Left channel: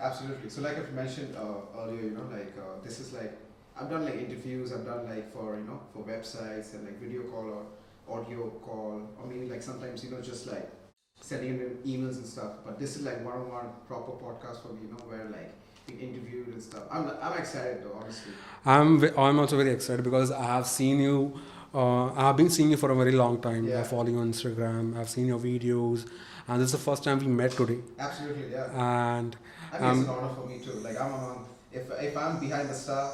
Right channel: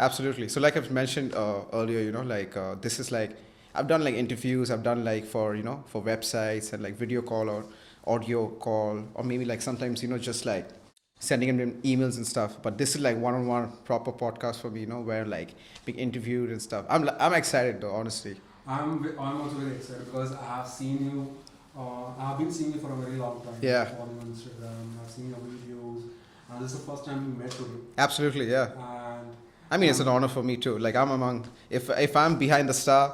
Absolutely. So like I've mentioned earlier, this is like I've done like interviews. I've done like for for websites and like video call or audio call or maybe like sometimes just like sending them emails and stuff. But this is like one-on-one proper podcast for me. Where like being interviewed and stuff. I'm excited though, honestly. I'm also very excited because I have seen you. I've been seeing you for a very long time. Yeah. I follow you on Instagram. I've seen your videos, and this is the first time we met today. Absolutely, yeah. And I mean, it's an honor for me too. Like I'm among, if I'm behind the star,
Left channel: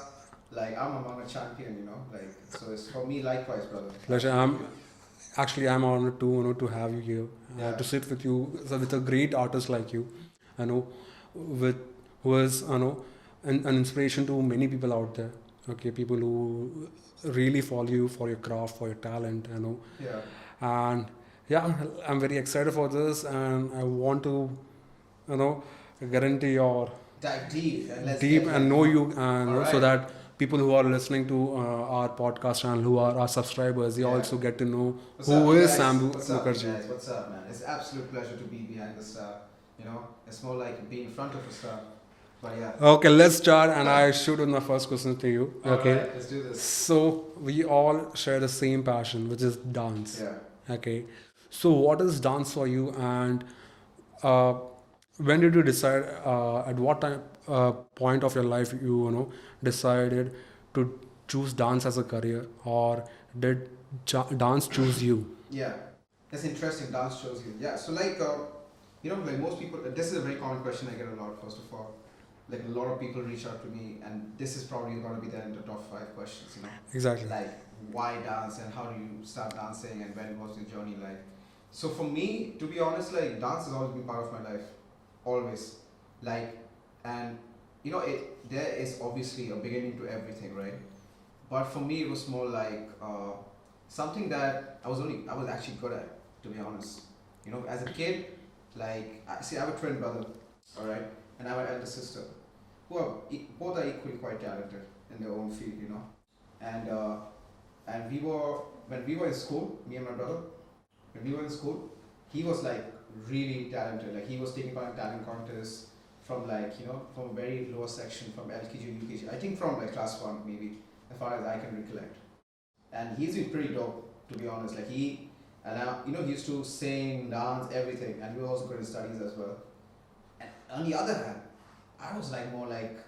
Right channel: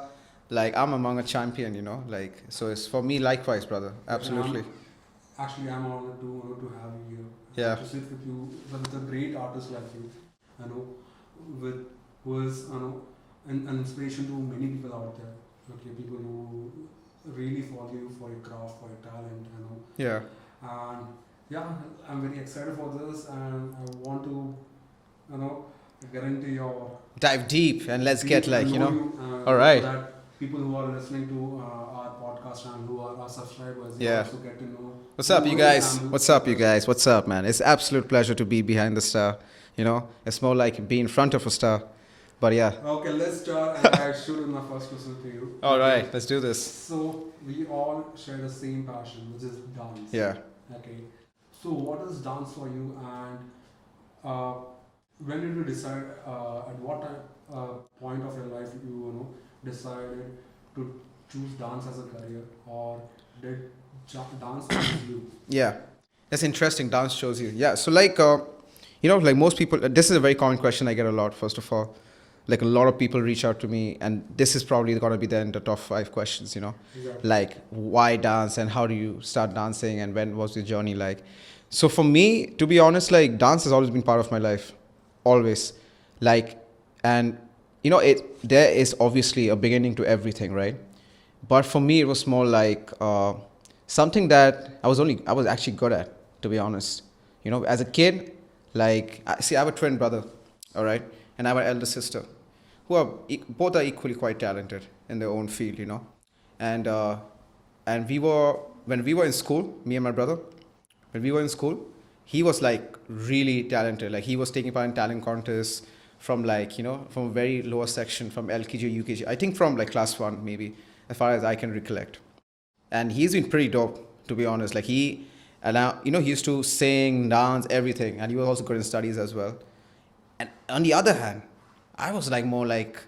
like I'm among a champion, Like so, it's for me likewise, brother. Absolutely. I'm honored to have you here. Yeah. To sit with you with a great artist like you. I know, with who is an inspiration to many people out there. Okay, people who really follow you for your craft, for your talent. Yeah. And yeah, I'm very excited for this, and I want to you know get into your Dive deep and let's deep get and like know you, and All right. so that people who are listening to our podcast channel, who are our subscribers, they Yeah. also get to know What's who up, you is guys? Sambo What's up, you Mukherjee. guys? What's up, man? It's absolute pleasure to be behind the star. It's more like being in front of a star. But yeah. Okay, let's start, and I shoot with my first question to you. All Okay. right, let's do this. So we all share the same passion, which is dance. Yeah. Okay. So what is dance for you, and uh, when did you decide? At what time point of your life you decided to choose dance as a career, or did dance choose you? Yeah, that's interesting. Dance shows you. Yeah, so like, like most people, this is a very common question I get a lot. First of all, like a lot of people reach out to me, and this is probably gonna be the top 5 questions. Exactly. Like why dance and how do you start dancing and when was your journey like? So for me, to be honest, like dance has always been part of my life, always. Like, and there is obviously a beginning to everything, right? But for me, it was more like something that I was actually good at, to be honest. As a kid, like I have a twin brother, all right, and I have an elder sister, who are both are equally quite talented in their own field, and and when we were in school, me and my brother, when we were in school, he was like really talented. Like he was taking part in talent contests from like from a very lower section, from LKG, UKG, I think from like class 1 maybe, as far as I can recollect. And he's been pretty dope, to be honest. Like and now he used to sing, dance, everything, and he was also good in studies as well. And on the other hand, I was like more like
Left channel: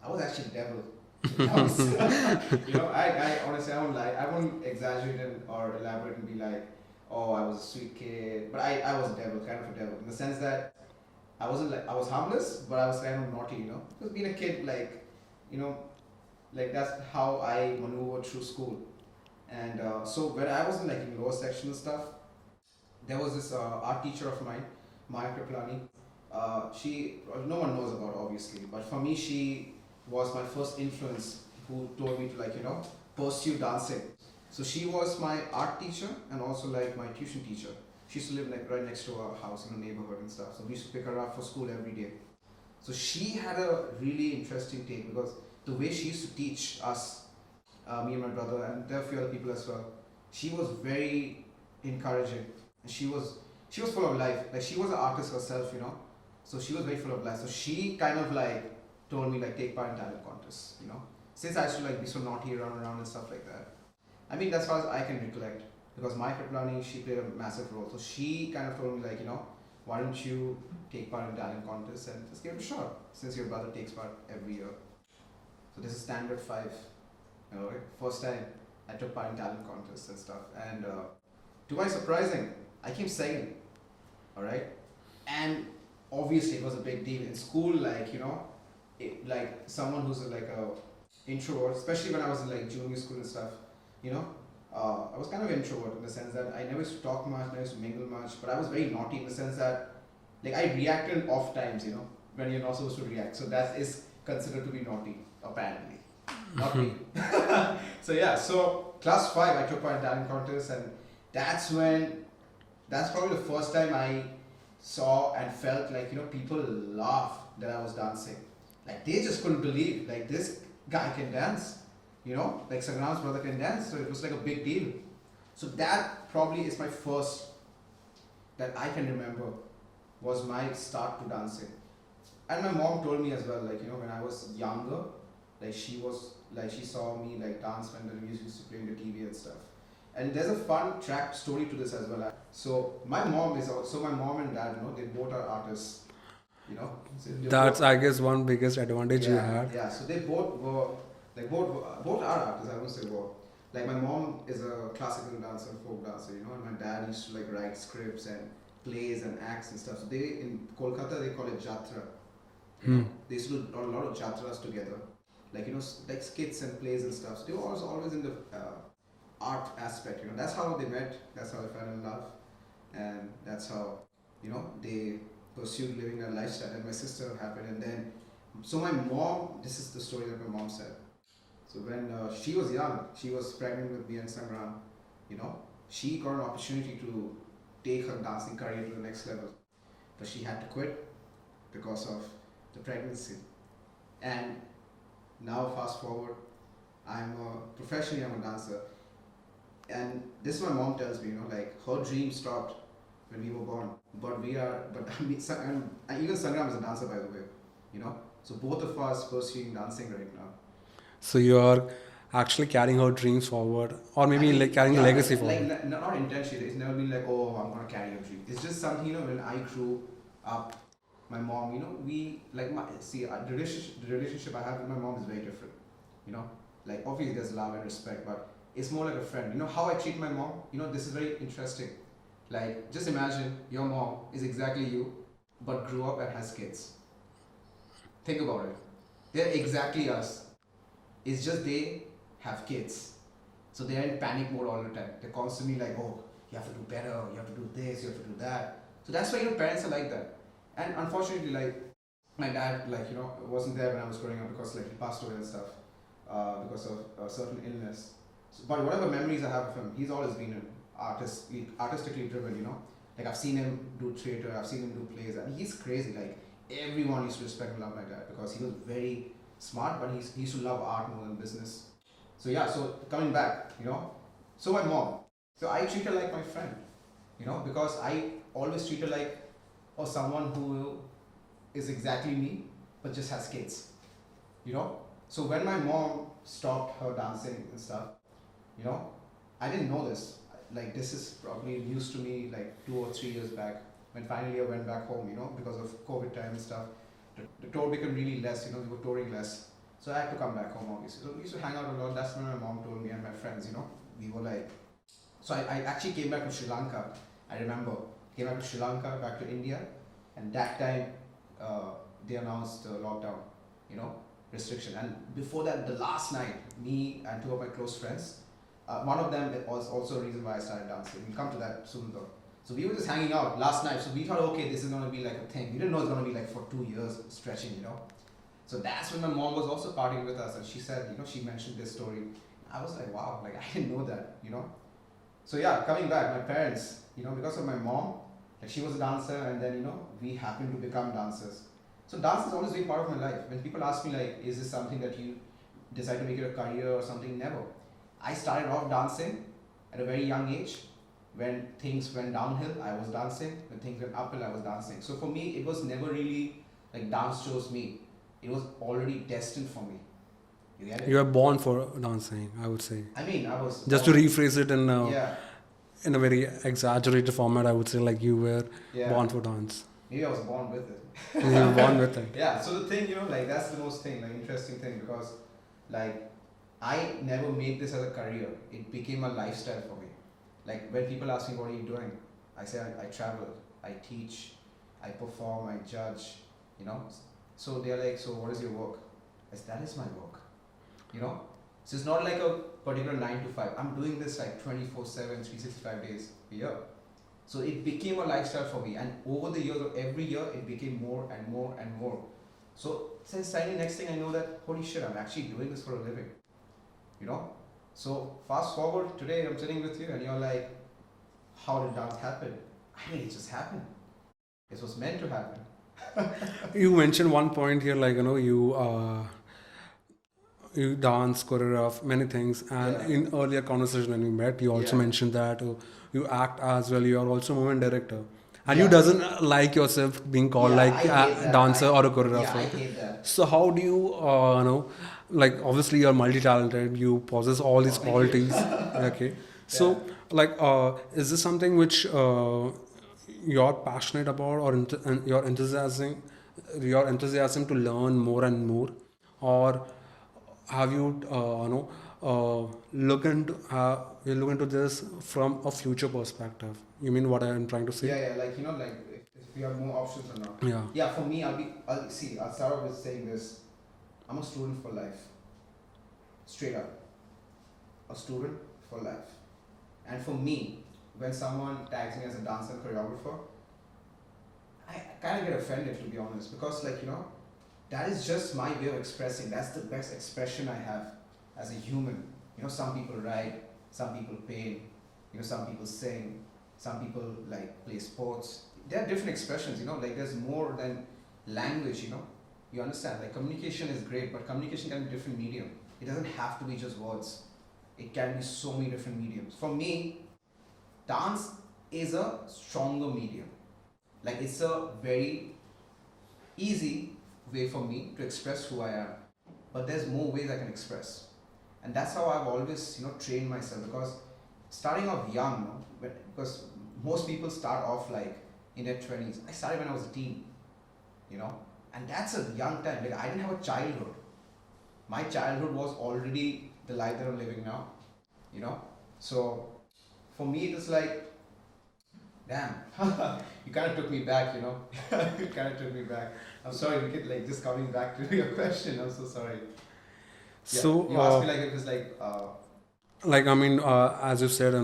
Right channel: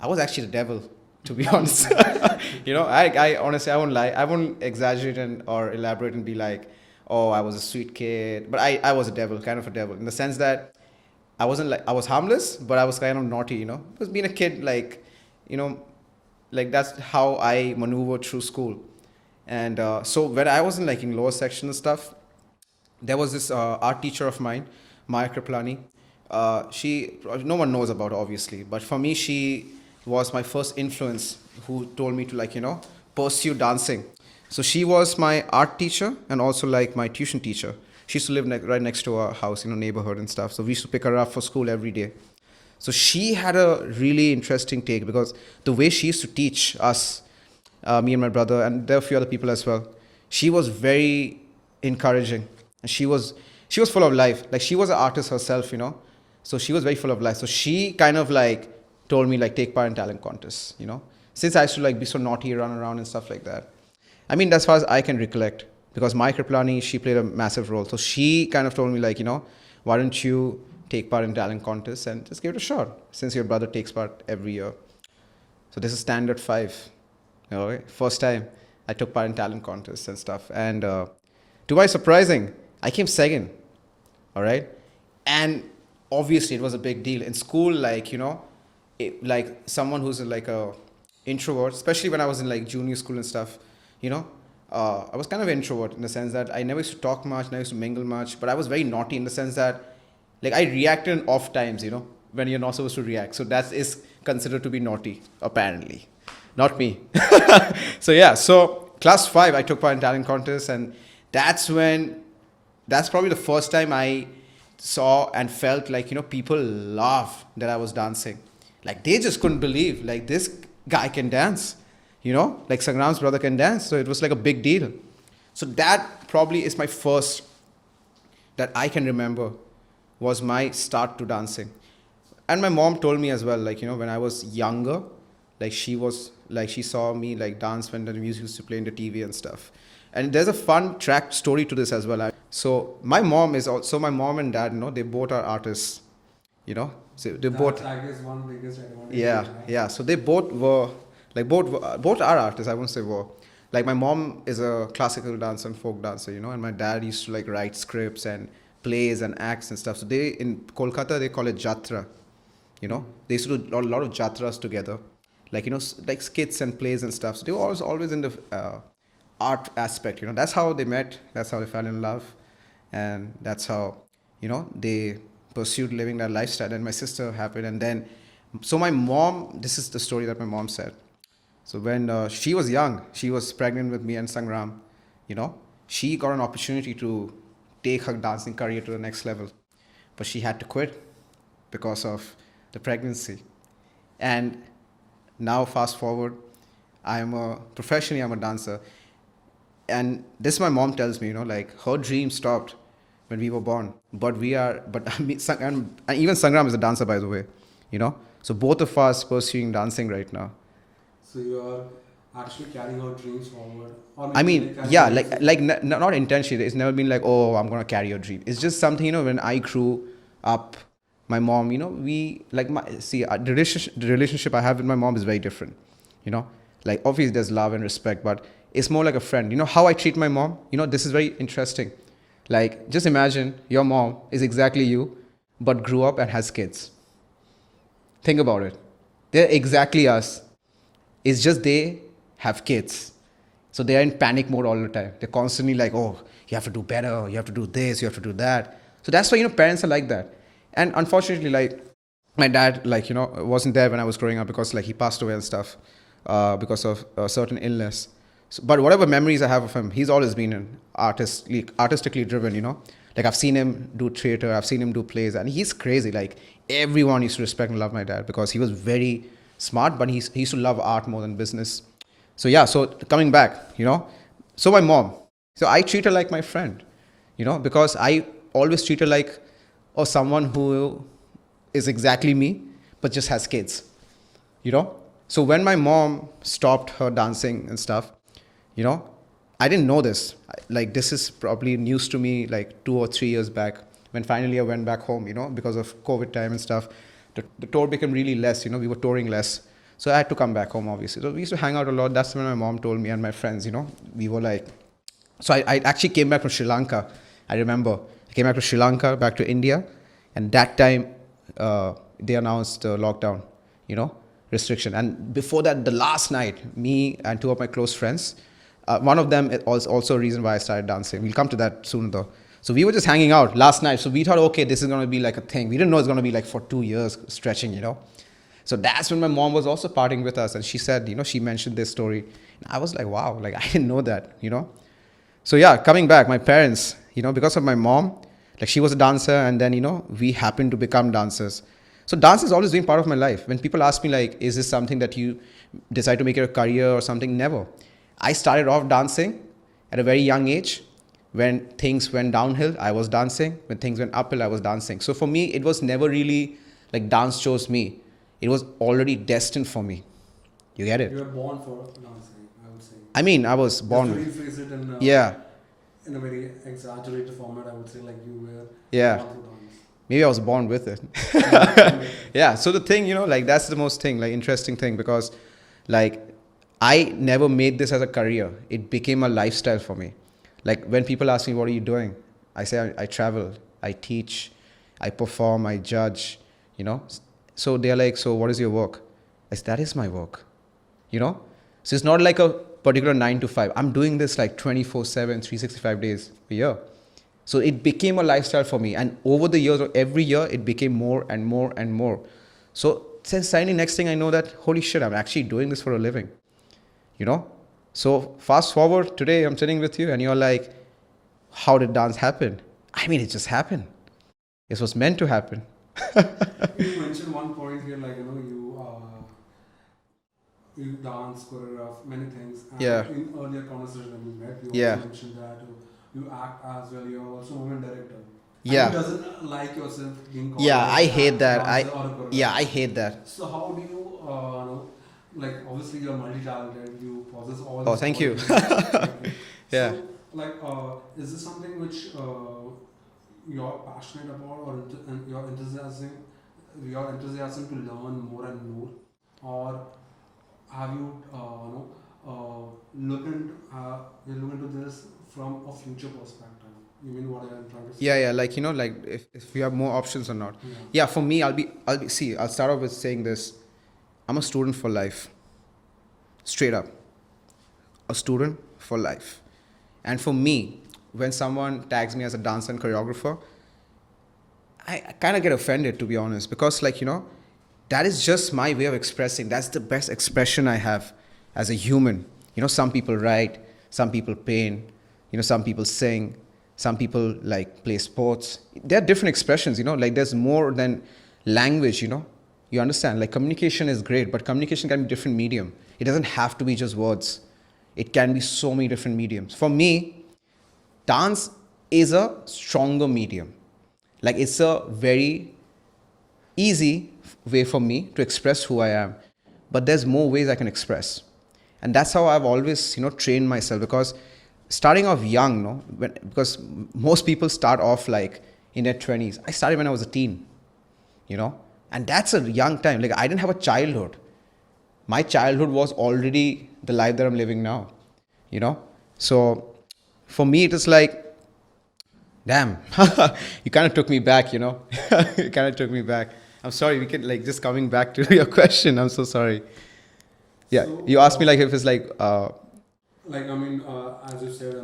I was actually the devil, to be honest. I honestly, I won't lie, I won't exaggerate or elaborate and be like, oh, I was a sweet kid, but I was a devil, kind of a devil, in the sense that I wasn't like, I was harmless, but I was kind of naughty, because being a kid, like like that's how I maneuvered through school. And so when I was in like in lower section and stuff, there was this art teacher of mine, Maya Kriplani. She, no one knows about her, obviously, but for me, she was my first influence who told me to like pursue dancing. So she was my art teacher and also like my tuition teacher. She used to live right next to our house, neighborhood and stuff. So we used to pick her up for school every day. So she had a really interesting take, because the way she used to teach us, me and my brother, and there are a few other people as well, she was very encouraging, and she was full of life. Like she was an artist herself, so she was very full of life. So she kind of like told me like take part in talent contests, since I used to like be so naughty, run around and stuff like that. I mean, as far as I can recollect, because Mai Kriplani, she played a massive role. So she kind of told me like, why don't you take part in talent contests and just give it a shot, since your brother takes part every year. So this is standard 5. First time I took part in talent contests and stuff. And to my surprising, I came second. All right. And obviously it was a big deal in school. Like, like someone who's like a introvert, especially when I was in like junior school and stuff, I was kind of an introvert in the sense that I never used to talk much, never used to mingle much, but I was very naughty in the sense that like I reacted in off times, when you're not supposed to react. So that is considered to be naughty, apparently. Not me. So yeah, so class 5, I took part in talent contests, and that's probably the first time I saw and felt like, people laugh that I was dancing. Like they just couldn't believe, like this guy can dance, like Sangram's brother can dance. So it was like a big deal. So that probably is my first, that I can remember, was my start to dancing. And my mom told me as well, like, when I was younger, like she saw me like dance when the music used to play in the TV and stuff. And there's a fun track story to this as well. So my mom and dad, they both are artists, So they That's, both, I guess, one biggest advantage you yeah, had. yeah. So they both were, like both are artists. I won't say were. Like my mom is a classical dancer and folk dancer, and my dad used to like write scripts and plays and acts and stuff. So they in Kolkata they call it jatra. They used to do a lot of jatras together, like like skits and plays and stuff. So they were always in the art aspect. That's how they met. That's how they fell in love, and that's how they pursued living that lifestyle. And my sister happened, and then so my mom. This is the story that my mom said. So when she was young, she was pregnant with me and Sangram. You know, she got an opportunity to take her dancing career to the next level, but she had to quit because of the pregnancy. And now fast forward, professionally I'm a dancer, and this my mom tells me, like her dream stopped when we were born, but I mean, and even Sangram is a dancer, by the way, so both of us pursuing dancing right now. So you are actually carrying her dreams forward, or maybe I mean, like carrying yeah, legacy forward. not intentionally. It's never been like, oh, I'm gonna carry your dream. It's just something, when I grew up, my mom, we like the relationship I have with my mom is very different, like obviously there's love and respect, but it's more like a friend. How I treat my mom. This is very interesting. Like, just imagine your mom is exactly you, but grew up and has kids. Think about it. They're exactly us. It's just they have kids. So they are in panic mode all the time. They're constantly like, oh, you have to do better, you have to do this, you have to do that. So that's why, parents are like that. And unfortunately, like, my dad, like, wasn't there when I was growing up because, like, he passed away and stuff because of a certain illness. So, but whatever memories I have of him, he's always been an artistically driven, Like, I've seen him do theater, I've seen him do plays, and he's crazy. Like, everyone used to respect and love my dad because he was very smart, but he used to love art more than business. So yeah, so coming back, so my mom, so I treat her like my friend, because I always treat her like, or someone who is exactly me, but just has kids, So when my mom stopped her dancing and stuff, I didn't know this. Like, this is probably news to me like 2 or 3 years back when finally I went back home, because of COVID time and stuff. The tour became really less, we were touring less. So I had to come back home, obviously. So we used to hang out a lot. That's when my mom told me and my friends, we were like, so I actually came back from Sri Lanka. I remember I came back to Sri Lanka, back to India. And that time they announced lockdown, restriction. And before that, the last night, me and two of my close friends, one of them was also a reason why I started dancing. We'll come to that soon though. So we were just hanging out last night. So we thought, okay, this is going to be like a thing. We didn't know it's going to be like for 2 years stretching, So that's when my mom was also partying with us. And she said, she mentioned this story. And I was like, wow, like I didn't know that, So yeah, coming back, my parents, because of my mom, like she was a dancer and then, we happened to become dancers. So dance has always been part of my life. When people ask me like, is this something that you decide to make it a career or something? Never. I started off dancing at a very young age. When things went downhill, I was dancing. When things went uphill, I was dancing. So for me, it was never really like dance chose me. It was already destined for me. You get it? You were born for dancing, I would say. I mean, I was born. Just to rephrase it Yeah. in a very exaggerated format, I would say like you were born for dance. Maybe I was born with it. You were born with it. Yeah. So the thing, like that's the most thing, like interesting thing because like I never made this as a career. It became a lifestyle for me. Like when people ask me, what are you doing? I say, I travel, I teach, I perform, I judge, So they're like, so what is your work? I say, that is my work, So it's not like a particular 9 to 5. I'm doing this like 24/7, 365 days a year. So it became a lifestyle for me. And over the years, every year, it became more and more and more. So since suddenly next thing I know that, holy shit, I'm actually doing this for a living, So fast forward, today I'm sitting with you and you're like, how did dance happen? I mean, it just happened. It was meant to happen. You mentioned one point here, like, you dance, choreograph, many things. And Yeah. in earlier conversation when we met, you also Yeah. mentioned that you act as well. You are also movement director. and Yeah. you doesn't like yourself being called Yeah, like I hate a that. dancer or a choreographer. Yeah, I hate that. So how do you, like obviously you're multi-talented, you possess all Oh, these thank you. qualities. Okay. Yeah. So like, is this something which you're passionate about, or and your enthusiasm to learn more and more, or have you, you look into this from a future perspective? You mean what I'm trying to say? Yeah, yeah, like like if you have more options or not. Yeah. Yeah, for me, see, I'll start off with saying this. I'm a student for life. Straight up. A student for life. And for me, when someone tags me as a dancer and choreographer, I kind of get offended, to be honest, because that is just my way of expressing. That's the best expression I have as a human. Some people write, some people paint, some people sing, some people like play sports. There are different expressions, like there's more than language, You understand? Like communication is great, but communication can be different medium. It doesn't have to be just words. It can be so many different mediums. For me, dance is a stronger medium. Like it's a very easy way for me to express who I am. But there's more ways I can express. And that's how I've always, trained myself, because starting off young, because most people start off like in their 20s. I started when I was a teen, and that's a young time. Like I didn't have a childhood. My childhood was already the life that I'm living now, So for me, it is like, damn, you kind of took me back, You kind of took me back. I'm sorry, we could like just coming back to your question. I'm so sorry. Yeah, So, you asked me like if it's like, like I mean, as you said,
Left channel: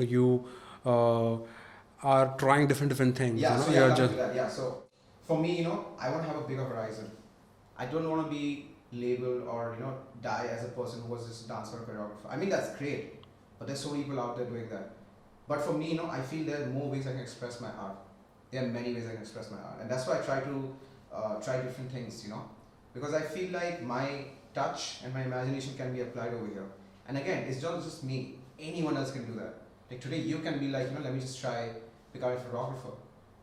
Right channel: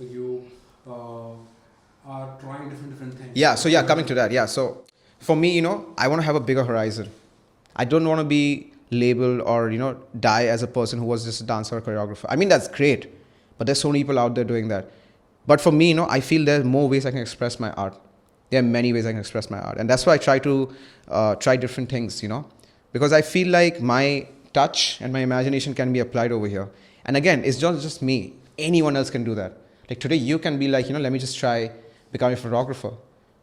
you are trying different things. yeah. So yeah, You're coming just- to that. Yeah. So for me, I want to have a bigger horizon. I don't want to be labeled or die as a person who was just a dancer or choreographer. I mean, that's great, but there's so many people out there doing that. But for me, I feel there's more ways I can express my art. There are many ways I can express my art, and that's why I try to try different things, because I feel like my touch and my imagination can be applied over here. And again, it's not just me. Anyone else can do that. Like today, you can be like, let me just try becoming a photographer.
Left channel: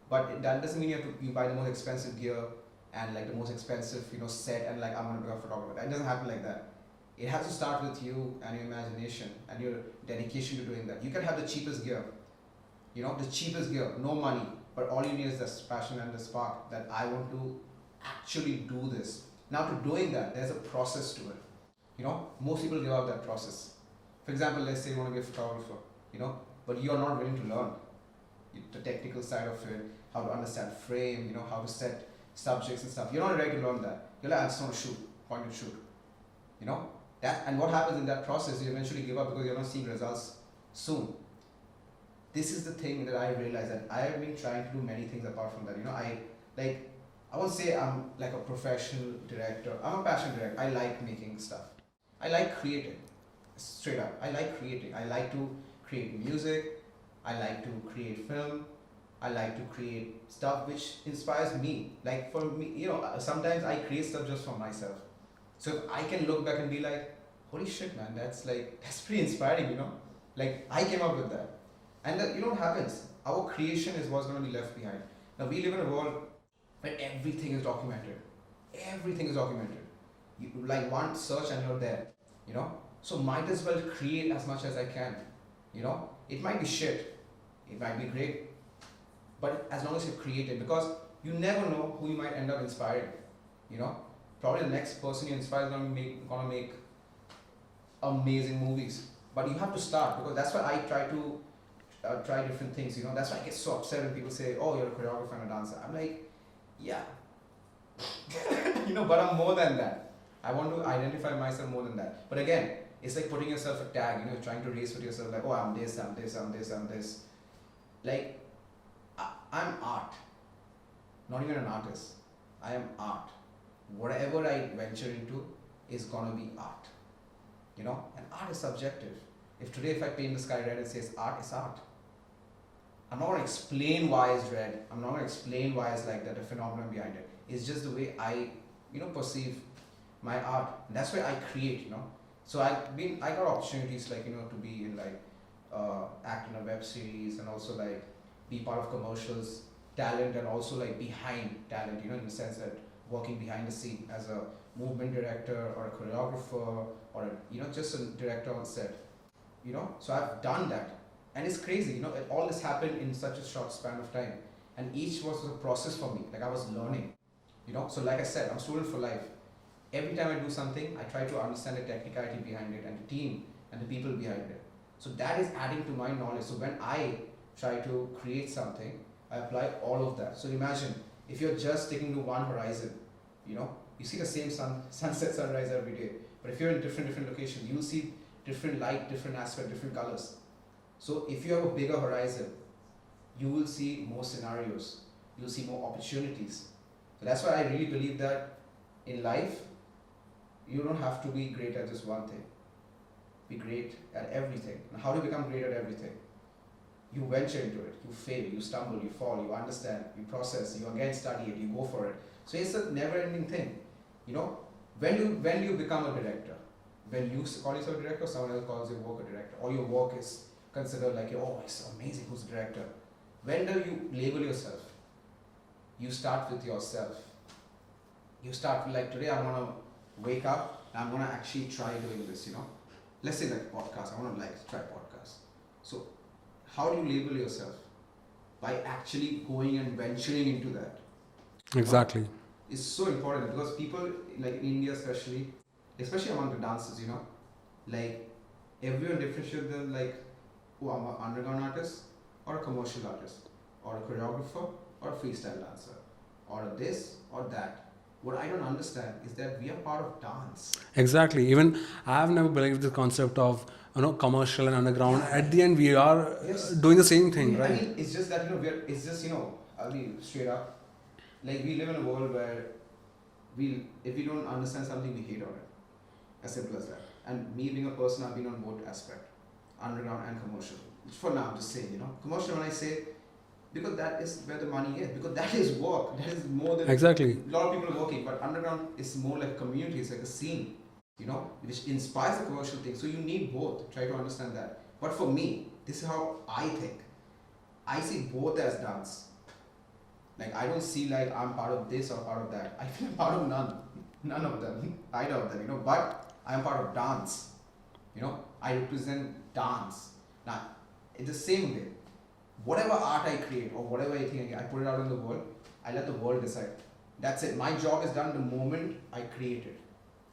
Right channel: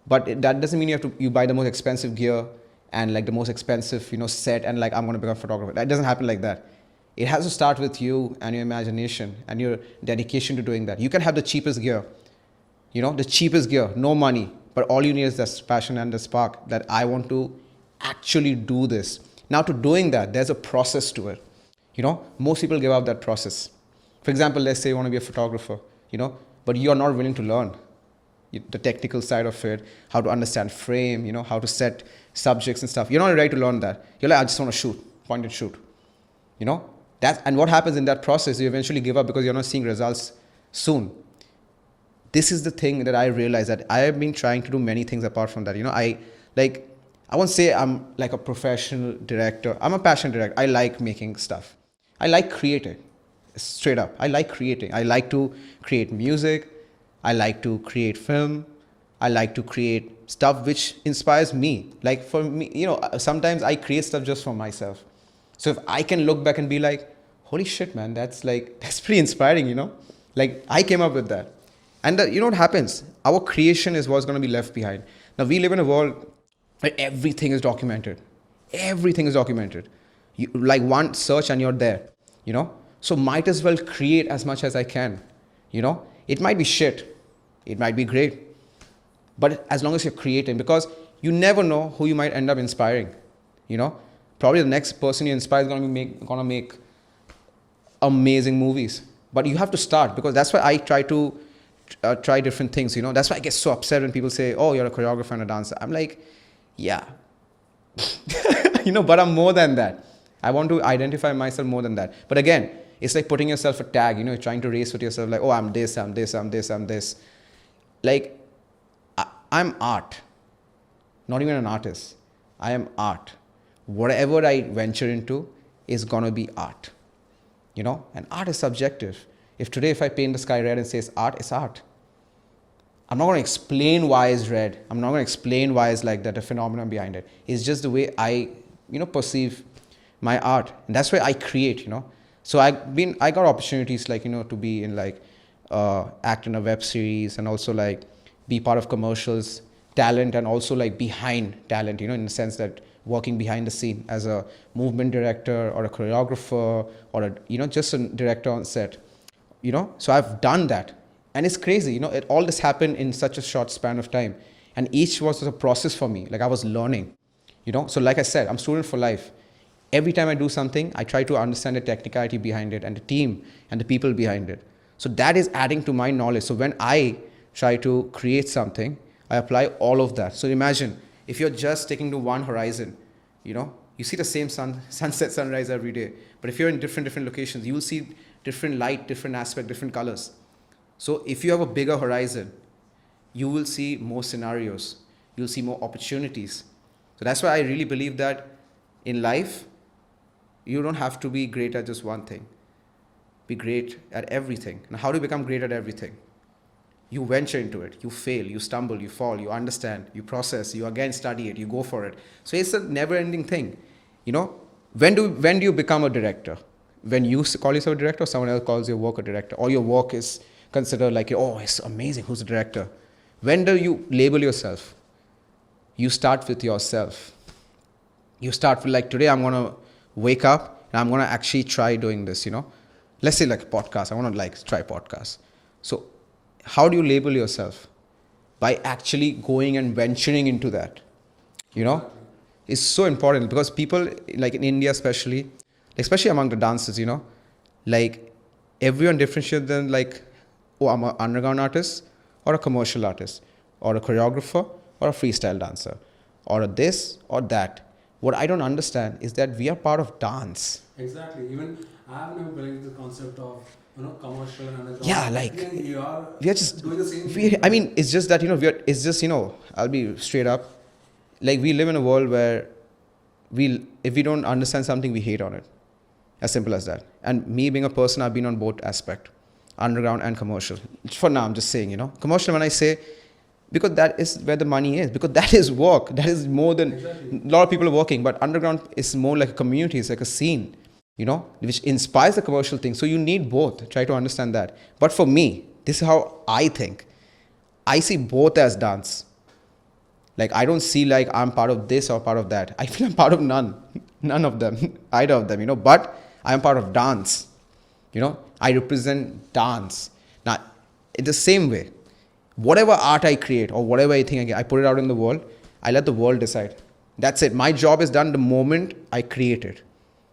But that doesn't mean you buy the most expensive gear and like the most expensive, set and like, I'm going to become a photographer. That doesn't happen like that. It has to start with you and your imagination and your dedication to doing that. You can have the cheapest gear, the cheapest gear, no money, but all you need is that passion and the spark that I want to actually do this. Now to doing that, there's a process to it. Most people give up that process. For example, let's say you want to be a photographer, but you're not willing to learn the technical side of it, how to understand frame, how to set subjects and stuff. You're not ready to learn that. You're like, I just want to shoot, point and shoot. And what happens in that process, you eventually give up because you're not seeing results soon. This is the thing that I realized, that I have been trying to do many things apart from that. I won't say I'm like a professional director. I'm a passion director. I like making stuff. I like creating. Straight up. I like creating. I like to create music. I like to create film. I like to create stuff which inspires me. Like for me, sometimes I create stuff just for myself. So if I can look back and be like, holy shit, man, that's pretty inspiring, Like I came up with that. And you know what happens? Our creation is what's going to be left behind. Now we live in a world where everything is documented. Everything is documented. You, like one search and you're there, So might as well create as much as I can, It might be shit. It might be great. But as long as you're creating, because you never know who you might end up inspiring, Probably the next person you inspire is going to make amazing movies. But you have to start, because that's why I try to try different things, That's why I get so upset when people say, oh, you're a choreographer and a dancer. I'm like, yeah. But I'm more than that. I want to identify myself more than that. But again, it's like putting yourself a tag, trying to race with yourself like, oh, I'm this, I'm this, I'm this, I'm this. Like, I'm art. Not even an artist. I am art. Whatever I venture into is gonna be art. And art is subjective. If I paint the sky red and says art, it's art. I'm not going to explain why it's red. I'm not going to explain why it's like that, the phenomenon behind it. It's just the way I, perceive my art. And that's why I create, So I got opportunities like, to be in like, act in a web series and also like be part of commercials. talent and also like behind talent, in the sense that working behind the scene as a movement director or a choreographer or just a director on set, so I've done that. And it's crazy, all this happened in such a short span of time, and each was a process for me. Like I was learning, so like I said, I'm student for life. Every time I do something, I try to understand the technicality behind it and the team and the people behind it. So that is adding to my knowledge. So when I try to create something, I apply all of that. So imagine if you're just sticking to one horizon, you see the same sunset, sunrise every day. But if you're in different locations, you will see different light, different aspect, different colors. So if you have a bigger horizon, you will see more scenarios. You'll see more opportunities. So that's why I really believe that in life, you don't have to be great at just one thing. Be great at everything. Now, how do you become great at everything? You venture into it. You fail. You stumble. You fall. You understand. You process. You again study it. You go for it. So it's a never-ending thing. When do you become a director? When you call yourself a director, or someone else calls your work a director, or your work is considered like, oh, it's amazing. Who's a director? When do you label yourself? You start with yourself. You start with like, today I'm going to wake up and I'm going to actually try doing this, Let's say like a podcast. I want to like try podcast. So how do you label yourself? By actually going and venturing into that. Exactly. It's so important because people like in India especially among the dancers, like everyone differentiates them like, oh, I'm an underground artist or a commercial artist or a choreographer or a freestyle dancer or a this or that. What I don't understand is that we are part of dance. Exactly. Even I've never believed the concept of commercial and underground. Yeah, At the end, we are just doing the same thing. Right? I mean, it's just that I'll be straight up. Like we live in a world where if we don't understand something, we hate on it. As simple as that. And me being a person, I've been on both aspect, underground and commercial. For now, I'm just saying, commercial when I say, because that is where the money is, because that is work. That is more than exactly. A lot of people are working, but underground is more like a community. It's like a scene, which inspires the commercial thing. So you need both. Try to understand that. But for me, this is how I think. I see both as dance. Like I don't see like I'm part of this or part of that. I feel I'm part of none of them, either of them, but I'm part of dance. I represent dance. Now, in the same way, whatever art I create or whatever I think I put it out in the world, I let the world decide. That's it. My job is done the moment I create it,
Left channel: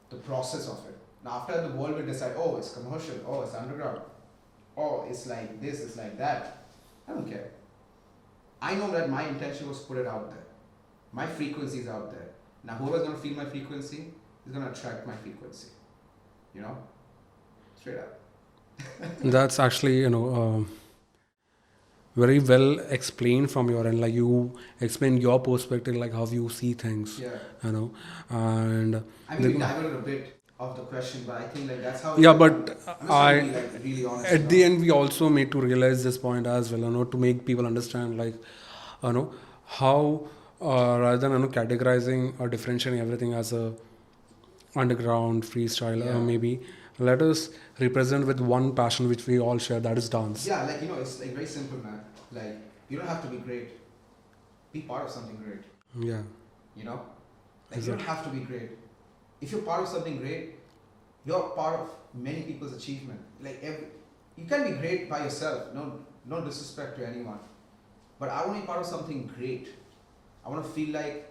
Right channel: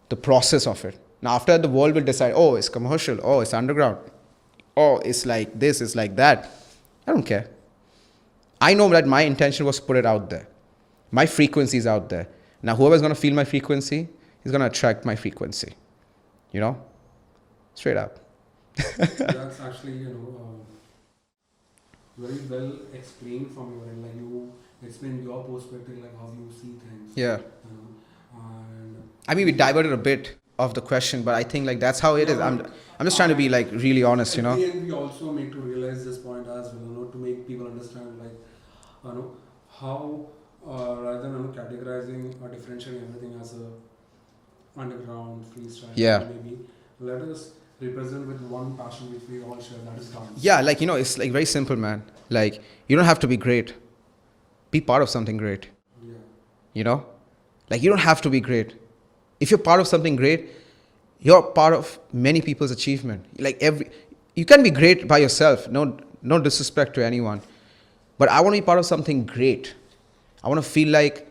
the process of it. Now, after the world will decide, oh, it's commercial, oh, it's underground, oh, it's like this, it's like that. I don't care. I know that my intention was to put it out there. My frequency is out there. Now, whoever's going to feel my frequency is going to attract my frequency. Straight up. That's actually, very well explained from your end. Like you explained your perspective, like how you see things. Yeah. And I mean, we diverted a bit of the question, but I think like that's how it yeah, is. but I'm just trying to be like really honest. At the end, we also made to realize this point as well, to make people understand, like, how rather than categorizing or differentiating everything as a underground freestyle, Yeah. maybe let us represent with one passion which we all share, that is dance. Yeah, like it's like very simple, man. Like you don't have to be great. Be part of something great. Yeah. Like you don't have to be great. If you're part of something great, you're part of many people's achievement. Like you can be great by yourself. No disrespect to anyone. But I want to be part of something great. I want to feel like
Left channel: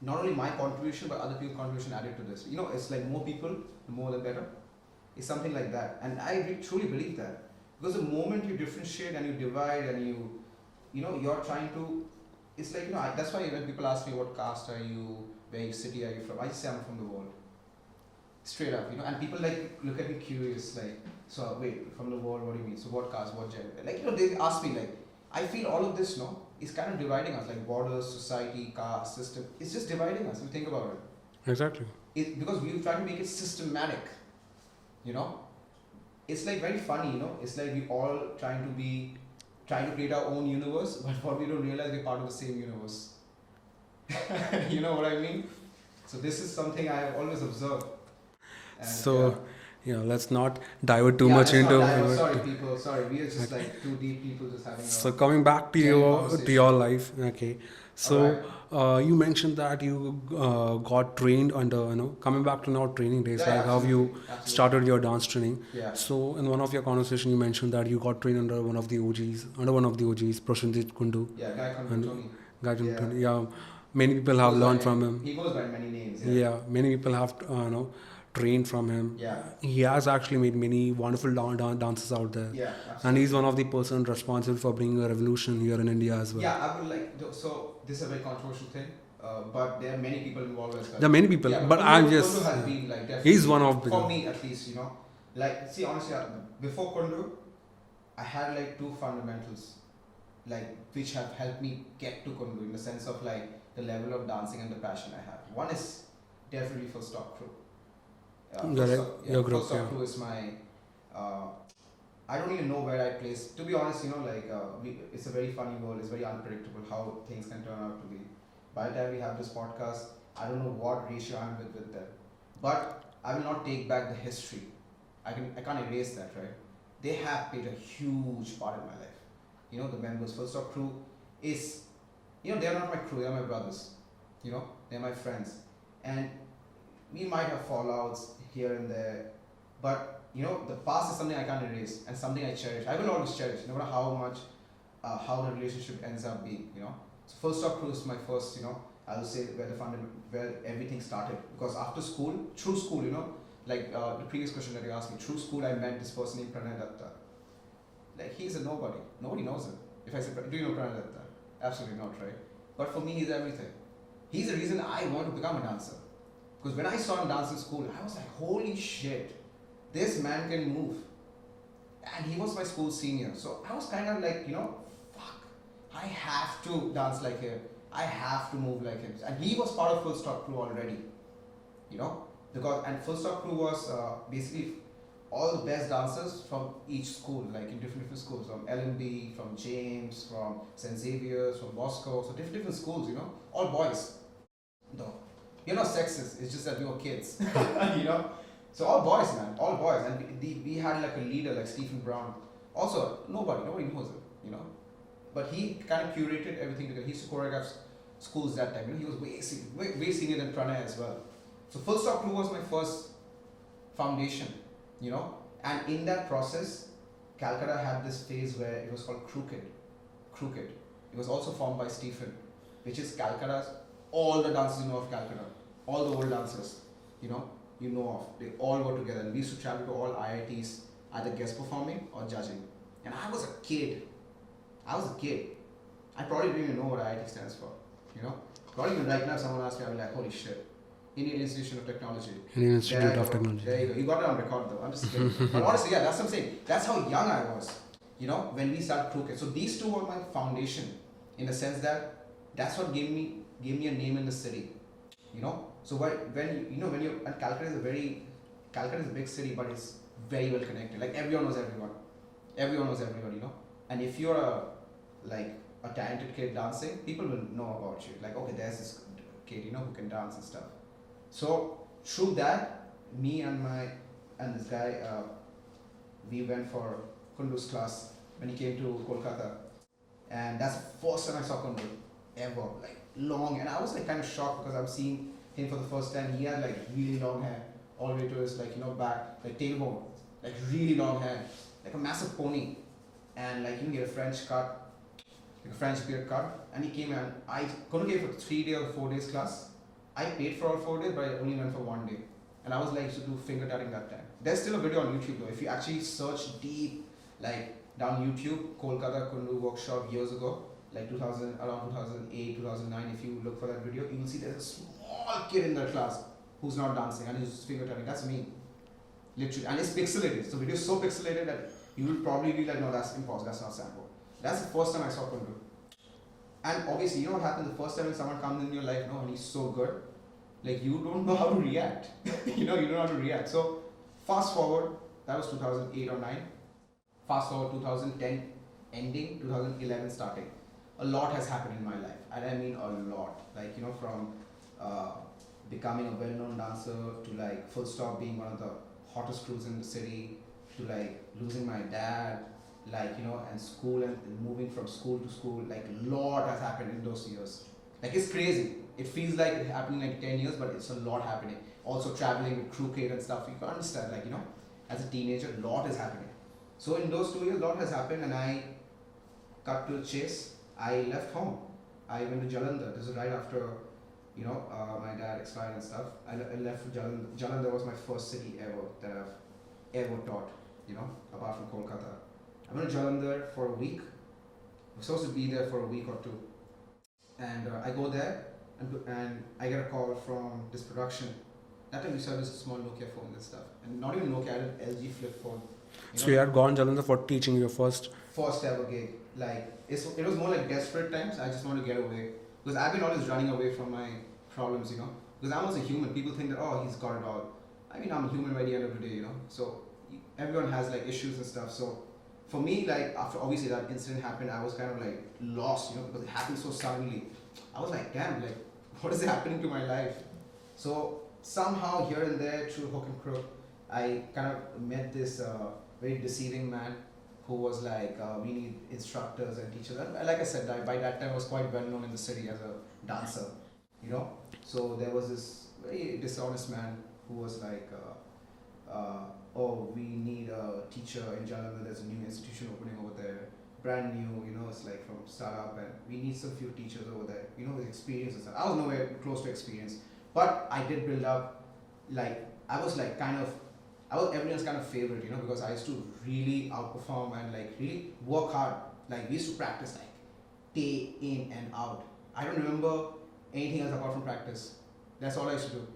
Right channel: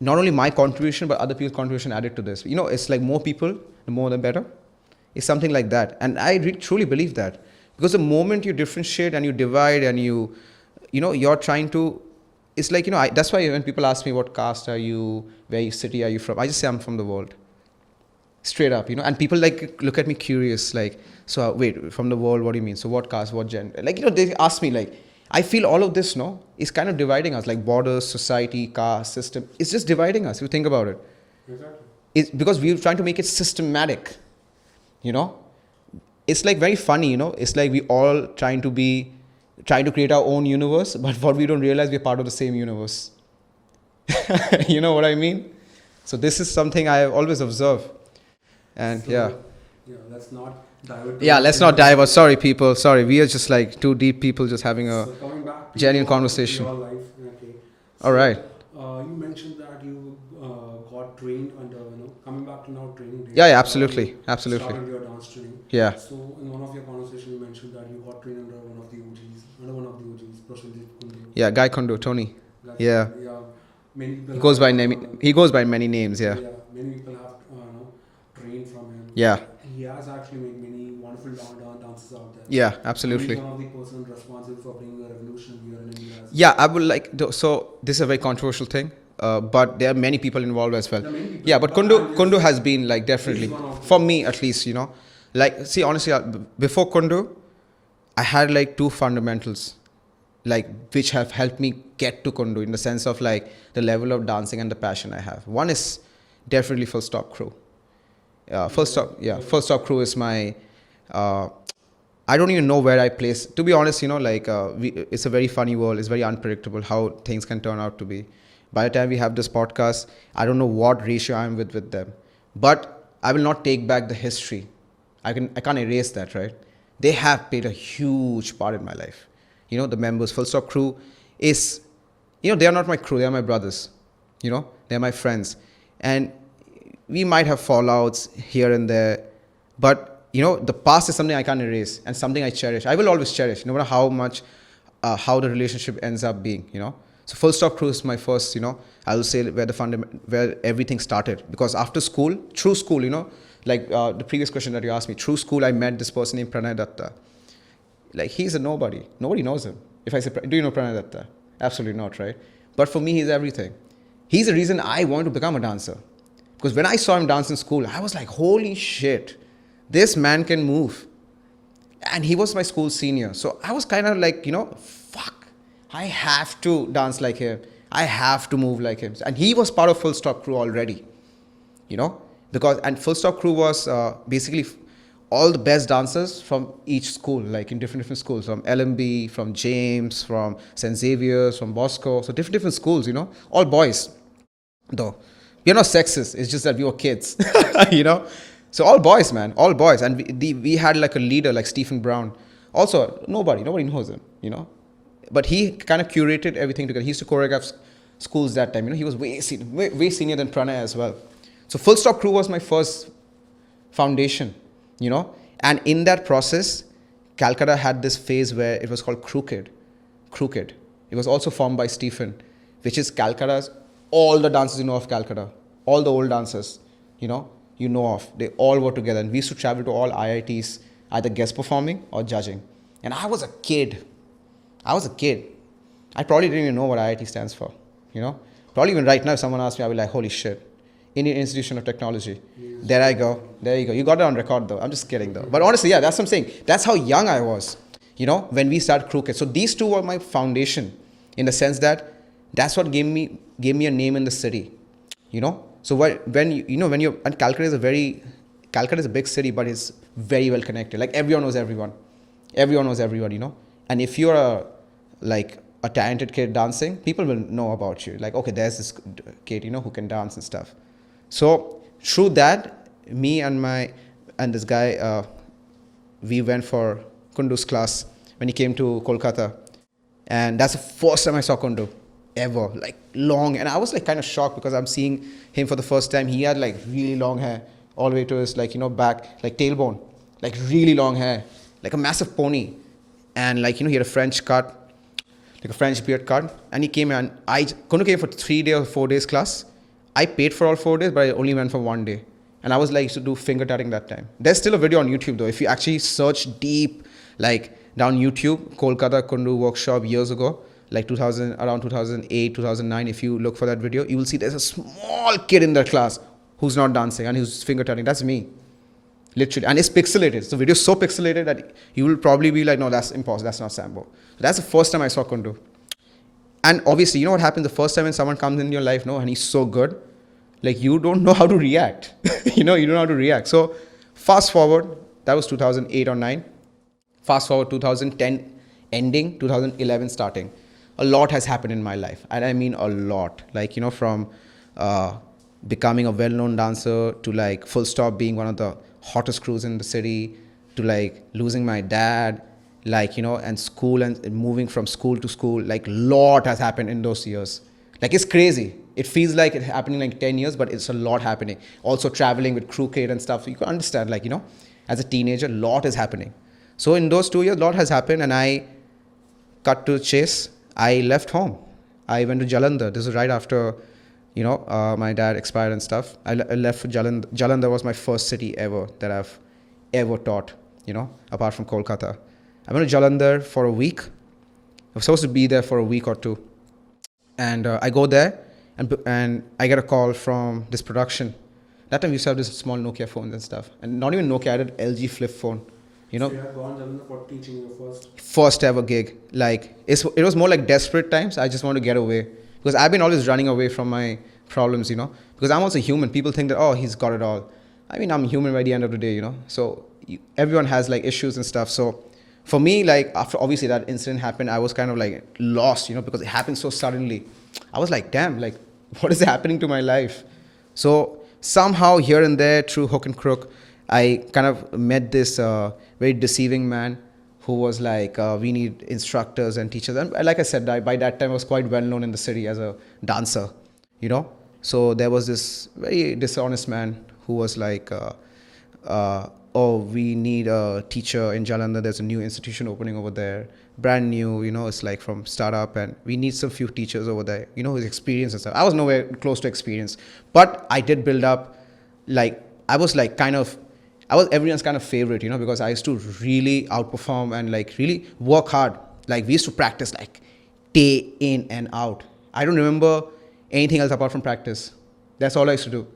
not only my contribution, but other people's contribution added to this. It's like more people, the more the better. It's something like that. And I truly believe that. Because the moment you differentiate and you divide and you're trying to, it's like, that's why when people ask me what caste are you, where city are you from, I just say I'm from the world. Straight up, and people like look at me curious, like, so wait, from the world, what do you mean? So what caste, what gender? Like, they ask me like, I feel all of this, is kind of dividing us, like borders, society, caste, system. It's just dividing us, if you think about it. Exactly. It's because we're trying to make it systematic, It's like very funny, It's like we all trying to create our own universe, but what we don't realize, we're part of the same universe. You know what I mean? So this is something I have always observed. And so, yeah. Yeah, let's not divert too Yeah, much let's not into divert. it. Sorry, people. Sorry, we are just like two deep people just having So a coming back to genuine your conversation. life, okay. All So right. you mentioned that you got trained under, coming back to now training days. Yeah, yeah, How absolutely, you absolutely. started your dance training. Yeah, So in one of your conversation, you mentioned that you got trained under one of the OGs, Prashanjit Kundu. yeah. Guy Kondo, And Tony. Guy Yeah, Kundu, yeah, many people he have goes by learned name. from him. He goes by many names. Yeah, Yeah, many people have trained from him. yeah, He has actually made many wonderful dances out there. yeah. And Absolutely. he's one of the person responsible for bringing a revolution here in India as well. Yeah, I would like so this is a very controversial thing, but there are many people involved as well. There are many people. Yeah, but I'm just- Kundu has been like definitely He's one of for them. me at least. Like see honestly, before Kundu, I had like two fundamentals, like which have helped me get to Kundu in the sense of like the level of dancing and the passion I have. One is definitely Full Stop Crew. Full Stop Crew is my. I don't even know where I place. To be honest, it's a very funny world. It's very unpredictable how things can turn out to be. By the time we have this podcast, I don't know what ratio I'm with them, but I will not take back the history. I can't erase that, right? They have played a huge part in my life. The members, Full Stop Crew is, they are not my crew. They are my brothers. They're my friends, and we might have fallouts here and there, but the past is something I can't erase and something I cherish. I will always cherish, no matter how much, how the relationship ends up being. So Full Stop Crew is my first, I will say where everything started. Because after school, through school, like the previous question that you asked me, through school I met this person named Pranay Datta. Like he's a nobody. Nobody knows him. If I say, do you know Pranay Datta? Absolutely not, right? But for me, he's everything. He's the reason I wanted to become a dancer. Because when I saw him dance in school, I was like, holy shit, this man can move. And he was my school senior. So I was kind of like, fuck, I have to dance like him. I have to move like him. And he was part of Full Stop Crew already, and Full Stop Crew was basically all the best dancers from each school, like in different schools, from LMB, from James, from St. Xavier's, from Bosco. So different schools, all boys, though. We are not sexist. It's just that we were kids, So all boys, man, all boys. And we had like a leader like Stephen Brown. Also, nobody knows him, But he kind of curated everything together. He used to choreograph schools that time. He was way senior than Pranay as well. So Full Stop Crew was my first foundation, And in that process, Calcutta had this phase where it was called Crooked. It was also formed by Stephen, which is Calcutta's, all the dancers of Calcutta, all the old dancers, you know of. They all were together. And we used to travel to all IITs, either guest performing or judging. And I was a kid. I probably didn't even know what IIT stands for, Probably even right now, if someone asked me, I'll be like, holy shit. Indian Institution of Technology. There I go. There you go. You got it on record though. I'm just kidding though. But honestly, yeah, that's what I'm saying. That's how young I was, when we started Crooked. So these two were my foundation in the sense that that's what gave me a name in the city, So when you're, and Calcutta is a big city, but it's very well connected. Like everyone knows everyone. Everyone knows everyone, And if you're a talented kid dancing, people will know about you. Like, okay, there's this kid, who can dance and stuff. So through that, me and this guy, we went for Kundu's class when he came to Kolkata. And that's the first time I saw Kundu ever, like long. And I was like kind of shocked because I'm seeing him for the first time. He had like really long hair all the way to his back, like tailbone, like really long hair, like a massive pony. And he had a French cut, like a French beard cut. And he came and Kundu came for 3 days or 4 days class. I paid for all 4 days, but I only went for 1 day. And I was like, used to do finger tatting that time. There's still a video on YouTube though. If you actually search deep, like down YouTube, Kolkata Kundu workshop years ago, like around 2008, 2009, if you look for that video, you will see there's a small kid in that class who's not dancing and who's finger tatting. That's me. Literally. And it's pixelated. The video is so pixelated that you will probably be like, no, that's impossible. That's not Sambo. That's the first time I saw Kundu. And obviously, you know what happens the first time when someone comes in your life, and he's so good, like you don't know how to react. You don't know how to react. So fast forward, that was 2008 or 9. Fast forward 2010 ending, 2011 starting. A lot has happened in my life. And I mean a lot. Like, from becoming a well-known dancer to like Full Stop being one of the hottest cruise in the city to like losing my dad, like, and school and moving from school to school. Like, lot has happened in those years. Like, it's crazy. It feels like it's happening like 10 years, but it's a lot happening. Also traveling with crew kid and stuff. You can understand, like, as a teenager, lot is happening. So in those 2 years, lot has happened, and I cut to the chase. I left home. I went to Jalandhar. This is right after, my dad expired and stuff. I left for Jalandhar. Jalandhar was my first city ever that I've ever taught, apart from Kolkata. I went to Jalandhar for a week. I was supposed to be there for a week or two. And I go there, and I get a call from this production. That time we used to have this small Nokia phones and stuff. And not even Nokia, I had an LG flip phone. So you had gone Jalandhar for teaching your first ever gig. Like, it was more like desperate times. I just want to get away, because I've been always running away from my problems, because I'm also human. People think that, oh, he's got it all. I mean, I'm human by the end of the day, so everyone has like issues and stuff. So for me, like, after obviously that incident happened, I was kind of like lost, because it happened so suddenly. I was like, damn, like, what is happening to my life? So somehow here and there, through hook and crook, I kind of met this very deceiving man who was like, we need instructors and teachers. And like I said, by that time I was quite well known in the city as a dancer, So there was this very dishonest man who was like, oh, we need a teacher in Jalandhar. There's a new institution opening over there, brand new, it's like from startup, and we need some few teachers over there, with experience and stuff. I was nowhere close to experience, but I did build up, like, I was everyone's kind of favorite, because I used to really outperform and like really work hard. Like, we used to practice like day in and out. I don't remember anything else apart from practice. That's all I used to do.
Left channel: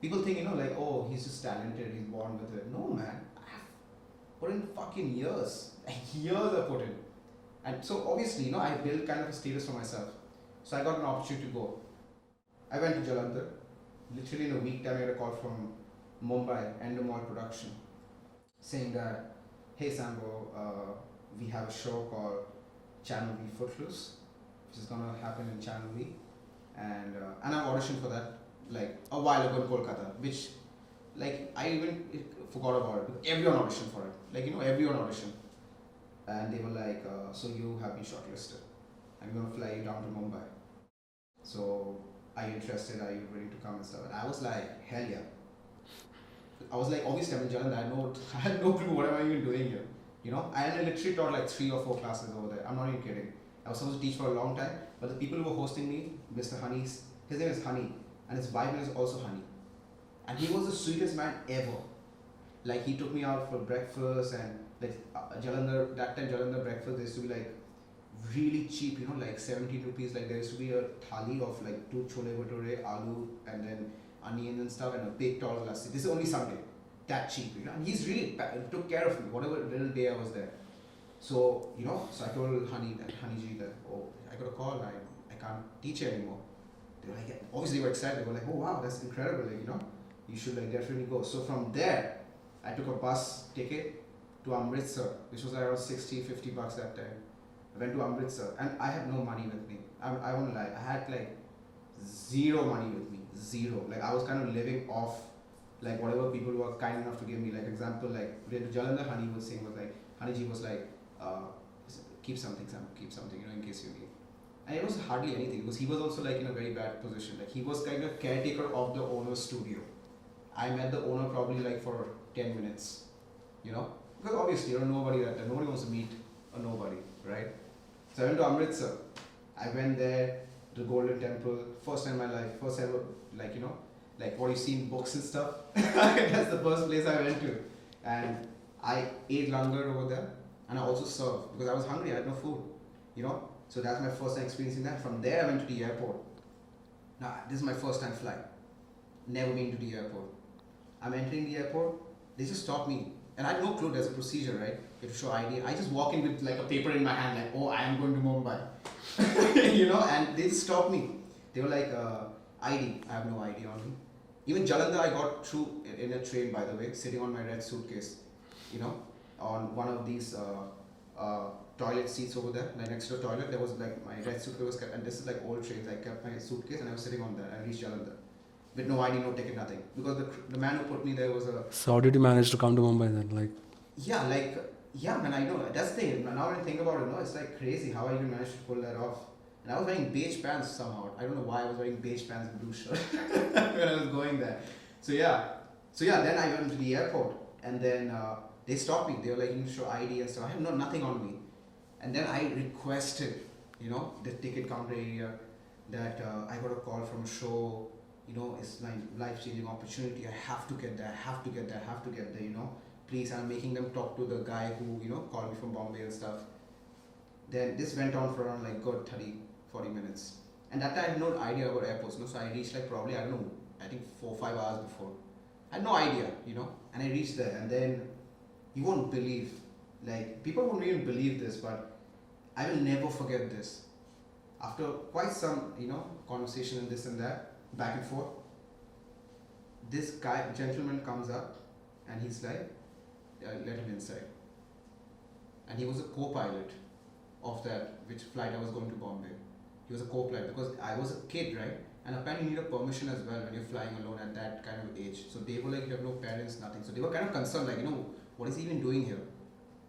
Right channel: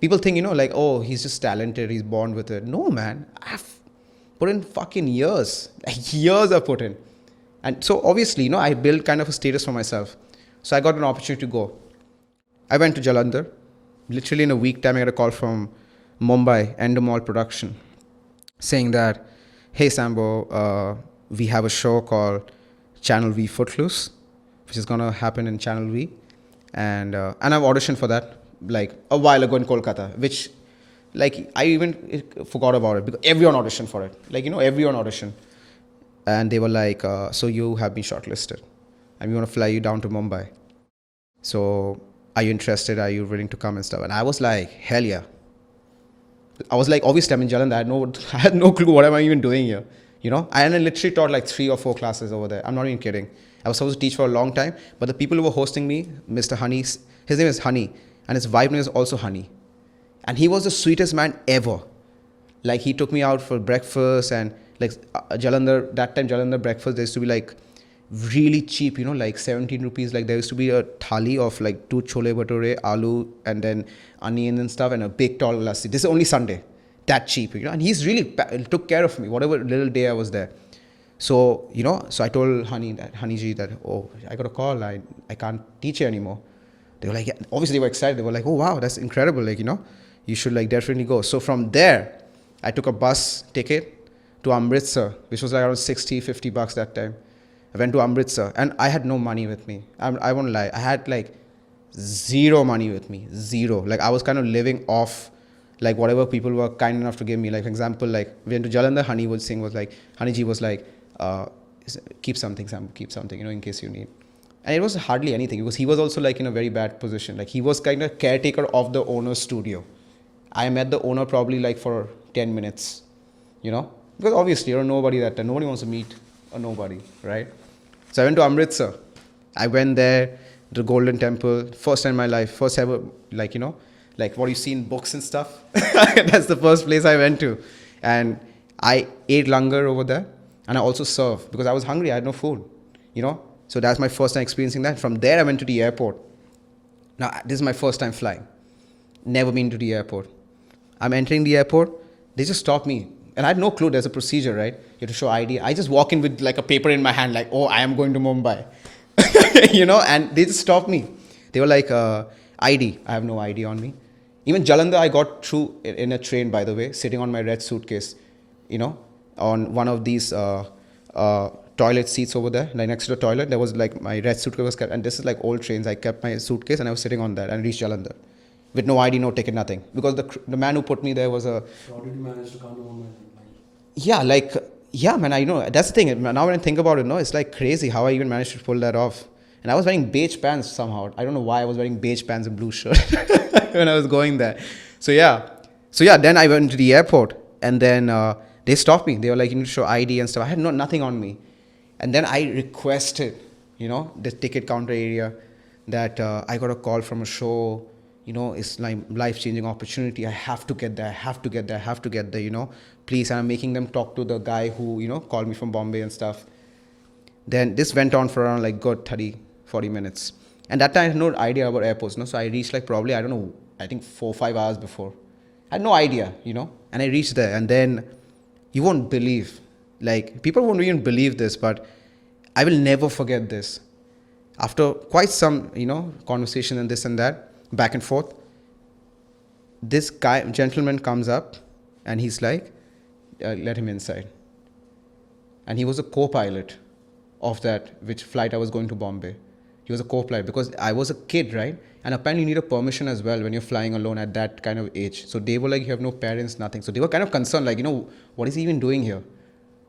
People think, like, oh, he's just talented, he's born with it. No, man, I've put in fucking years. Like, years I've put in. And so obviously, I built kind of a status for myself. So I got an opportunity to go. I went to Jalandhar. Literally in a week time, I got a call from Mumbai, Endemol Production, saying that, hey, Sambo, we have a show called Channel V Footloose, which is going to happen in Channel V. And I've auditioned for that, like, a while ago in Kolkata, which, like, I even forgot about it because everyone auditioned for it. Like, everyone auditioned. And they were like, so you have been shortlisted and we want to fly you down to Mumbai. So are you interested? Are you willing to come and stuff? And I was like, hell yeah. I was like, obviously I'm in Jalandhar. I had no clue what am I even doing here. And I literally taught like 3 or 4 classes over there. I'm not even kidding. I was supposed to teach for a long time, but the people who were hosting me, Mr. Honey, his name is Honey, and his wife name is also Honey. And he was the sweetest man ever. Like, he took me out for breakfast, and like Jalandhar, that time Jalandhar breakfast, there used to be like really cheap, like 17 rupees. Like, there used to be a thali of like 2 chole bhature, aloo, and then onion and stuff, and a big tall lassi. This is only Sunday. That cheap, and he's really took care of me, whatever little day I was there. So, so I told Honeyji that, oh, I got a call, I can't teach you anymore. They were like, yeah. Obviously they were excited. They were like, oh, wow, that's incredible. Like, you should like definitely go. So from there, I took a bus ticket to Amritsar, which was like around 60, 50 bucks that time. I went to Amritsar, and I had no money with me. I won't lie. I had like zero money with me. Zero. Like, I was kind of living off like whatever people were kind enough to give me. Like, for example, like, we went to Jalandhar, Honeyji was like, keep something, Sam, keep something, in case you need. And it was hardly anything, because he was also like in a very bad position. Like, he was kind of caretaker of the owner's studio. I met the owner probably like for 10 minutes, because obviously you're a nobody that time. Nobody wants to meet a nobody, right? So I went to Amritsar. I went there, the Golden Temple, first time in my life, first ever, like, like what you see in books and stuff. That's the first place I went to. And I ate langar over there, and I also served because I was hungry. I had no food, So that's my first time experiencing that. From there, I went to the airport. Now, this is my first time flying. Never been to the airport. I'm entering the airport. They just stop me. And I had no clue there's a procedure, right? You have to show ID. I just walk in with like a paper in my hand, like, oh, I am going to Mumbai. And they just stopped me. They were like, ID. I have no ID on me. Even Jalandhar, I got through in a train, by the way, sitting on my red suitcase, on one of these toilet seats over there, like next to the toilet. There was like my red suitcase was kept, and this is like old trains. I kept my suitcase and I was sitting on that and reached Jalandhar. with no ID, no ticket, nothing. Because the man who put me there was a So how did you manage to come to Mumbai then? Like, yeah, like yeah, man. I know that's the thing. Now when I think about it, no, it's like crazy how I even managed to pull that off. And I was wearing beige pants somehow. I don't know why I was wearing beige pants and blue shirt when I was going there. So yeah. Then I went to the airport, and then they stopped me. They were like, "You need to show ID and stuff." I had nothing on me, and then I requested, the ticket counter area, that I got a call from a show. It's like life-changing opportunity. I have to get there. I have to get there. I have to get there. Please. And I'm making them talk to the guy who called me from Bombay and stuff. Then this went on for around like good 30-40 minutes. And that time I had no idea about airports. So I reached like probably, I don't know, I think 4-5 hours before. I had no idea. And I reached there, and then you won't believe, like people won't even believe this, but I will never forget this. After quite some, conversation and this and that, back and forth, this gentleman comes up, and he's like, let him inside. And he was a co-pilot of that, which flight I was going to Bombay. He was a co-pilot because I was a kid, right? And apparently you need a permission as well when you're flying alone at that kind of age. So they were like, you have no parents, nothing. So they were kind of concerned, like, what is he even doing here?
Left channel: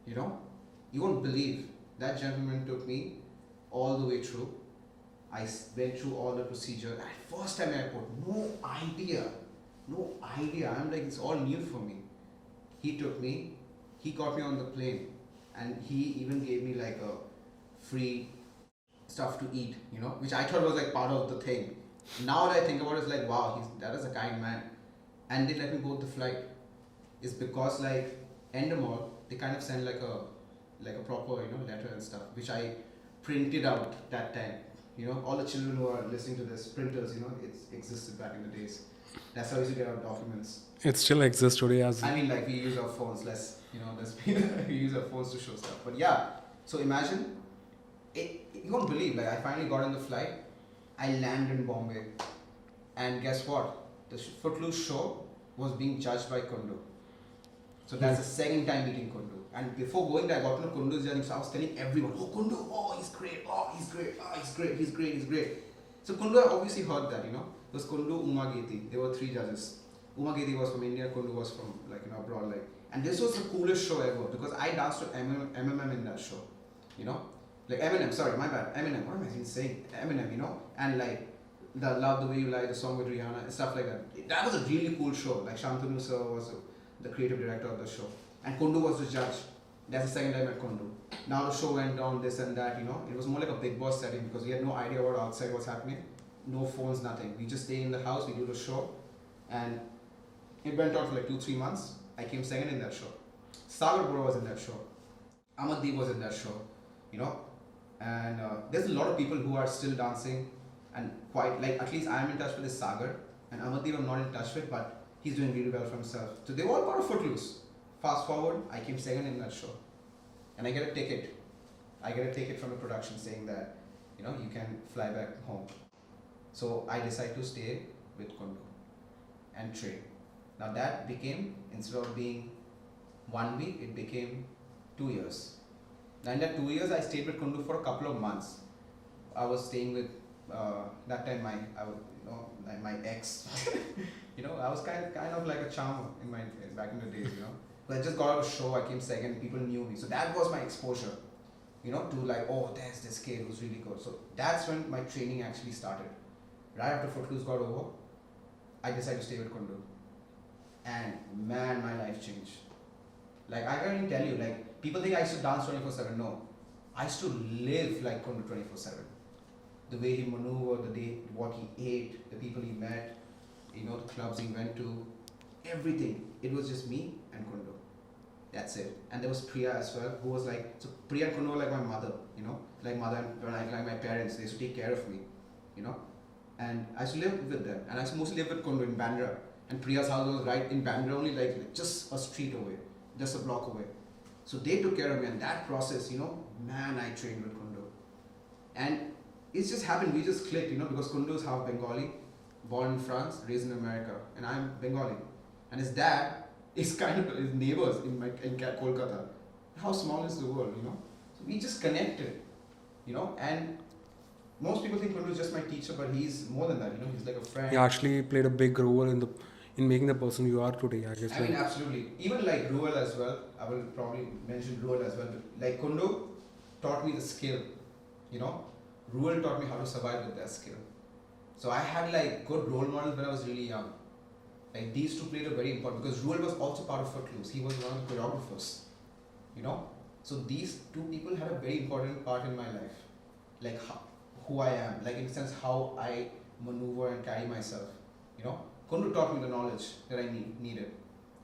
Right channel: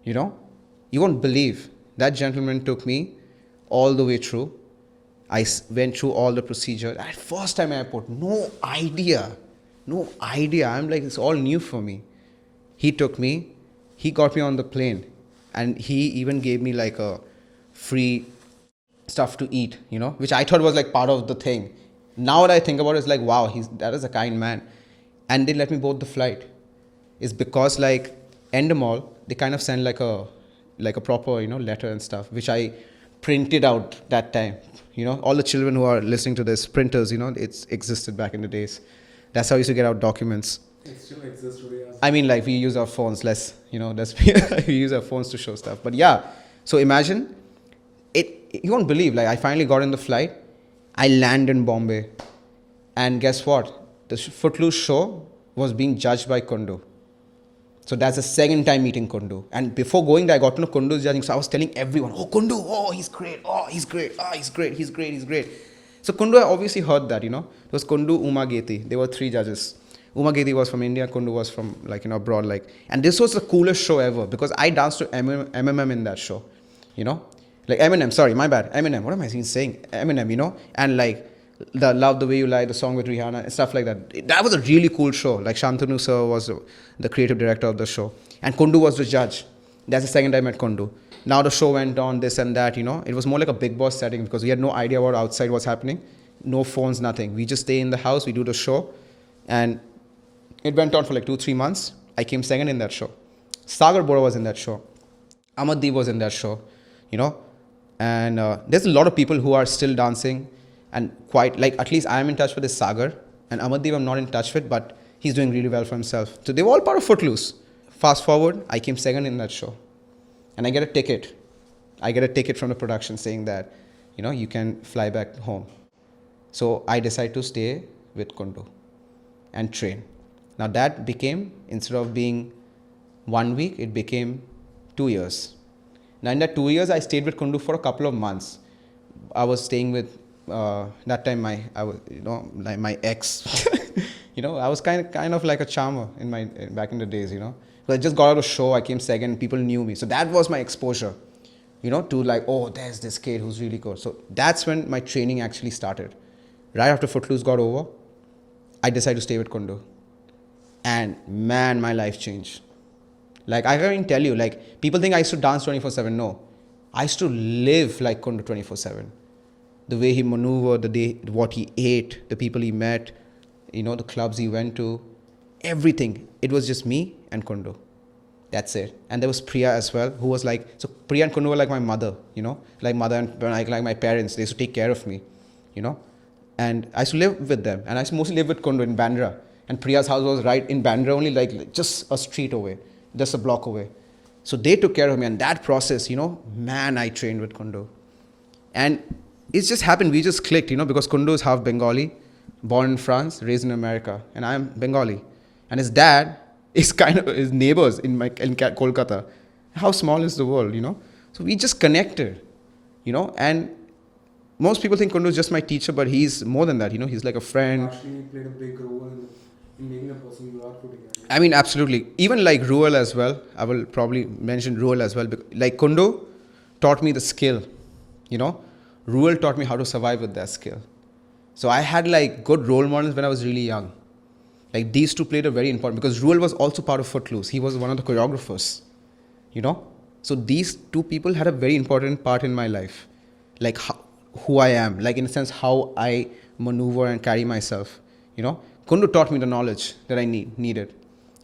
You won't believe. That gentleman took me all the way through. I went through all the procedure. At first time airport, no idea. I'm like, it's all new for me. He took me, he got me on the plane, and he even gave me like a free stuff to eat, which I thought was like part of the thing. Now that I think about it, it's like, wow, that is a kind man. And they let me board the flight. It's because like Endemol, they kind of send like a proper, letter and stuff, which I printed out that time. All the children who are listening to this, printers, it's existed back in the days. That's how I used to get out documents. it still exists today as. I mean, like we use our phones less, we use our phones to show stuff. But yeah, so imagine it, you won't believe, like I finally got in the flight. I land in Bombay, and guess what? The Footloose show was being judged by Kundu. So that's the second time meeting Kundu. And before going there, I got to know Kundu's judging. So I was telling everyone, oh, Kundu, oh, he's great. Oh, he's great. Oh, he's great. He's great. He's great. So Kundu, I obviously heard that, It was Kundu, Uma Geti. There were 3 judges. Uma Geti was from India. Kundu was from, abroad. And this was the coolest show ever because I danced to Eminem in that show, Like Eminem, sorry, my bad. Eminem, what am I even saying? Eminem, And the Love the Way You Lie, the song with Rihanna, and stuff like that. That was a really cool show. Like Shantanu sir was the creative director of the show. And Kundu was the judge. That's the second time I met Kundu. Now the show went on, this and that, It was more like a Big Boss setting because we had no idea what outside was happening. No phones, nothing. We just stay in the house, we do the show. And it went on for like 2-3 months. I came second in that show. Sagar Bora was in that show. Amaddeep was in that show, And there's a lot of people who are still dancing and quite, at least I'm in touch with this Sagar. And Amaddeep I'm not in touch with, but he's doing really well for himself. So they were all part of Footloose. Fast forward, I came second in that show. And I get a ticket. I get a ticket from the production saying that, you can fly back home. So I decide to stay with Kundu and train. Now that became, instead of being 1 week, it became 2 years. Now in that 2 years, I stayed with Kundu for a couple of months. I was staying with, that time my ex, I was kind of like a charmer back in the days, But I just got out of show, I came second, people knew me. So that was my exposure, to oh, there's this kid who's really good. So that's when my training actually started. Right after Footloose got over, I decided to stay with Kundu. And man, my life changed. I can't even tell you, people think I used to dance 24/7. No, I used to live like Kundu 24/7. The way he maneuvered, what he ate, the people he met, the clubs he went to, everything. It was just me and Kundu. That's it. And there was Priya as well, who was so Priya and Kundu were like my mother, mother and like my parents. They used to take care of me, And I used to live with them. And I used to mostly live with Kundu in Bandra. And Priya's house was right in Bandra, only just a street away, just a block away. So they took care of me. And that process, man, I trained with Kundu. And it's just happened. We just clicked, because Kundu is half Bengali, born in France, raised in America. And I'm Bengali. And his dad is kind of his neighbors in Kolkata. How small is the world, So we just connected, And most people think Kundu is just my teacher, but he's more than that. He's like a He friend. actually played a big role in making the person you are today, I guess. I mean, absolutely. Even like Ruel as well. I will probably mention Ruel as well. Like Kundu taught me the skill. Ruel taught me how to survive with that skill. So I had like good role models when I was really young. Like these two played a very important, because Ruel was also part of Footloose. He was one of the choreographers. So these two people had a very important part in my life, like who I am, like in a sense how I maneuver and carry myself. Kundu taught me the knowledge that I needed,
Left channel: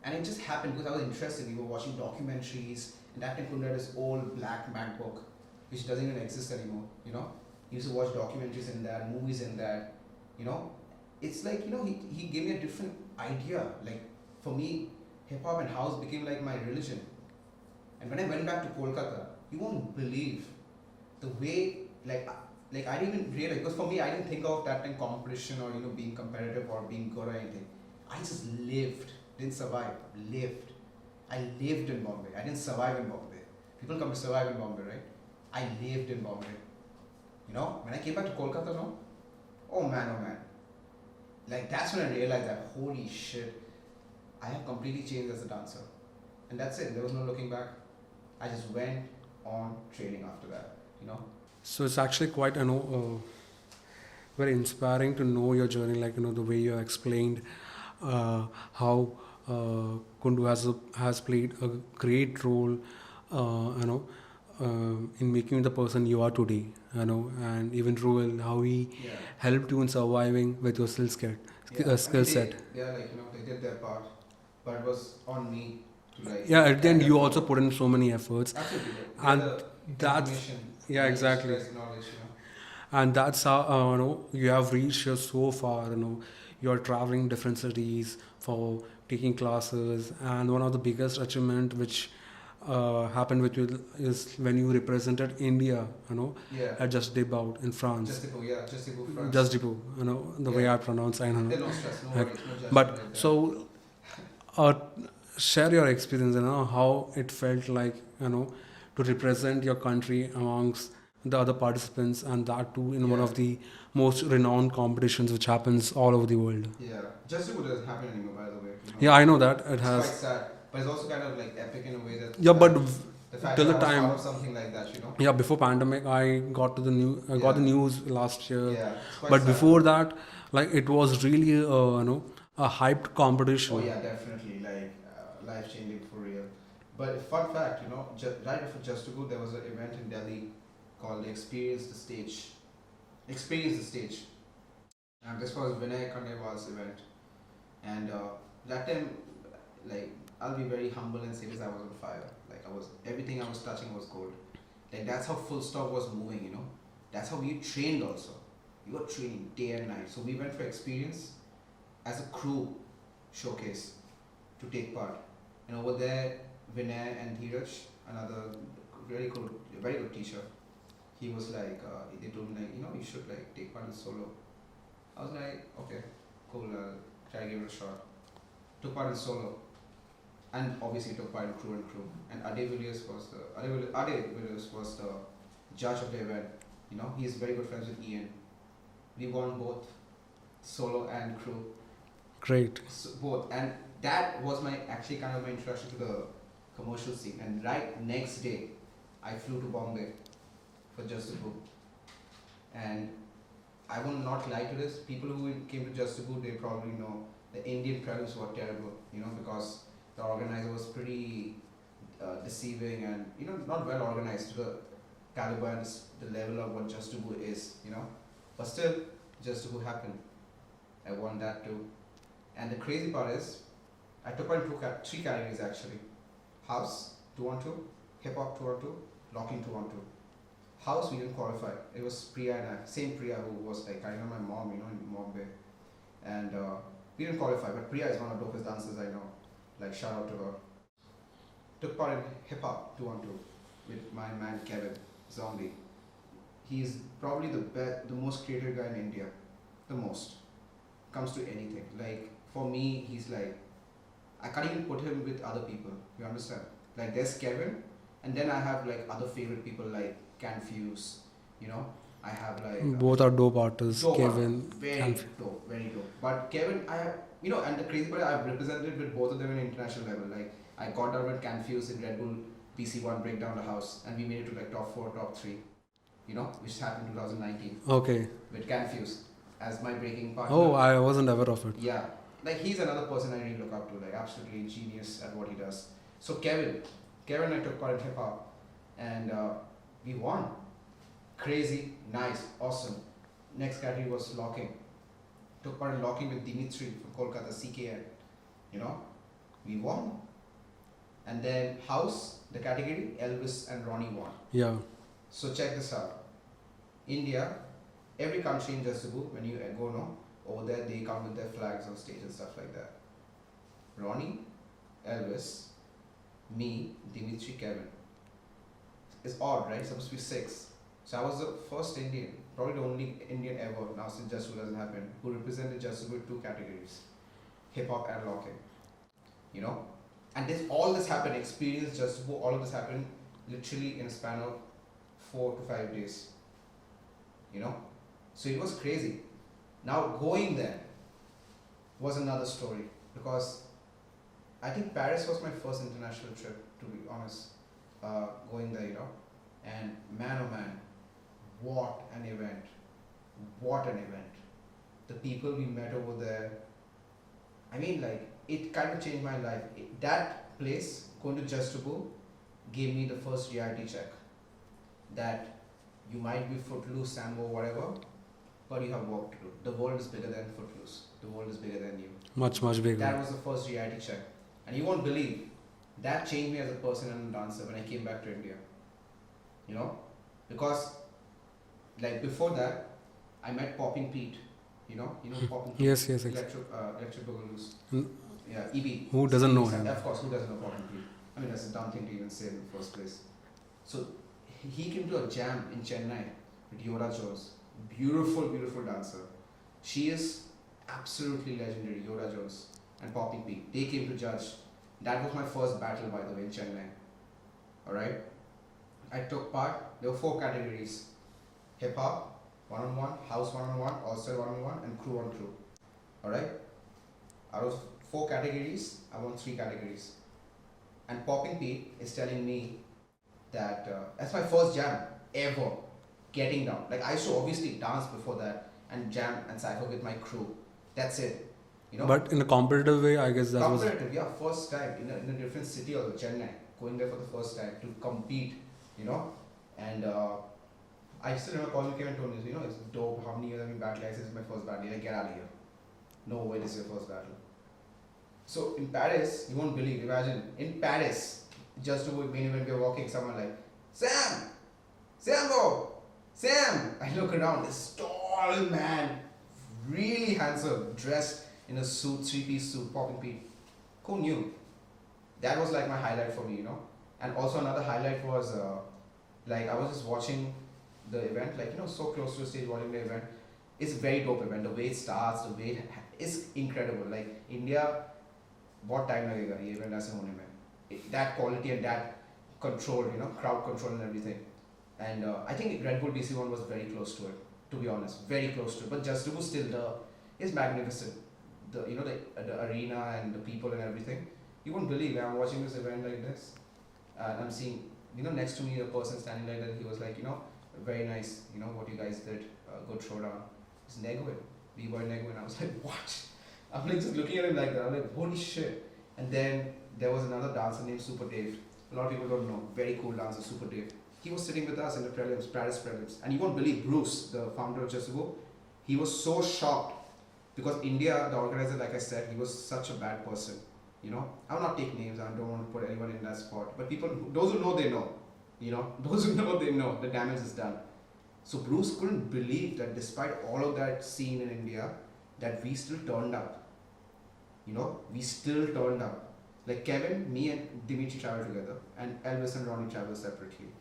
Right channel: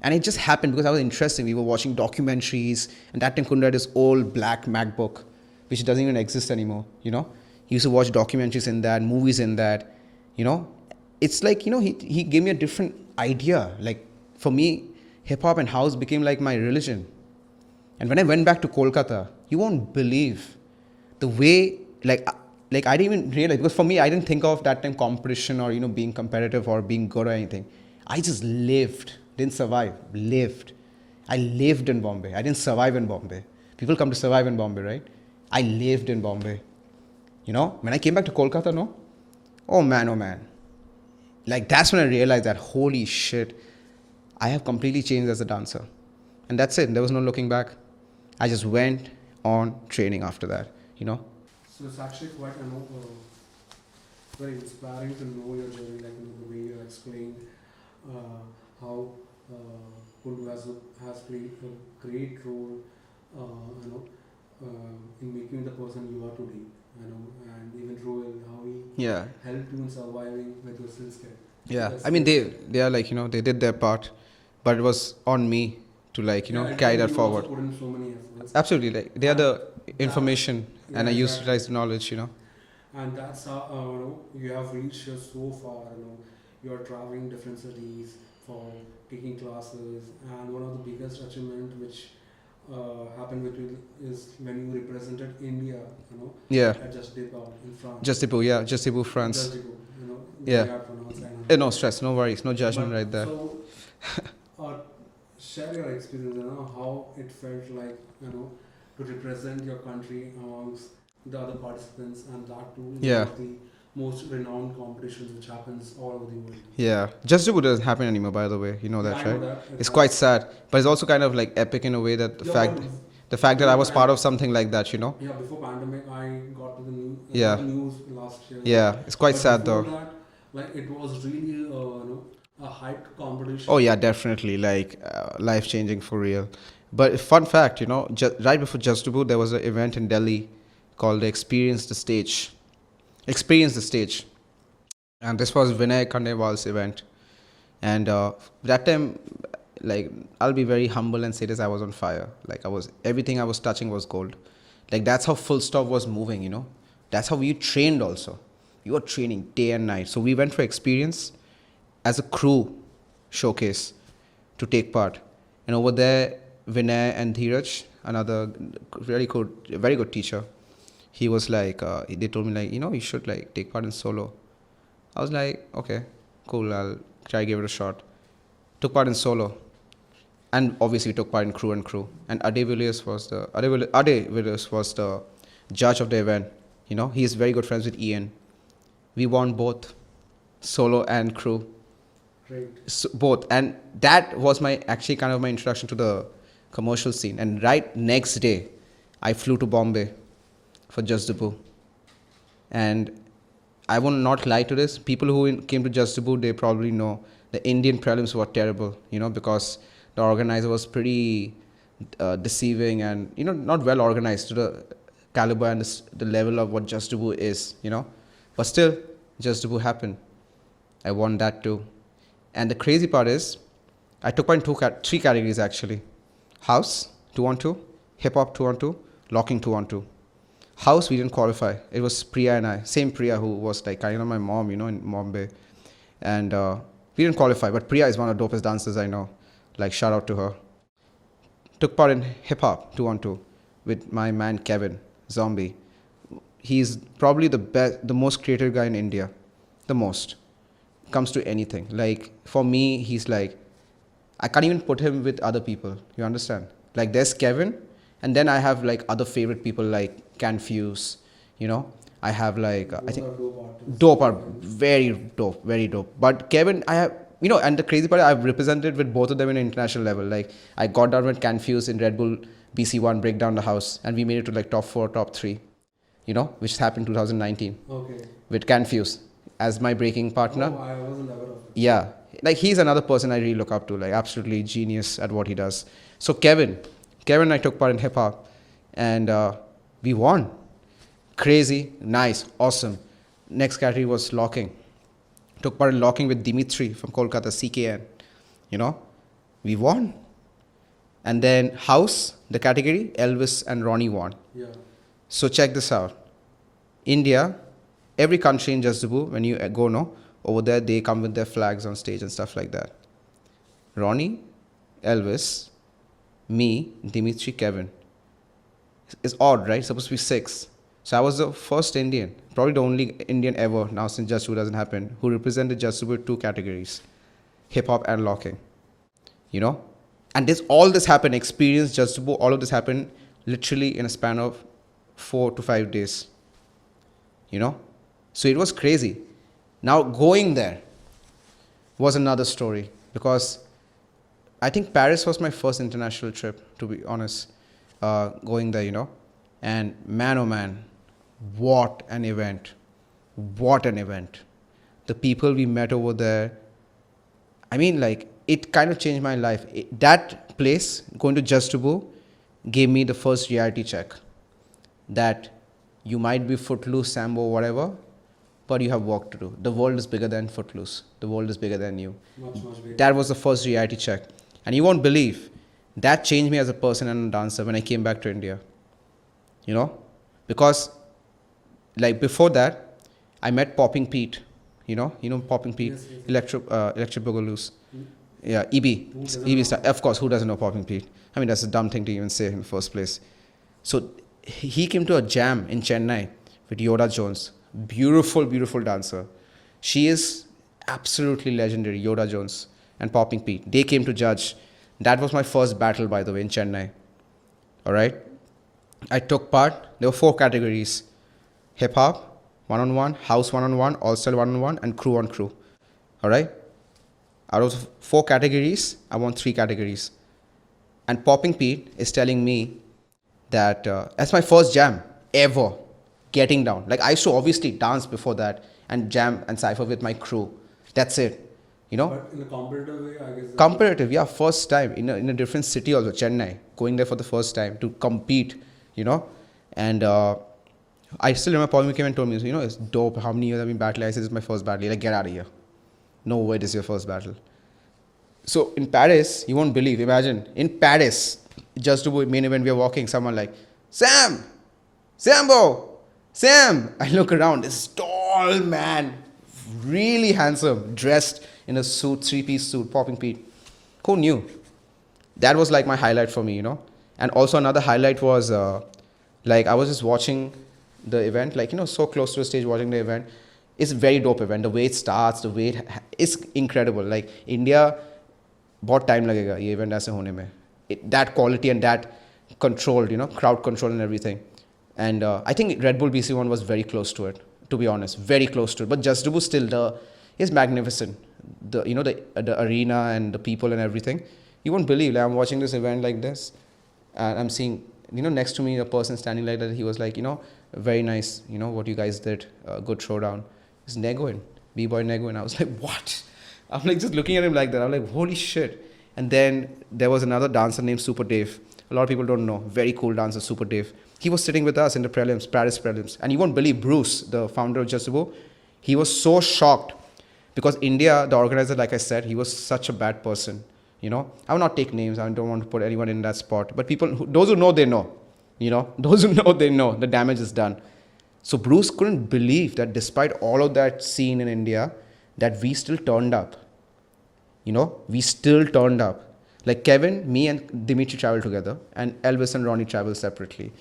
and it just happened because I was interested. We were watching documentaries, and that time Kundu had his old black MacBook, which doesn't even exist anymore. He used to watch documentaries in that, movies in that. It's like he gave me a different idea. Like for me, hip hop and house became like my religion. And when I went back to Kolkata, you won't believe the way, like I didn't even realize, because for me, I didn't think of that time competition or, being competitive or being good or anything. I just lived, didn't survive, lived. I lived in Bombay. I didn't survive in Bombay. People come to survive in Bombay, right? I lived in Bombay. When I came back to Kolkata, no? Oh man. Like that's when I realized that, holy shit, I have completely changed as a dancer. And that's it. There was no looking back. I just went on training after that, So it's actually quite, very inspiring to know your journey, like, the way you explained how Kundu has played a great role, in making you the person you are today, and even Ruel, how he Yeah. helped you in surviving with your skill set. Yeah. I mean, they are like, they did their part, but it was on me to like, carry that you forward. also put in so many efforts. Absolutely. Like, they are And the that's- information, yeah, and I exactly. utilize the knowledge, And that's how you have reached here so far. You're traveling different cities for taking classes, and one of the biggest achievement which happened with you is when you represented India. Yeah. At Just Debout in France. Just Debout, France. Just Debout. The Yeah. way I pronounce. I know. No stress, no worries, no judgment But right there. so, uh, share your experience. How it felt like. To represent your country amongst the other participants, and that too in Yeah. one of the most renowned competitions which happens all over the world. Yeah. Just Debout doesn't happen anymore, by the way. Yeah, I know right? that. It's quite sad, but it's also kind of like epic in a way that Yeah, but the fact that till I was time- part of something like that, yeah, before pandemic, I got to the news. Yeah. Got the news last year. Yeah, it's quite but sad before though. that, like it was really a hyped competition. Oh yeah, definitely, like life changing for real. But fun fact, right before Just Debout, there was an event in Delhi called Experience the Stage. Experience the Stage, and this was Vinay Khandelwal's event. And that time, like, I'll be very humble and say this: I was on fire. Like everything I was touching was gold. Like that's how Full Stop was moving. That's how we trained also. You were training day and night. So we went for Experience as a crew showcase to take part. And over there, Vinay and Dheeraj, another very good teacher, he was like, they told me like, you should like take part in solo. I was like, okay, cool, I'll try to give it a shot. Took part in solo, and obviously took part in crew and crew. And Ade Villiers was the judge of the event. He is very good friends with Ian. We won both solo and crew. Great. So, both, and that was my introduction to the commercial scene. And right next day I flew to Bombay for Just Debout, and I will not lie to this, people who came to Just Debout, they probably know the Indian prelims were terrible, because the organizer was pretty deceiving and not well organized to the caliber and the level of what Just Debout is, but still Just Debout happened. I won that too. And the crazy part is, I took part in three categories actually. House, 2-on-2, hip hop 2-on-2, locking 2-on-2. House, we didn't qualify. It was Priya and I. Same Priya who was like kind of my mom, in Bombay. And we didn't qualify, but Priya is one of the dopest dancers I know. Like, shout out to her. Took part in hip hop 2-on-2 with my man Kevin, Zombie. He's probably the most creative guy in India. The most. Comes to anything. Like, for me, he's like, I can't even put him with other people. You understand? Like, there's Kevin, and then I have like other favorite people like Confuse, I have like Both are dope artists. dope are Kevin very and- dope, very dope. But Kevin, I have, and the crazy part, I've represented with both of them in international level. Like I got down with Confuse in Red Bull BC1 Break Down the House, and we made it to like top 4, top 3. Which happened 2019 Okay. with Confuse as my breaking partner. Oh, I wasn't aware of it. Yeah, like he's another person I really look up to, like absolutely genius at what he does. So Kevin and I took part in hip hop, and we won. Crazy, nice, awesome. Next category was locking. Took part in locking with Dimitri from Kolkata, CKN. We won. And then house, the category, Elvis and Ronnie won. Yeah. So check this out. India, every country in Jazdaboo, when you go, over there, they come with their flags on stage and stuff like that. Ronnie, Elvis, me, Dimitri, Kevin. It's odd, right? It's supposed to be 6. So I was the first Indian, probably the only Indian ever, now since Jazdaboo doesn't happen, who represented Jazdaboo with 2 categories, hip-hop and locking. And all this happened, experience, Jazdaboo, all of this happened literally in a span of 4 to 5 days. So it was crazy. Now going there was another story, because I think Paris was my first international trip, to be honest, going there, and man, oh man, what an event. What an event. The people we met over there, I mean, like, it kind of changed my life. That place, going to Jazdaboo, gave me the first reality check that you might be Footloose, Sambo, whatever, but you have work to do. The world is bigger than Footloose. The world is bigger than you. Much bigger. That was the first reality check. And you won't believe, that changed me as a person and a dancer when I came back to India. Because like before that, I met Popping Pete. Popping Pete? Yes. Electric Boogaloo's. Mm. Yeah, EB. Who doesn't know him? Of course, who doesn't know Popping Pete? I mean, that's a dumb thing to even say in the first place. So he came to a jam in Chennai with Yoda Jones. Beautiful, beautiful dancer. She is absolutely legendary, Yoda Jones and Popping Pete. They came to judge. That was my first battle, by the way, in Chennai. All right? I took part. There were 4 categories. Hip-hop, one-on-one, house one-on-one, all-style one-on-one, and crew on crew. All right? Out of 4 categories, I won 3 categories. And Popping Pete is telling me that that's my first jam ever, getting down. Like, I used to obviously dance before that and jam and cypher with my crew. That's it. But in a competitive way, I guess. Competitive, yeah, first time in a different city also, Chennai, going there for the first time to compete, and I still remember Paul came and told me, it's dope, how many years I've been battling. I said, this is my first battle. He's like, get out of here. No way, this is your first battle. So in Paris, you won't believe, imagine, in Paris, just to main event, we are walking, someone like, Sambo, Sam. I look around, this tall man, really handsome, dressed in a suit, 3-piece suit, Popping Pete. Who knew? That was like my highlight for me, And also another highlight was, I was just watching the event, so close to the stage watching the event. It's a very dope event. The way it starts, the way it's incredible. Like India, बहुत time लगेगा ये event ऐसे होने में. That quality and that controlled, crowd control and everything. And I think Red Bull BC1 was very close to it, to be honest, very close to it. But Jazdaboo still is magnificent. The arena and the people and everything. You won't believe, I'm watching this event like this, and I'm seeing, next to me a person standing like that. He was like, very nice, what you guys did, good showdown. It's Negoin, B-boy Negoin. I was like, what? I'm like just looking at him like that. I'm like, holy shit. And then there was another dancer named Super Dave. A lot of people don't know. Very cool dancer, Super Dave. He was sitting with us in the prelims, Paris prelims. And you won't believe, Bruce, the founder of Jazdaboo, he was so shocked because India, the organizer, like I said, he was such a bad person. I will not take names. I don't want to put anyone in that spot. But those who know, they know. Those who know, they know the damage is done. So Bruce couldn't believe that despite all of that scene in India, that we still turned up. We still turned up. Like Kevin, me and Dimitri traveled together, and Elvis and Ronnie traveled separately.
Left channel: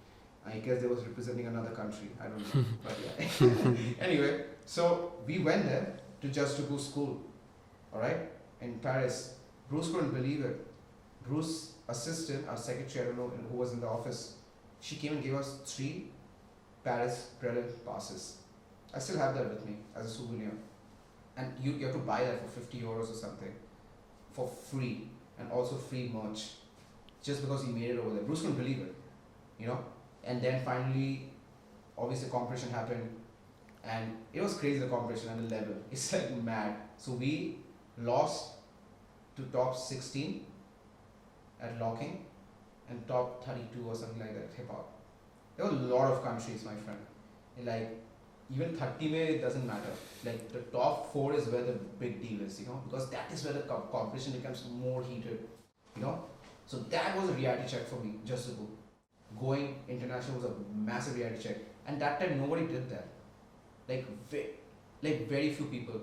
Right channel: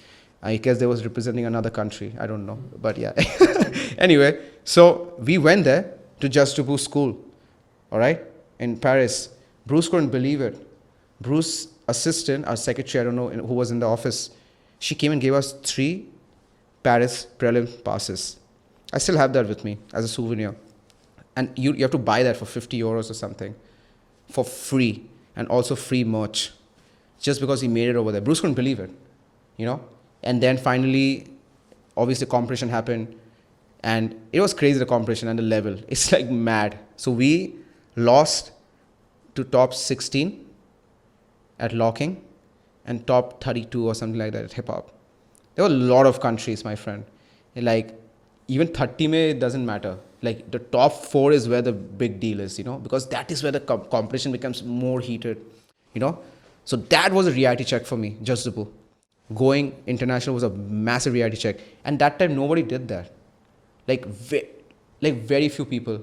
I guess they was representing another country. I don't know. But yeah. Anyway, so we went there to Jazdaboo school. All right? In Paris. Bruce couldn't believe it. Bruce's assistant, our secretary, I don't know who was in the office, she came and gave us 3 Paris prelim passes. I still have that with me as a souvenir. And you have to buy that for 50 euros or something for free, and also free merch just because he made it over there. Bruce couldn't believe it, you know? And then finally, obviously, competition happened, and it was crazy, the competition and the level. It's like mad. So we lost to top 16 at locking and top 32 or something like that at hip hop. There were a lot of countries, my friend. Like, even 30 May, it doesn't matter. Like, the top 4 is where the big deal is, you know, because that is where the competition becomes more heated, you know. So that was a reality check for me, just Zubu. Going international was a massive reality check. And that time, nobody did that. Like, very few people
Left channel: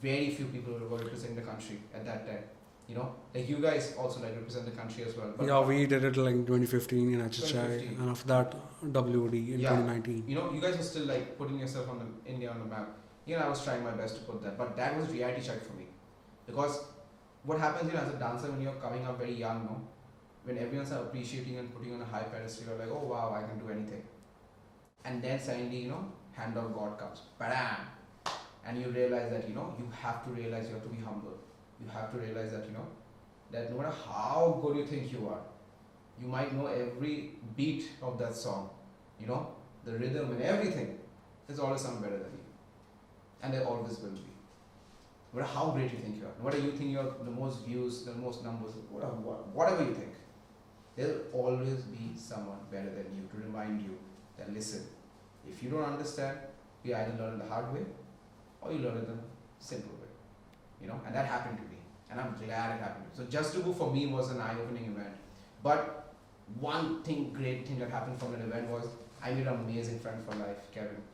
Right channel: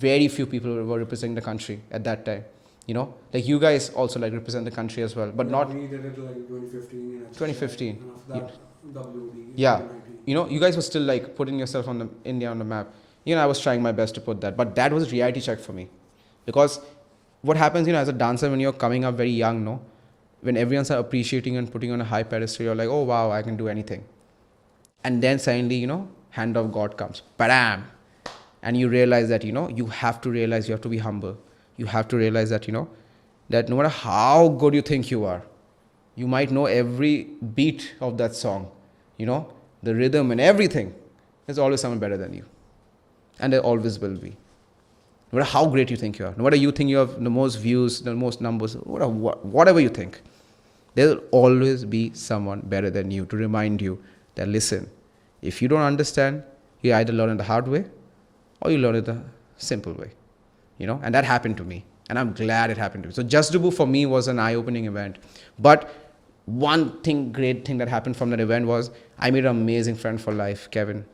were representing the country at that time. You know, like you guys also like represent the country as well, but yeah, not. we did it like 2015 in HHI, 2015, and after that WOD in yeah. 2019. You know, you guys were still like putting yourself on the India on the map. You know, I was trying my best to put that, but that was a reality check for me, because what happens, you know, as a dancer when you're coming up very young, no, when everyone's appreciating and putting on a high pedestal, you're like, oh wow, I can do anything, and then suddenly, you know, hand of God comes, bam, and you realize that, you know, you have to realize you have to be humble. You have to realize that, you know, that no matter how good you think you are, you might know every beat of that song, you know, the rhythm and everything. There's always someone better than you. And there always will be. No matter how great you think you are, no matter you think you have the most views, the most numbers, whatever you think, there will always be someone better than you to remind you that, listen, if you don't understand, you either learn it the hard way or you learn it the simple way. You know, and that happened to me, and I'm glad it happened to me. So Just Dubu for me was an eye-opening event. But one great thing that happened from that event was I made an amazing friend for life, Kevin.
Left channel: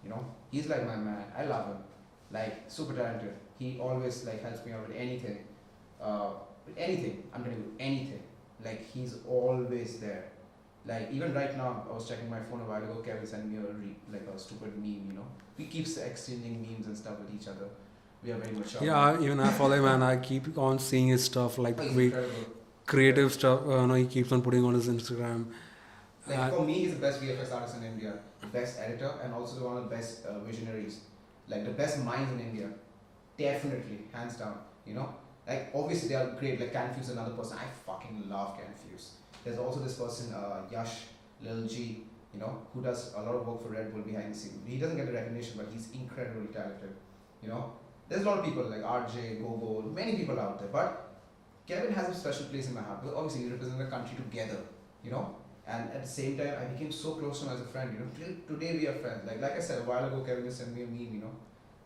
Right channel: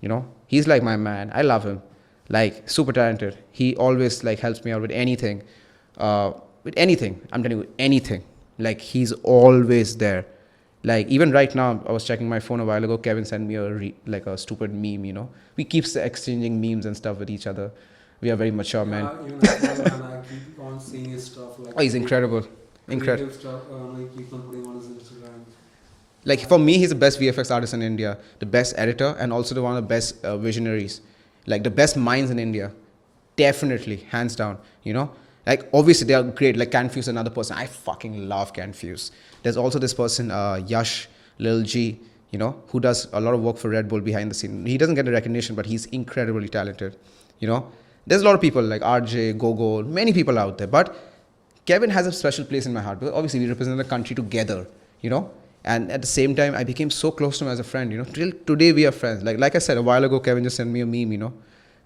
You know, he's like my man. I love him. Like, super talented. He always like helps me out with anything. With anything. I'm telling you, anything. Like, he's always there. Like, even right now, I was checking my phone a while ago. Kevin sent me a stupid meme, you know. We keep exchanging memes and stuff with each other. We are very mature, man. Yeah, even I follow him and I keep on seeing his stuff. Like, oh, he's incredible. Creative stuff. No, he keeps on putting on his Instagram. Like, for me, he's the best VFX artist in India, the best editor, and also one of the best visionaries. Like, the best minds in India. Definitely, hands down, you know. Like, obviously, they are great. Like, Canfuse, another person. I fucking love Canfuse. There's also this person, Yash, Lil G, you know, who does a lot of work for Red Bull behind the scene. He doesn't get the recognition, but he's incredibly talented, you know. There's a lot of people like RJ, Gogo, many people out there. But Kevin has a special place in my heart. Because obviously, we represent the country together, you know. And at the same time, I became so close to him as a friend, you know. Till today, we are friends. Like I said, a while ago, Kevin just sent me a meme, you know.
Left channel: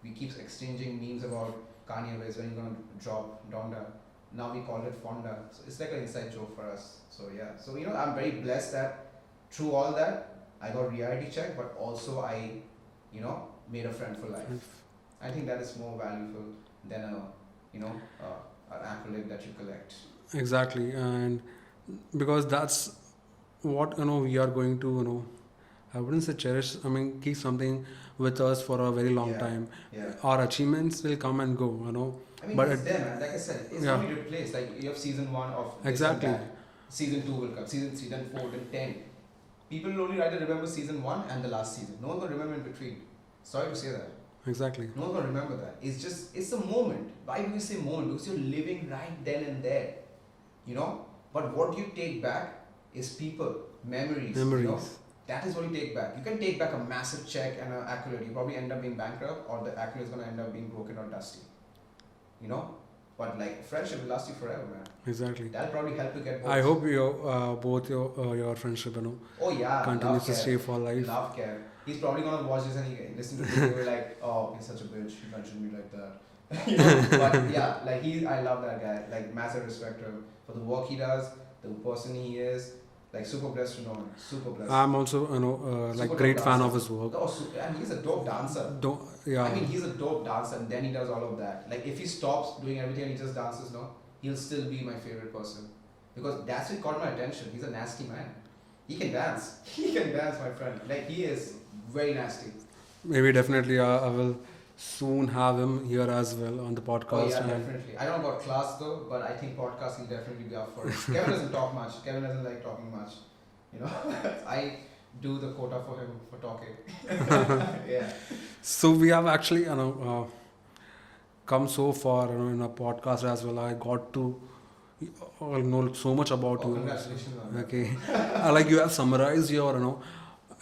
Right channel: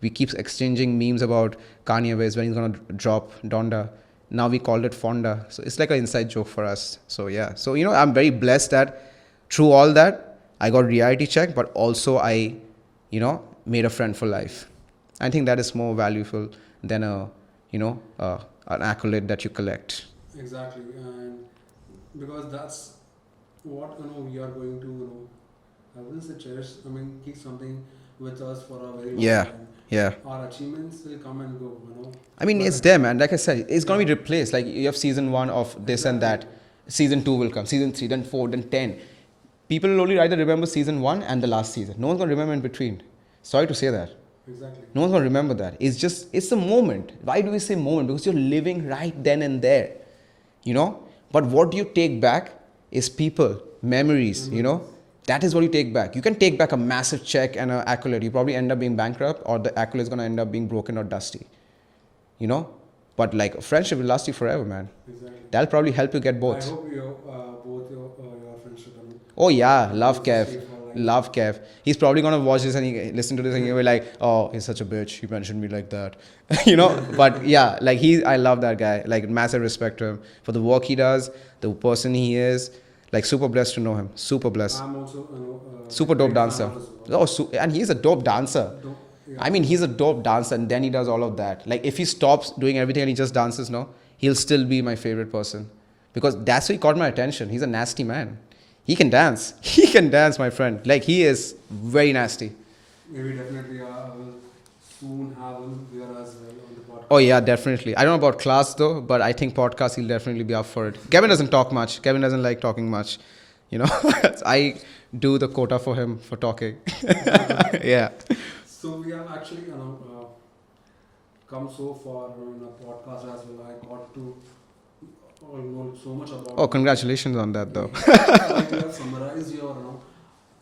We keep exchanging memes about Kanye West, when he's going to drop Donda. Now we called it Fonda. So it's like an inside joke for us. So, yeah. So, you know, I'm very blessed that through all that, I got reality check. But also, I, you know, made a friend for life. I think that is more valuable than an accolade that you collect. Exactly, and because that's what, you know, we are going to, you know, I wouldn't say cherish. I mean, keep something with us for a very long time. Yeah. Our achievements will come and go, you know. I mean, it's there, man. Like I said, it's going to be replaced. Like, you have season 1 of this and that. Season 2 will come. Season 3, then 4, then 10. People will only either remember season 1 and the last season. No one's going to remember in between. Sorry to say that. Exactly. No one's going to remember that. It's a moment. Why do we say moment? Because you're living right then and there, you know. But what you take back is people, memories, you know. That is what you take back. You can take back a massive check and an accolade. You probably end up being bankrupt, or the accolade is going to end up being broken or dusty, you know. But like, friendship will last you forever, man. Exactly. That'll probably help you get both. I hope both your friendship, you know. Oh yeah, love Kev. Love Kev. He's probably gonna watch this and he listen to this and he'll be like, oh, he's such a bitch. He mentioned me like that, you know. But yeah, like I love that guy. Like, massive respect to him for the work he does, the person he is. Like, super blessed to know him. Super blessed. I'm also, you know, super like, dope great dancer. fan of his work. Oh, and he's a dope dancer. Yeah. I mean, he's a dope dancer, and then he does all of that. Like, if he stops doing everything and he just dances, no, he'll still be my favorite person. Because that's why he caught my attention. He's a nasty man. He can dance. He can dance, my friend. Like, he is very nasty. Maybe definitely I will soon have him here as well on the podcast. Oh, yeah, definitely. I don't know about class, though, but I think podcast, he'll definitely be up for it. Kevin doesn't talk much. Kevin doesn't like talking much. You know, I do the quota for him for talking. Yeah. So we have actually, come so far in a podcast as well. I got to know so much about Oh, you. congratulations on that, Okay. though. Like you have summarized your,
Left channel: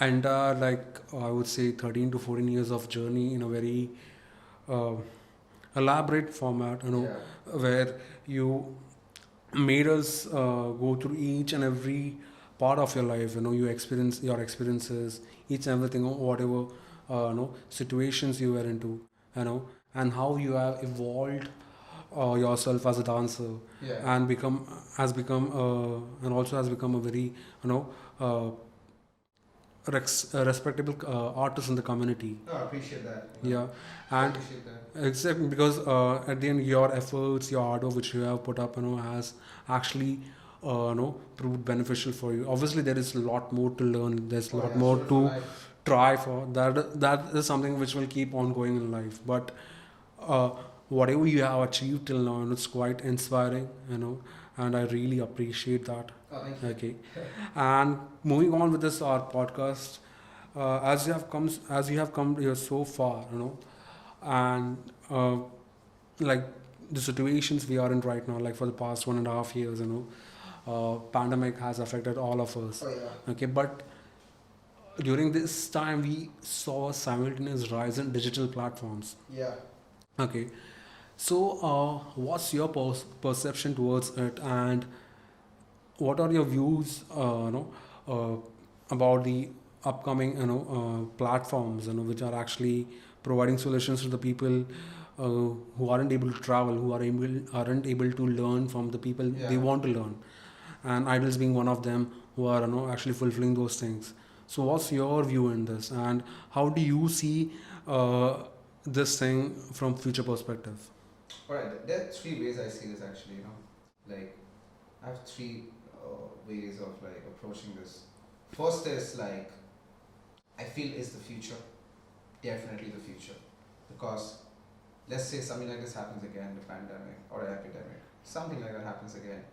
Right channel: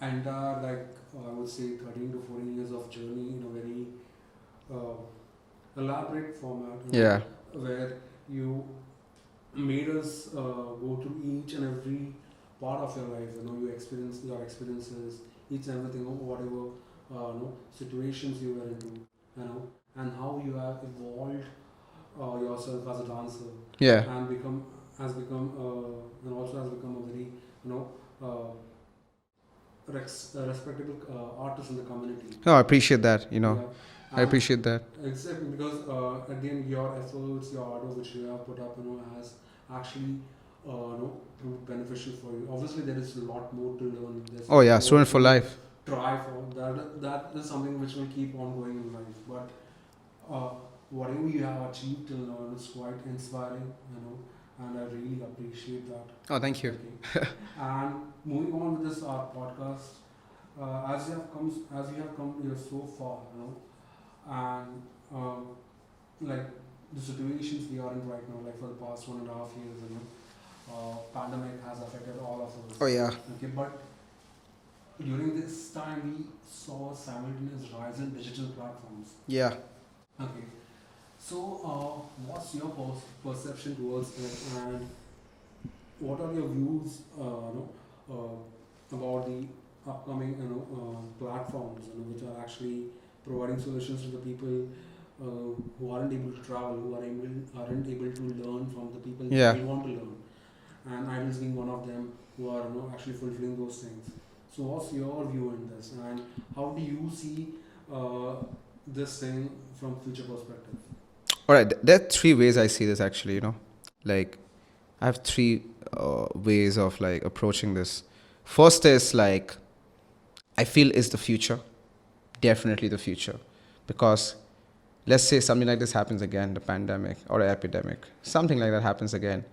entire, like, I would say 13 to 14 years of journey in a very uh, elaborate format, Yeah. where you made us go through each and every part of your life. You experience your experiences, each and everything, whatever situations you were into, and how you have evolved yourself as a dancer, Yeah. and become has become and also has become a very you know uh, respectable artist in the community. No, I appreciate that. Yeah, I and appreciate that. exactly, because at the end, your efforts, your hard work which you have put up, has actually proved beneficial for you. Obviously, there is a lot more to learn. There's a Oh lot yeah, more student for to life. try for. That is something which will keep on going in life. But uh, whatever you have achieved till now, it's quite inspiring. And I really appreciate that. Oh, thank you. Okay. And moving on with this our podcast, as you have come here so far, and like the situations we are in right now, like for the past 1.5 years, pandemic has affected all of us. Oh yeah. Okay, but during this time we saw a simultaneous rise in digital platforms. Yeah. Okay, so what's your perception towards it, and what are your views, about the upcoming, platforms, which are actually providing solutions to the people who aren't able to travel, who aren't able to learn from the people Yeah. they want to learn, and idols being one of them who are actually fulfilling those things. So, what's your view in this, and how do you see this thing from future perspective? All right. There are three ways I see this actually. Like I have three ways of like approaching this. First is like I feel is the future, definitely the future, because let's say something like this happens again, the pandemic or an epidemic, something like that happens again,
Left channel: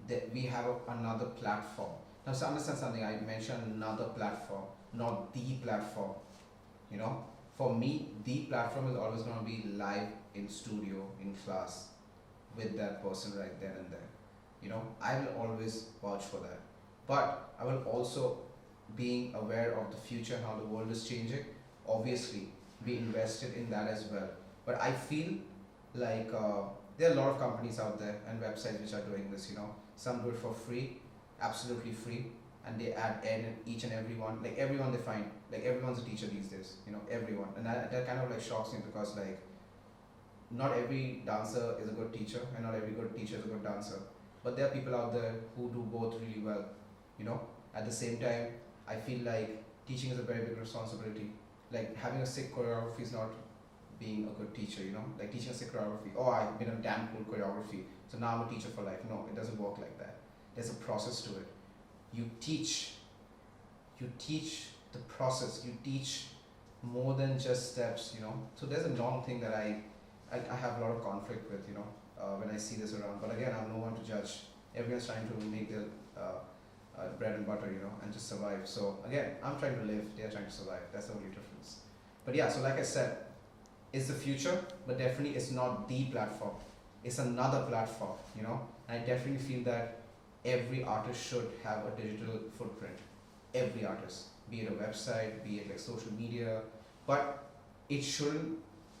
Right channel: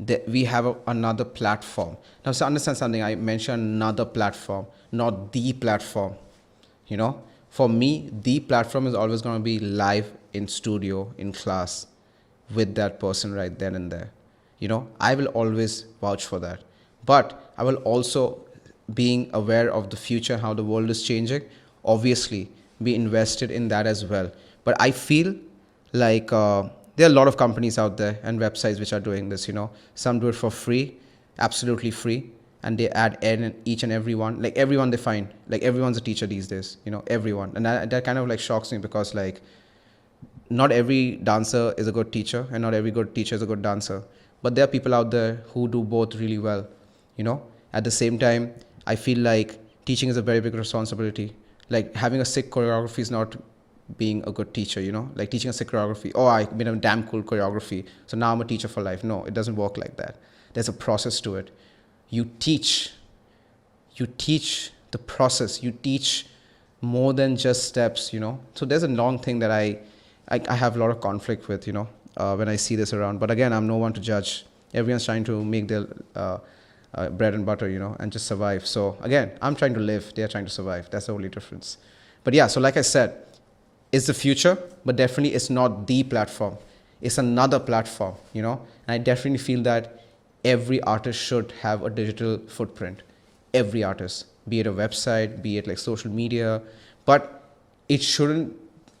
that we have another platform. Now, so understand something. I mentioned another platform, not the platform. For me, the platform is always going to be live in studio, in class, with that person right then and there. I will always vouch for that. But I will also, being aware of the future, how the world is changing, obviously be invested in that as well. But I feel like there are a lot of companies out there and websites which are doing this. Some do it for free, absolutely free, and they add in each and every one, like everyone they find, like everyone's a teacher these days. Everyone, and that kind of like shocks me, because like not every dancer is a good teacher and not every good teacher is a good dancer, but there are people out there who do both really well. At the same time, I feel like teaching is a very big responsibility. Like having a sick choreography is not being a good teacher. Like teaching a sick choreography, oh, I made a damn cool choreography, so now I'm a teacher for life. No, it doesn't work like that. There's a process to it. You teach the process. You teach more than just steps. So there's a long thing that I have a lot of conflict with, when I see this around. But again, I'm no one to judge. Everyone's trying to make their bread and butter, and just survive. So again, I'm trying to live. They're trying to survive. That's the only difference. But yeah, so like I said, it's the future, but definitely it's not the platform. It's another platform, And I definitely feel that every artist should have a digital footprint. Every artist, be it a website, be it like social media, but it shouldn't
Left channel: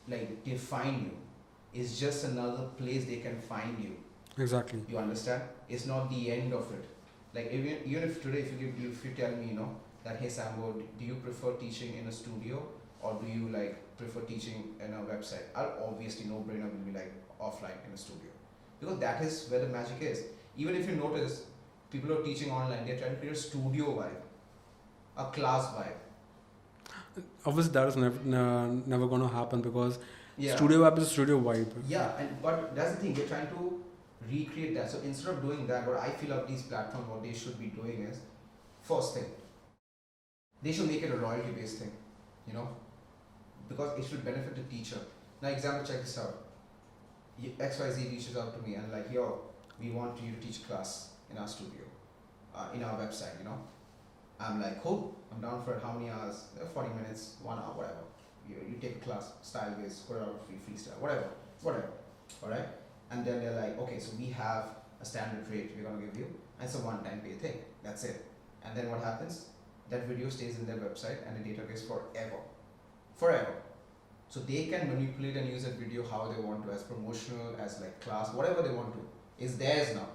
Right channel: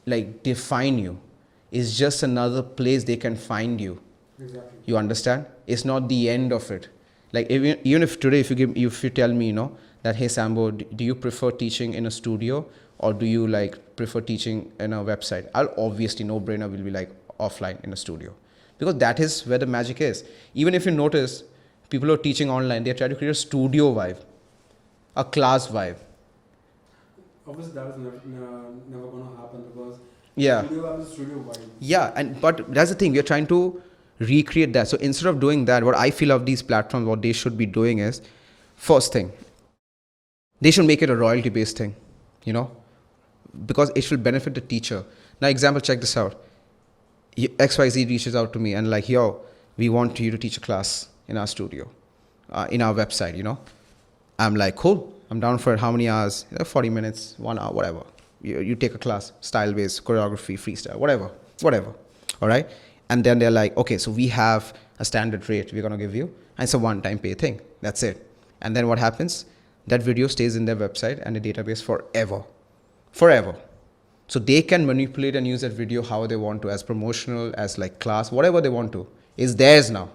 like define you. It's just another place they can find you. Exactly. You understand? It's not the end of it. Like even if today, if you tell me, that hey Sambo, do you prefer teaching in a studio or do you like prefer teaching in a website? I'll obviously, no brainer, will be like offline in a studio, because that is where the magic is. Even if you notice, people who are teaching online, they try to create a studio vibe, a class vibe. Obviously, that is never going to happen, because Yeah. studio vibe is studio vibe. Yeah, but that's the thing. We're trying to recreate that. So instead of doing that, what I feel of these platforms, what they should be doing is, first thing, they should make it a royalty-based thing, because it should benefit the teacher. Now, example, check this out. XYZ reaches out to me and like, yo, we want you to teach a class in our studio, in our website, I'm like, cool, I'm down for it. How many hours? 40 minutes, 1 hour, whatever. You take a class, style based, choreography, freestyle, whatever. All right. And then they're like, okay, so we have a standard rate we're going to give you. And it's a one time pay thing. That's it. And then what happens? That video stays in their website and the database forever. So they can manipulate and use that video how they want to, as promotional, as like class, whatever they want to. It's theirs now.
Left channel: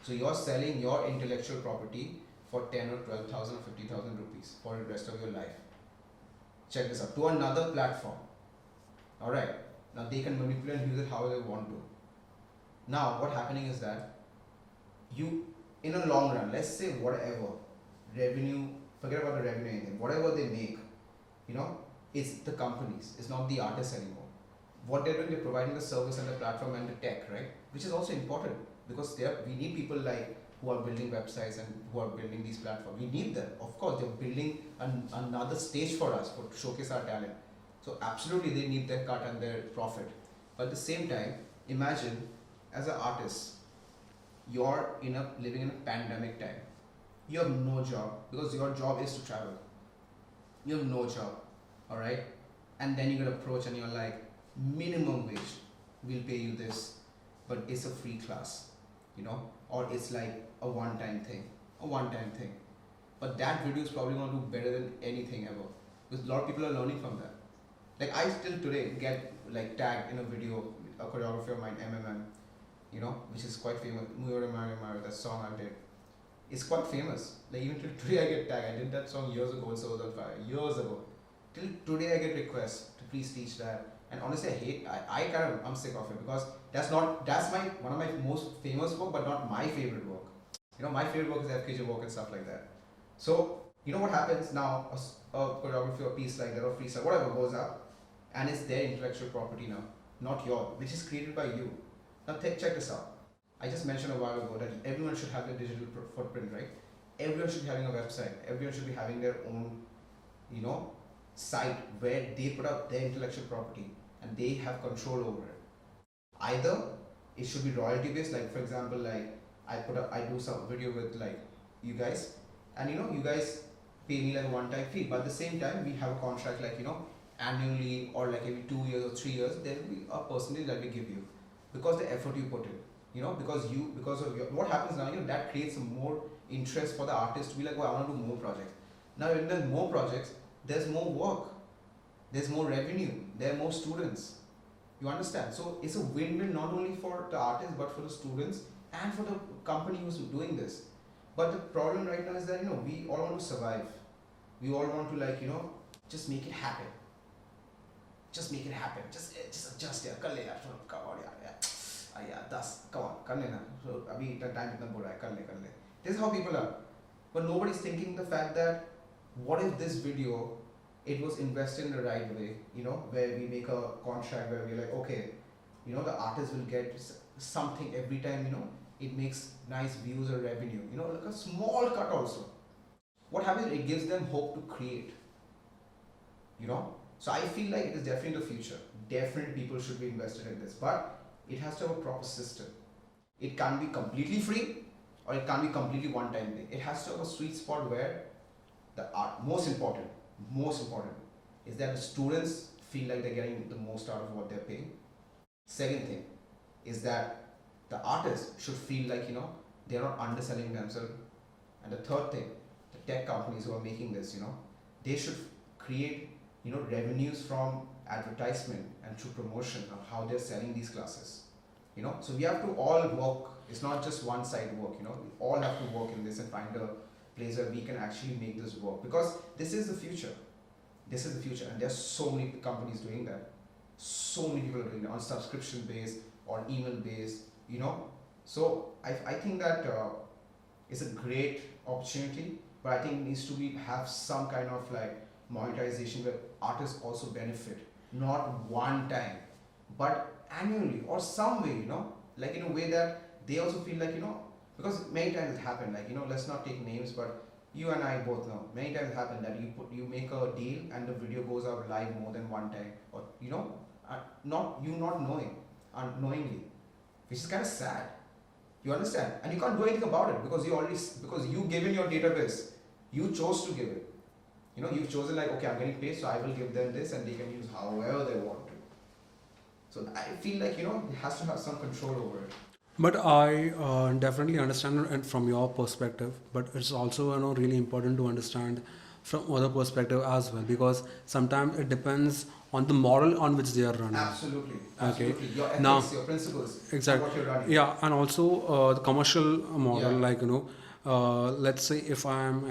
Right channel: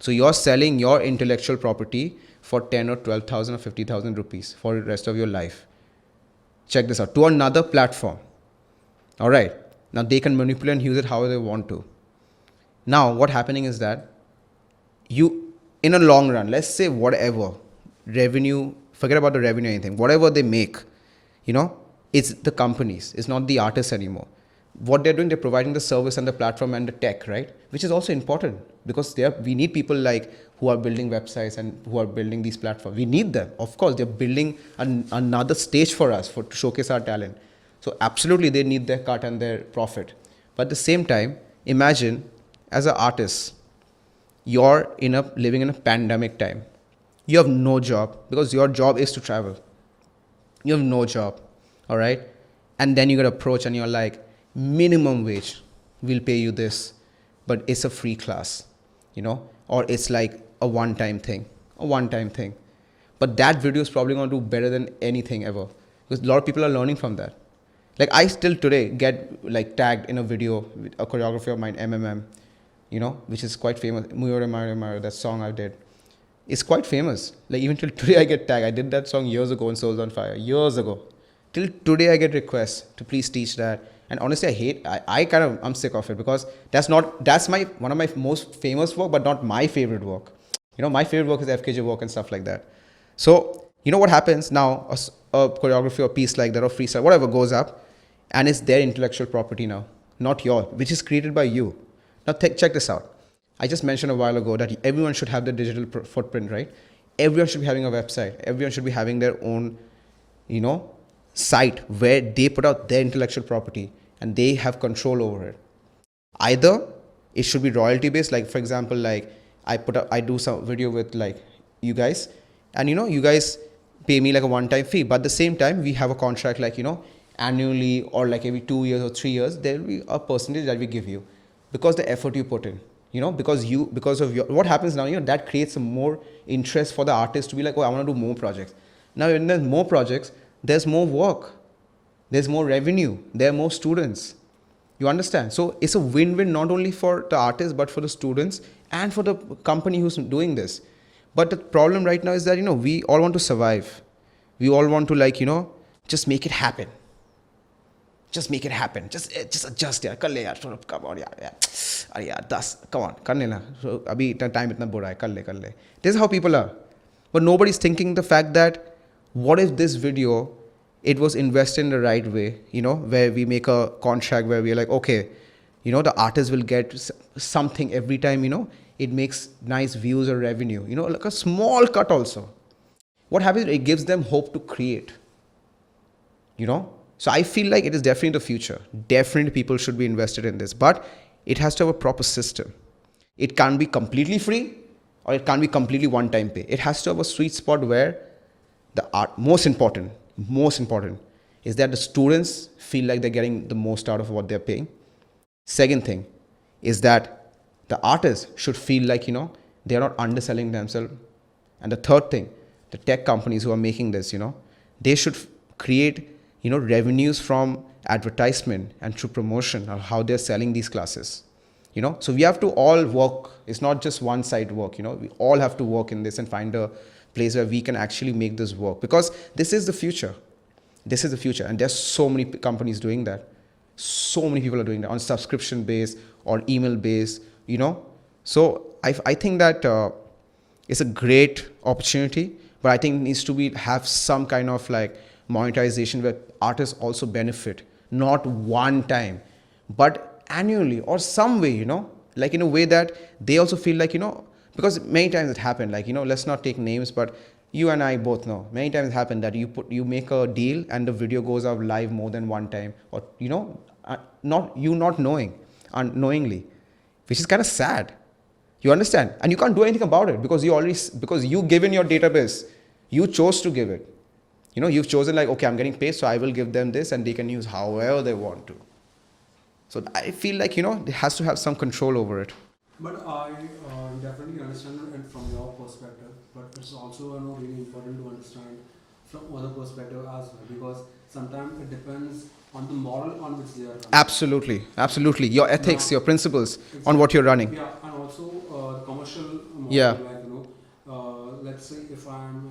So you're selling your intellectual property for 10 or 12,000 or 50,000 rupees for the rest of your life. Check this out. To another platform. All right. Now they can manipulate and use it how they want to. Now what's happening is that you, in a long run, let's say whatever revenue, forget about the revenue or anything, whatever they make, it's the companies, it's not the artists anymore. What they're doing, they're providing the service and the platform and the tech, right? Which is also important because we need people like who are building websites and who are building these platforms. We need them. Of course, they're building another stage for us to showcase our talent. So absolutely, they need their cut and their profit. But at the same time, imagine as an artist, you're living in a pandemic time. You have no job because your job is to travel. You have no job, all right? And then you get approached and you're like, minimum wage, we'll pay you this, but it's a free class, or it's like a one-time thing. But that video is probably going to do better than anything ever because a lot of people are learning from that. Like I still today get like tagged in a video with a choreography of mine, MMM, which is quite famous. Muyore Mare Mare, that song I did. It's quite famous. Like even till today I get tagged. I did that song years ago in Souls on Fire, years ago. Till today I get requests to please teach that. And honestly, I'm sick of it because that's one of my most famous work, but not my favorite work. My favorite work is FKJ work and stuff like that. So, what happens now, a choreography or piece like that or freestyle, whatever goes up and it's their intellectual property now, not yours, which is created by you. Now check this out. I just mentioned a while ago that everyone should have the digital footprint, right? Everyone should be having a website. Everyone should be having their own, site where they put out their intellectual property and they have control over it. Either it should be royalty based, like for example, like I do some video with like you guys, and you guys pay me like a one-time fee, but at the same time we have a contract like annually or like every 2 years or 3 years there will be a percentage that we give you because the effort you put in, because of what happens now, that creates some more interest for the artist to be like, oh, I want to do more projects. Now when there's more projects, there's more work, there's more revenue, there are more students. You understand? So it's a win-win not only for the artist but for the students and for the company who's doing this. But the problem right now is that we all want to survive. We all want to just make it happen. Just make it happen. Just adjust yaar. Kar le yaar. Come on yaar. Arey yaar, 10. Come on. Kar le na. So abhi time itna bura hai. Kar le. This is how people are. But nobody's thinking the fact that what if this video, it was invested in the right way, where we make a contract where we're like, okay, the artist will get something every time, it makes nice views or revenue, like a small cut also. What happens? It gives them hope to create, So I feel like it is definitely the future. Definitely people should be invested in this, but it has to have a proper system. It can't be completely free or it can't be completely one-time pay. It has to have a sweet spot where the art, most important is that the students feel like they're getting the most out of what they're paying. Second thing is that the artists should feel like, they're not underselling themselves. And the third thing, the tech companies who are making this, they should create, revenues from advertisement and through promotion of how they're selling these classes. So we have to all work. It's not just one side work, we all have to work in this and find a place where we can actually make this work, because this is the future. And there's so many companies doing that. So many people are doing that on subscription base or email base, So I think that it's a great opportunity, but I think it needs to have some kind of like monetization where artists also benefit, not one time, but annually or some way, like in a way that they also feel like, because many times it happened, like, let's not take names, but you and I both know many times it happened that you make a deal and the video goes out live more than one time, or not knowing unknowingly, which is kind of sad. You understand? And you can't do anything about it because you give in your database, You chose to give it. You've chosen like, okay, I'm getting paid, so I will give them this, and they can use however they want to. So I feel like, it has to have some control over it. But I definitely understand it from your perspective, but it's also really important to understand from other perspective as well, because sometimes it depends on the model on which they are running. Absolutely. Your ethics, Now, your principles exactly. on what you're running. Yeah, and also the commercial model, Yeah. like let's say if I am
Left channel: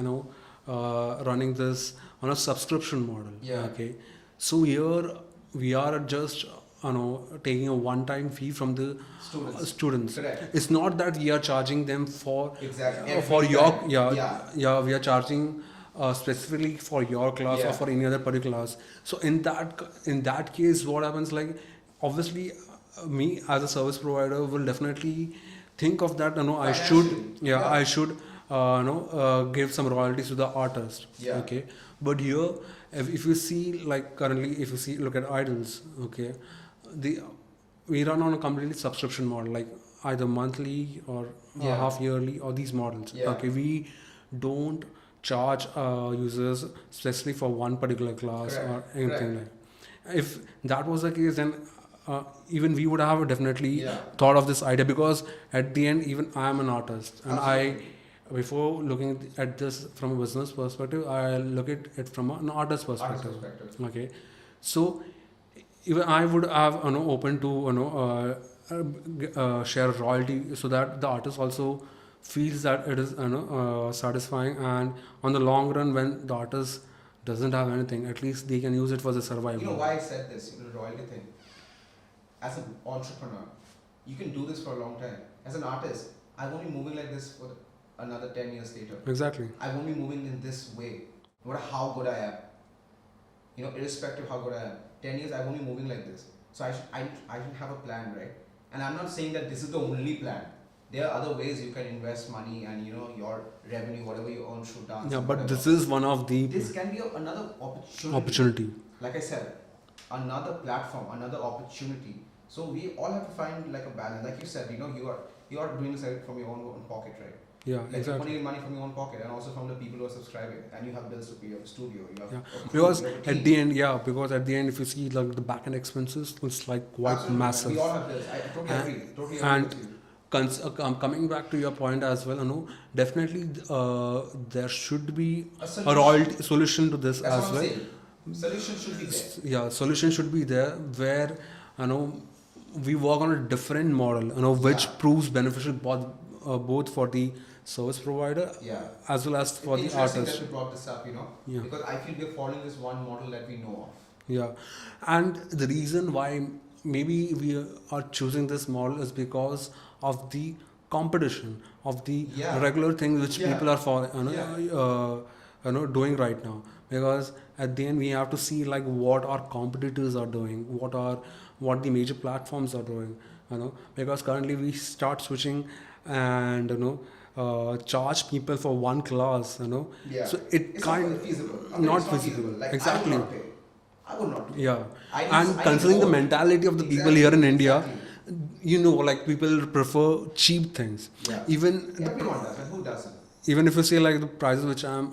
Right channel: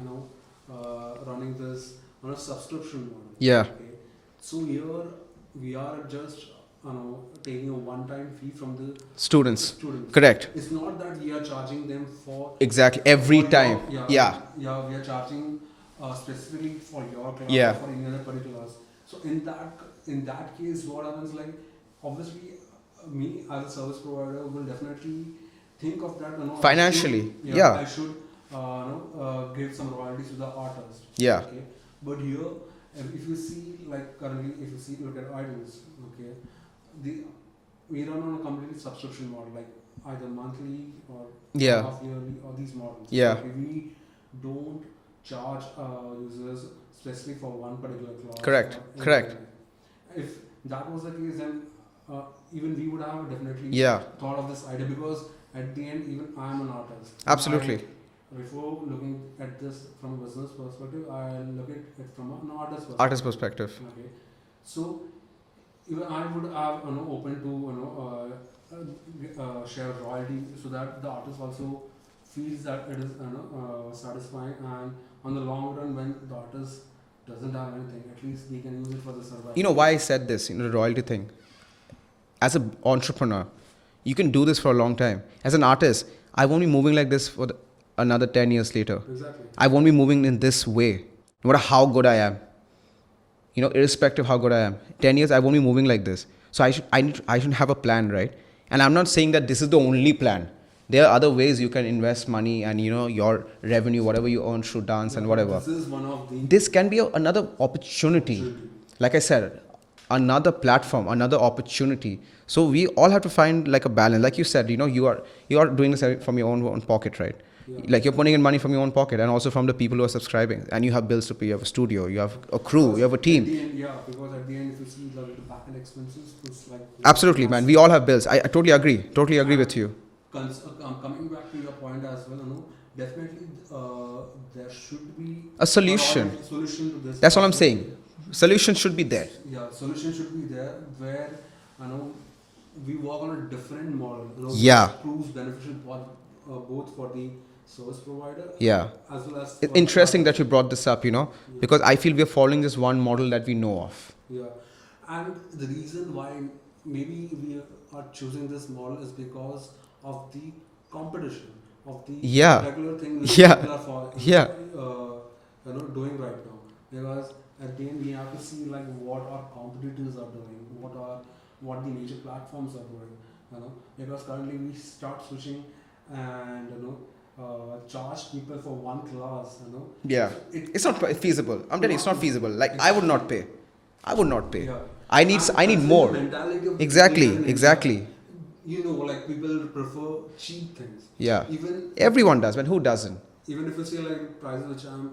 running this on a subscription model. Yeah. Okay, so here we are just taking a one-time fee from the Students. students. Correct. It's not that we are charging them for Exactly. Every for time. yeah. We are charging specifically for your class Yeah. or for any other particular class. So in that case, what happens, like, obviously me as a service provider will definitely think of that. Financially. I should give some royalties to the artist. Yeah. Okay, but here if you see, like, currently, if you see, look at IDALS. Okay, we run on a completely subscription model, like either monthly or Yeah. half yearly, or these models. Yeah. Okay, we don't charge users specifically for one particular class. Correct. Or anything Correct. like. If that was the case, then even we would have definitely Yeah. thought of this idea, because at the end, even I am an artist. And Absolutely. before looking at this from a business perspective, I look at it from an artist perspective. Artist perspective. Okay, so even I would have open to share royalty, so that the artist also feels that it is satisfying, and on the long run, when the artist doesn't have anything, at least they can use it for the survival. You know why I said this, the royalty thing? As an entrepreneur, you can do this for a long time. As an artist, I won't be moving like this for another 10 years later. Exactly. I won't be moving in this way, no matter how good I am. Irrespective of how good I am. 10 years, I won't be moving like this. So I should have a plan, right? And I'm not saying that this is the only plan. There are other ways you can invest money and, your revenue, whatever you earn through dance and but whatever. this is one of the This can be another opportunity. Like I said, another platform, another opportunity. So we all have to find like a balance. Like you said, you are doing this from your own pocket, right? Yeah, like exactly. You're putting in money from your own pocket, and also from the people who are subscribing, and you have bills to pay. You have a studio, you have a crew, Because you have a team. At the end, because at the end, if you see like the back end expenses, it's like Absolutely, massive. man. We all have bills. I totally agree. Totally agree with you. Coming back to your point as well, definitely there should be A solution. solution to this. That's as what I'm well. saying. Solution should be there. Yeah, solution should be there, where we work on a different model, Yeah. which proves beneficial both for the service provider, Yeah. as well as for It's the interesting that artist. you brought this up, Yeah. because I feel we're following this one model that we know of. Yeah, and the reason why maybe we are choosing this model is because of the competition of the Yeah. regular things which Yeah. people are doing right now. Because at the end, we have to see like what our competitors are doing, what the major platforms are doing. Because currently we start switching and charge people for one class. Yeah. So It's not feasible. I'm telling you, it's not feasible. Like, I would not pay. I would not pay. Yeah. I need considering more. the mentality of the Exactly, people here in India. exactly. Like people prefer cheap things. Yeah. Even Everyone does, man. Who doesn't? even if you see like the prices which I'm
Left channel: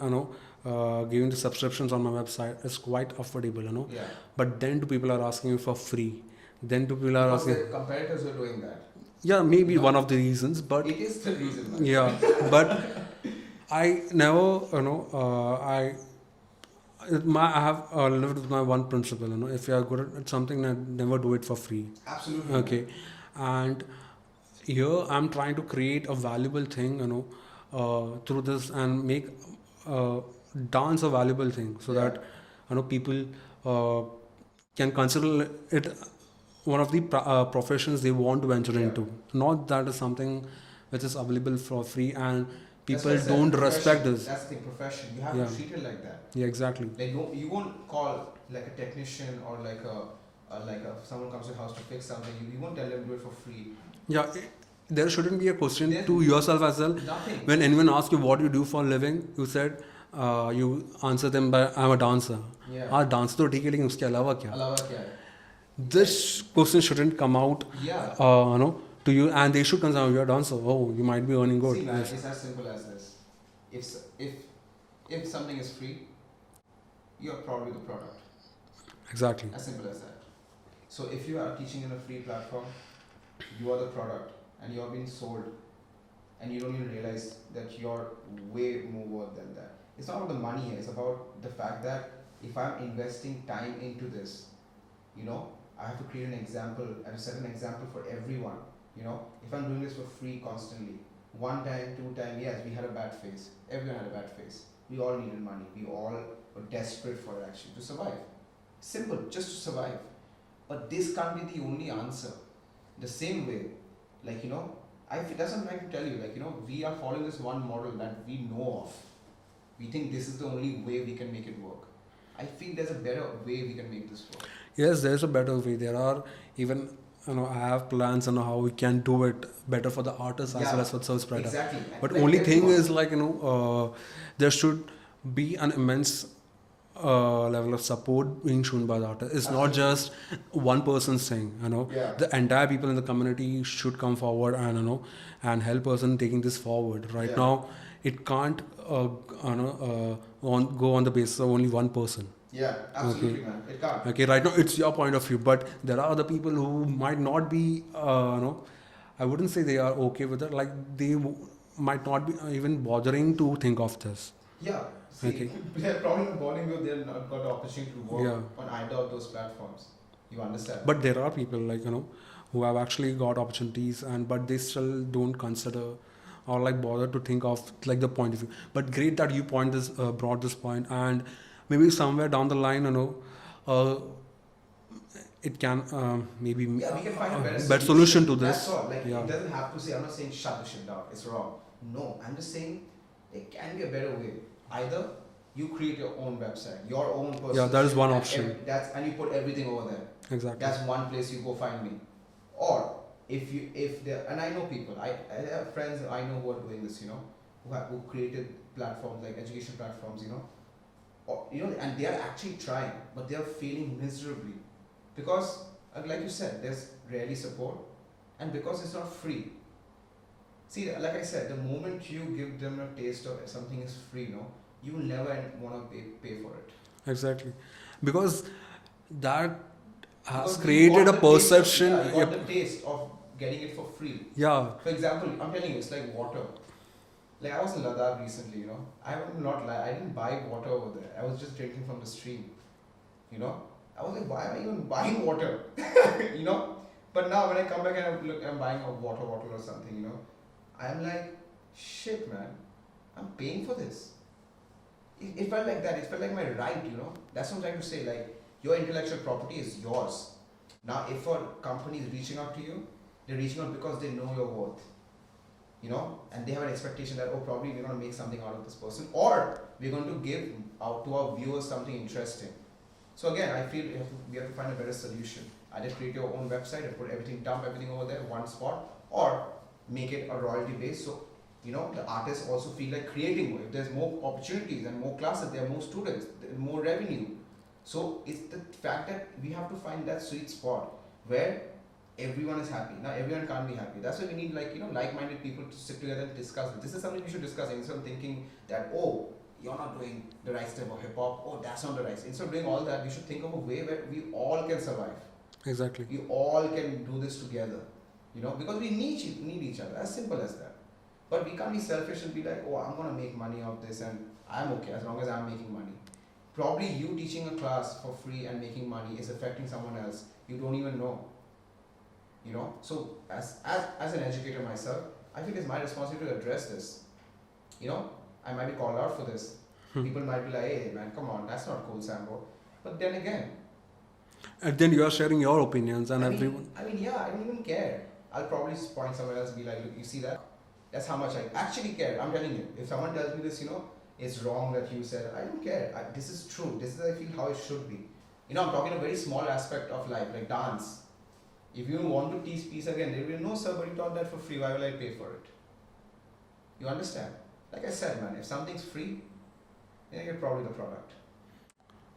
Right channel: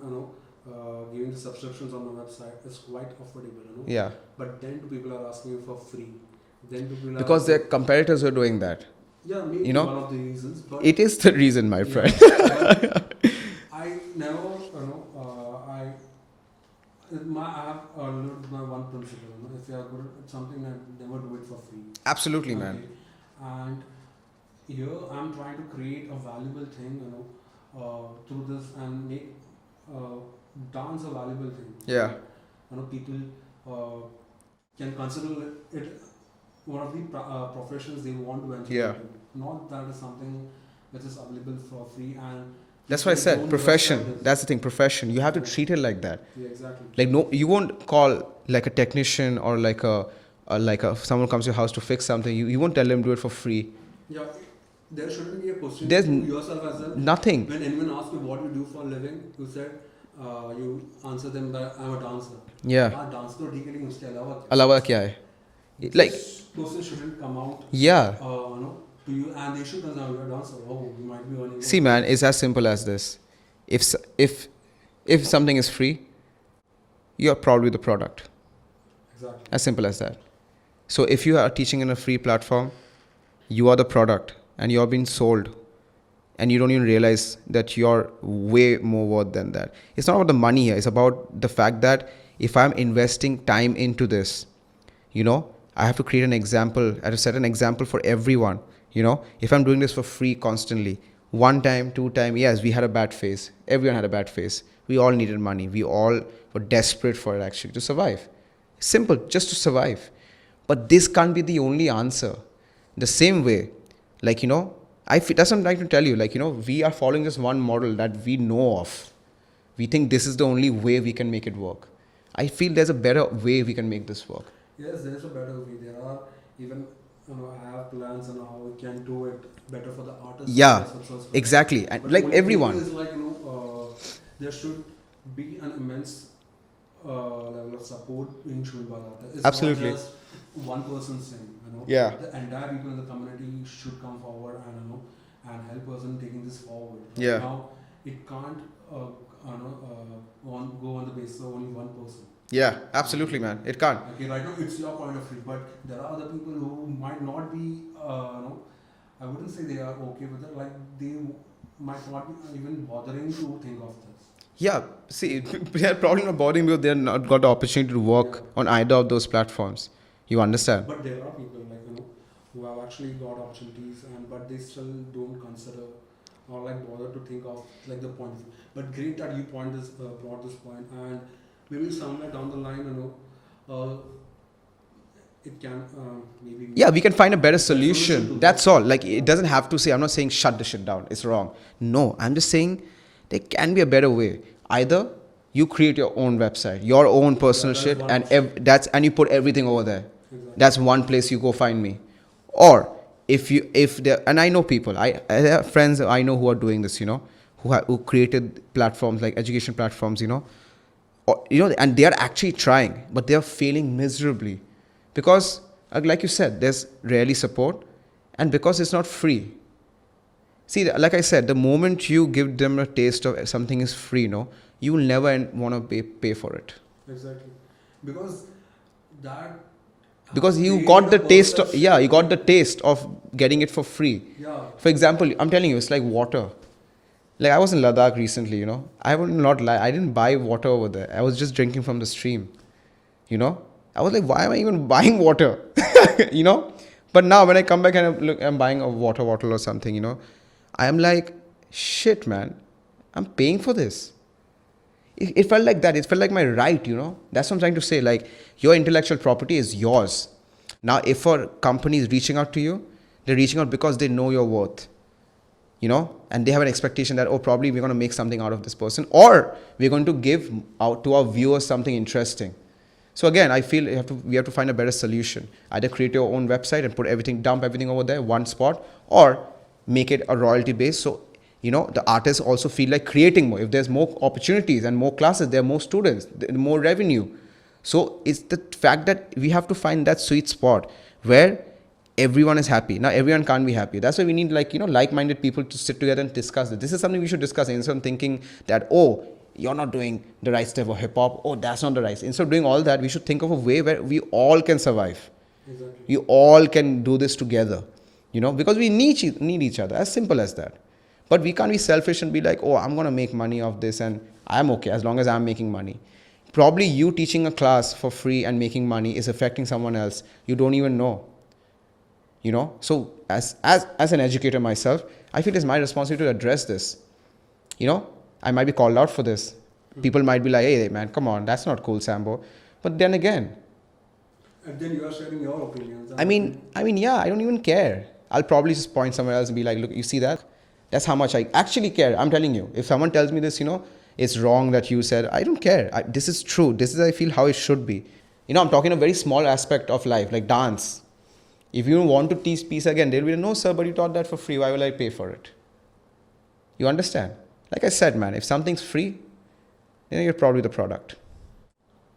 giving the subscriptions on my website, is quite affordable. Yeah. But then two people are asking you for free. Then two people are Because asking, their competitors are doing that. yeah, maybe you know, one of the reasons, but It is the reason, my yeah, friend. but I never, I have lived with my one principle. If you are good at something, then never do it for free. Absolutely, Okay, man. and here I'm trying to create a valuable thing, through this, and make dance a valuable thing, so Yeah. that people can consider it one of the professions they want to venture Yeah. into. Not that is something which is available for free, and That's why I people said don't profession. respect this. That's the thing, profession. You have to Yeah. treat it like that. Yeah, exactly. Like, no, you won't call like a technician or like someone comes to your house to fix something. You won't tell them do it for free. Yeah, there shouldn't be a question There's to yourself as well. Nothing. When anyone asks you what you do for a living, you said, you answer them by, I'm a dancer. Yeah. हाँ dance तो ठीक है लेकिन उसके अलावा क्या? Alawa kya hai? This question shouldn't come out. Yeah. To you, and they should consider you're a dancer. Oh, you might be earning good. See, man, it's as simple as this. If If something is free, you're probably the product. Exactly. As simple as that. So if you are teaching in a free platform, you are the product and you're being sold, and you don't even realize that you're way more worth than that. It's not about the money here. It's about the fact that if I'm investing time into this, I have to create an example. I have to set an example for everyone. If I'm doing this for free constantly, one time, two time, yes, we had a bad phase. Everyone had a bad phase. We all needed money. We all were desperate for it actually to survive. Simple, just to survive. But this can't be the only answer. The same way, that's what I'm trying to tell you. We are following this one model that we know of. We think this is the only way we can make it work. I feel there's a better way we can make this work. Yes, there's a better way. There are even, I have plans on how we can do it better for the artists. Yeah, as well as service provider. exactly. And But like only everyone. thing is there should be an immense level of support being shown by the artist. It's Absolutely. not just one person's thing. Yeah. The entire people in the community should come forward and and help us in taking this forward. Right Yeah. now, it can't go on the basis of only one person. Yeah, absolutely, Okay. man. It can't. Okay, right now it's your point of view, but there are other people who might not be, I wouldn't say they are okay with it. Like they might not be even bothering to think of this. Yeah, see, they're probably not bothering because they're not got the opportunity to work on either of those platforms. You understand? But there are people who have actually got opportunities but they still don't consider or bother to think of the point of view. But great that you brought this point, and maybe somewhere down the line, it can maybe we can find a better solution. to this. That's all. It doesn't have to say, I'm not saying shut the shit down. It's wrong. No, I'm just saying there can be a better way. Either you create your own website, your own personal that is shit, one and option. and you put everything over there. Exactly. That's one place you go find me. Or and I know people, I have friends I know who are doing this, who created platforms like education platforms, and they are actually trying, but they are failing miserably because, like you said, there's rarely support, and because it's not free. See, like I said, the moment you give them a taste of something is free, you will never want to pay for it. Exactly, because that Because has you got created the a taste. perception- You got the taste of getting it for free. Yeah. For example, I'm telling you, it's like water. Like I was in Ladakh recently, I would not lie. I didn't buy water over there. I was just drinking from the stream. I was like, why am I even buying water? But now when I come back and I'm buying a water bottle or something, I am like, shit, man, I'm paying for this. It felt like that. It felt like my right, That's what I'm trying to say. Like, your intellectual property is yours. Now, if a company is reaching out to you, they're reaching out because they know your worth, and they have an expectation that, oh, probably we're going to make something out of this person, or we're going to give out to our viewers something interesting. So again, I feel we have to find a better solution. Either create your own website and dump everything over there, one spot, or make it a royalty base. So, the artists also feel like creating more. If there's more opportunities and more classes, there are more students, more revenue. So it's the fact that we have to find that sweet spot where everyone is happy. Now, everyone can't be happy. That's why we need like-minded people to sit together and discuss it. This is something we should discuss instead of thinking that, oh, you're not doing the right step of hip-hop. Oh, that's not the right. Instead of doing all that, we should think of a way where we all can survive. Exactly. We all can do this together, because we need each other. As simple as that. But we can't be selfish and be like, oh, I'm going to make money off this and I'm okay as long as I'm making money. Probably you teaching a class for free and making money is affecting someone else you don't even know. So as an educator myself, I feel it's my responsibility to address this. I might be called out for this. People might be like, hey, man, come on, that's not cool, Sambo. But then again, and then you are sharing your opinions. And I mean, yeah, I don't even care. I'll probably just point somewhere else and be like, look, you see that? That's how much I actually care. I'm telling you. If someone tells me this, it's wrong that you said, I don't care. This is true. This is, I feel, how it should be. I'm talking a very small aspect of life, like dance. If you want to teach peace again, they'll be like, no, sir, but you taught that for free. Why will I pay for it? You understand? Like I said, man, if something's free, then you're probably the product.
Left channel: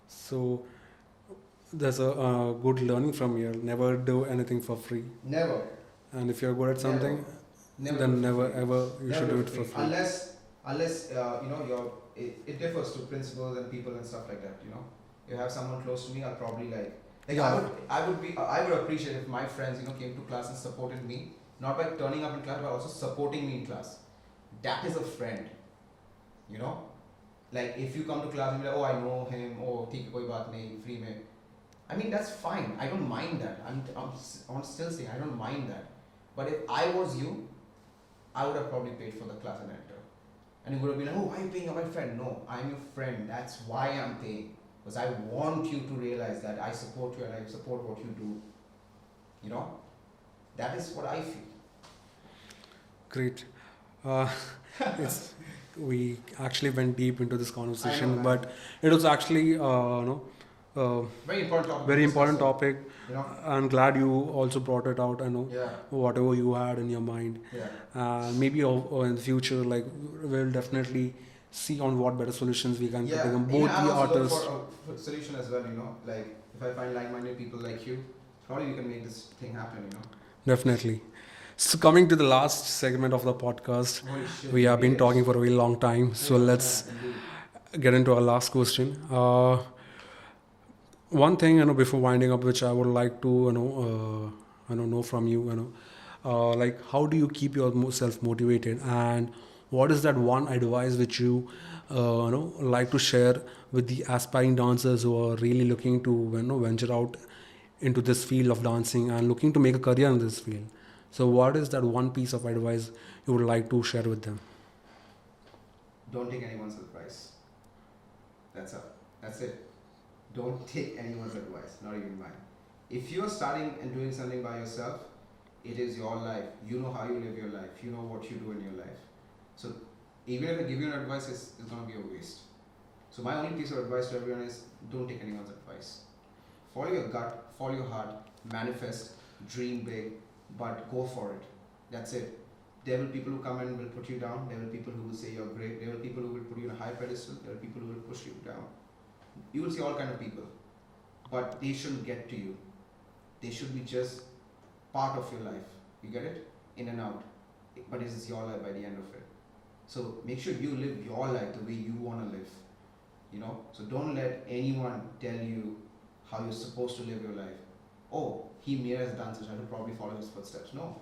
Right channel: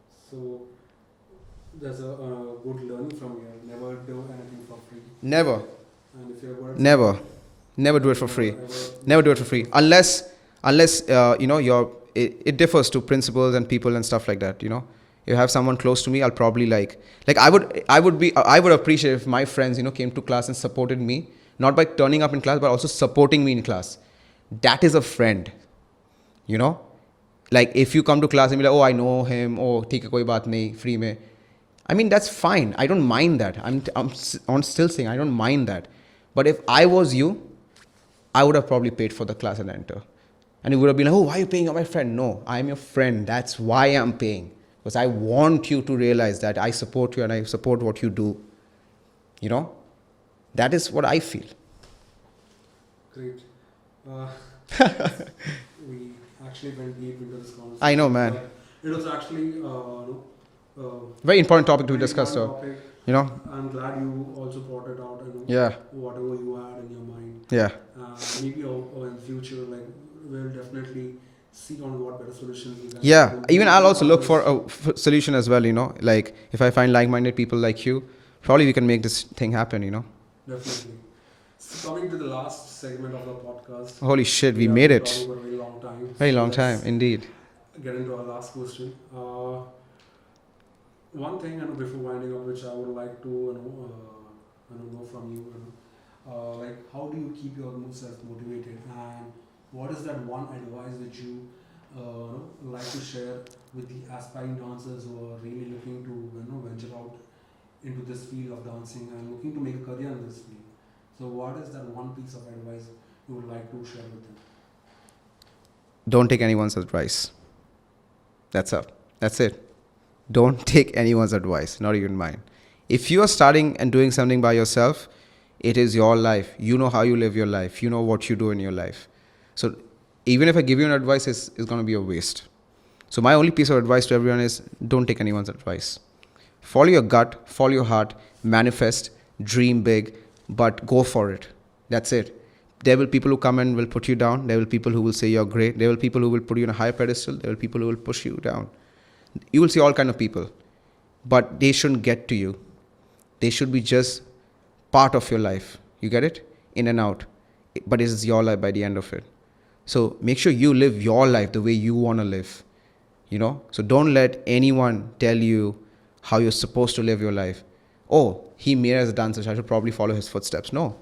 So there's a good learning from here. Never do anything for free. Never. And if you're good at Never. something, Never do then it for free. you Never do it for free. Unless you're it differs to principals and people and stuff like that, you know. If I have someone close to me, I'll probably I would appreciate if my friends, you know, came to class and supported me, not by turning up in class, but also supporting me in class. That is a friend, you know. Like if you come to class and be like, oh, I know him, oh, theek hai, koi baat nahi, free mein. I mean, that's fine. I don't mind that. I'm still saying I don't mind that. But if I was you, I would have probably paid for the class and enter. And you would have been like, oh, why are you paying? You're my friend. No, I'm your friend. That's why I'm paying. Because I want you to realize that I support you and I support what you do. You know? That is what I feel. Great. Uh, we actually went deep into this conversation. I know, man. But it was actually, Very important topic to very discuss. important So, topic. you know? I'm glad you also brought it out. I know. Yeah. Whatever you had in your mind. Yeah. Maybe in the future, like we'll definitely see on what better solutions we can. Yeah. bring Even more I'll to also look others. for a solution as well, you know? Like if I find like-minded people like you, probably we can make this thing happen, you know? Definitely. So coming to the last segment of the podcast, Holy shit, we have made been it. talking for a very long time. Very so long let's time, indeed. get into our last question. One thing, before winding up, which I would like to, know from you, like how do you keep yourself motivated, and what is that one advice which like to share with the aspiring dancers who are really looking to, venture out into this field of dancing and looking to make a career in this field? So, what is that one piece of advice you would like to share with them? Don't take anyone's advice. That's it. Don't take anyone's advice, not even mine. If you are starting and doing something by yourself, it is your life. You know how you live your life. You know what you do in your life. So even if I give you an advice, it's going to be a waste. So my only piece of advice to everyone is don't take anyone's advice. Follow your gut, follow your heart, manifest, dream big, but go for it. That's it. There will be people who come and will put you down. There will be people who will say you're great. There will be people who will put you on a higher pedestal. There will be people who will push you down. You will see all kind of people, but they shouldn't get to you. They should be just part of your life. You get it? In and out. But it is your life by the end of it. So make sure you live your life the way you want to live. You know? So don't let anyone tell you how you're supposed to live your life. Oh, he made as a dancer, so I should probably follow his footsteps. No.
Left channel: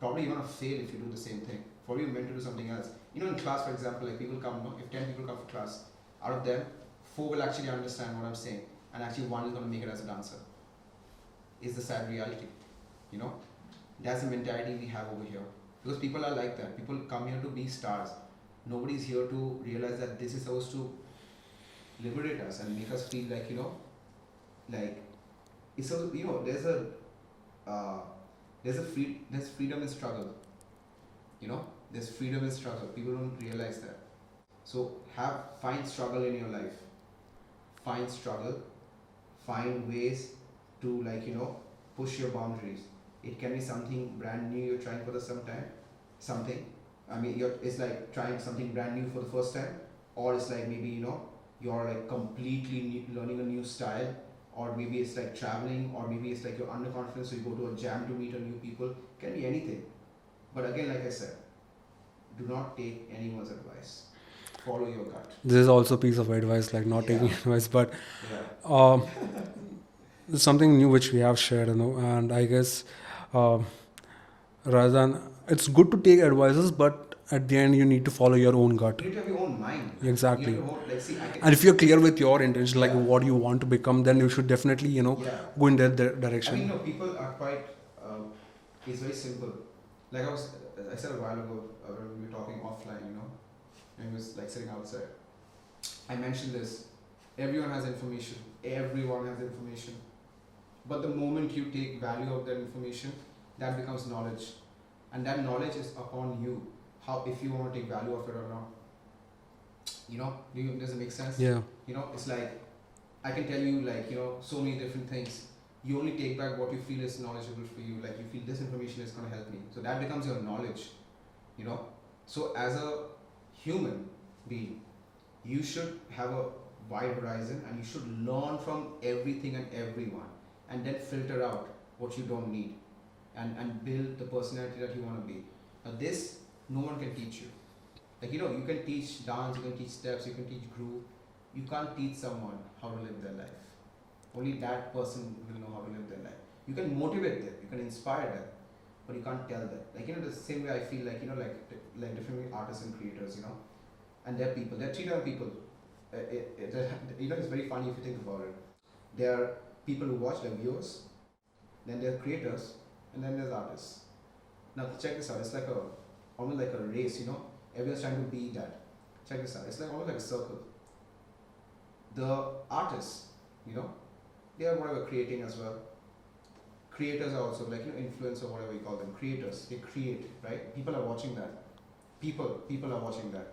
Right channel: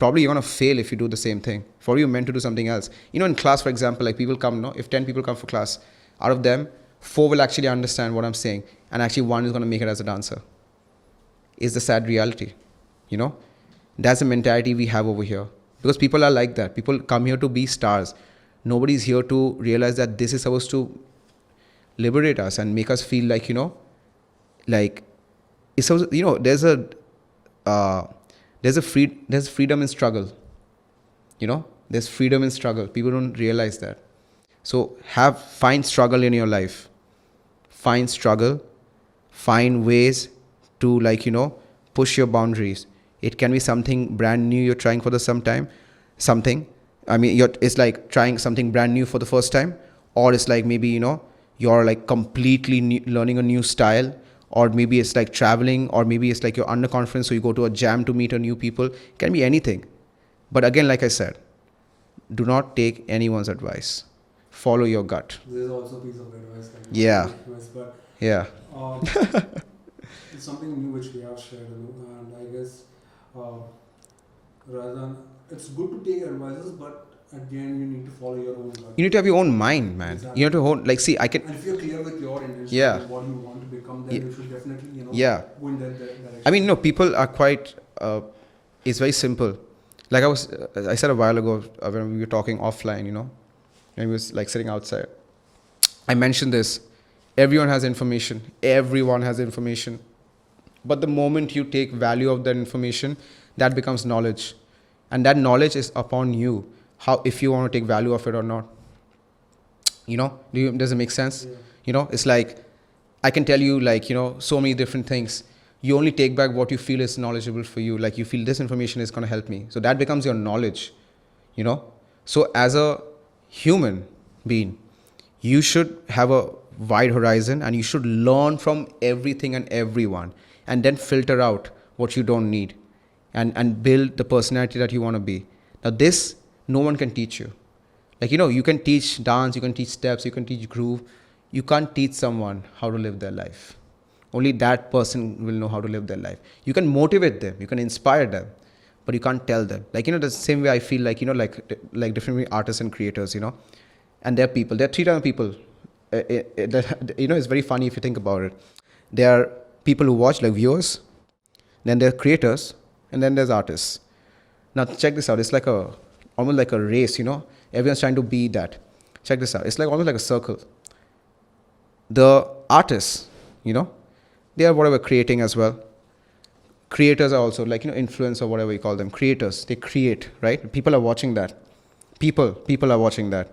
Probably you're going to fail if you do the same thing. Probably you're meant to do something else. You know, in class, for example, like people come, no? If 10 people come for class, out of them, 4 will actually understand what I'm saying, and actually 1 is going to make it as a dancer. Is the sad reality, you know? That's the mentality we have over here. Because people are like that. People come here to be stars. Nobody's here to realize that this is supposed to liberate us and make us feel like, like, it's supposed, there's freedom in struggle. You know? There's freedom in struggle. People don't realize that. So find struggle in your life. Find struggle. Find ways to push your boundaries. It can be something brand new you're trying for the it's like trying something brand new for the first time, or it's like maybe you're like completely learning a new style, or maybe it's like traveling, or maybe it's like you're underconfident, so you go to a jam to meet a new people. It can be anything. But again, like I said, do not take anyone's advice. Follow your gut. This is also a piece of advice, like not Yeah. advice, but Yeah. it's something new which we have shared, and I guess rather than, it's good to take advices, but at the end you need to follow your own gut. You need to have your own mind, man. Exactly. You have to hold, And if you're clear with your intention, Yeah. like what you want to become, then you should definitely, Yeah. go in that direction. I mean, no, people are quite, it's very simple. Like I said a while ago when we were talking offline, when we was like sitting outside, I mentioned this. Everyone has information. Everyone has information. But the moment you take value of that information, that becomes knowledge. And that knowledge is upon you, if you want to take value of it or not. Does it make sense? Yeah. It's like, I can tell you so many different things. You only take back what you feel is knowledgeable for you. Like you feel this information is going to help me. So that becomes your knowledge, So as a human being, you should have a wide horizon and you should learn from everything and everyone, and then filter out what you don't need and build the personality that you want to be. Now this, no one can teach you. Like, you know, you can teach dance, you can teach steps, you can teach groove. You can't teach someone how to live their life. Only that person will know how to live their life. You can motivate them, you can inspire them, but you can't tell them. Like, you know, the same way I feel like, you know, like different artists and creators, you know, and they're people. There are three types of people. You know, it's very funny if you think about it. There are people who watch, like viewers, then there are creators, and then there's artists. Now check this out. It's like almost like a race, you know. Everyone's trying to be that. Check this out. It's like almost like a circle. The artists, you know, they are whatever creating as well. Creators are also like, you know, influence or whatever you call them. Creators, they create, right? People are watching that. People are watching that.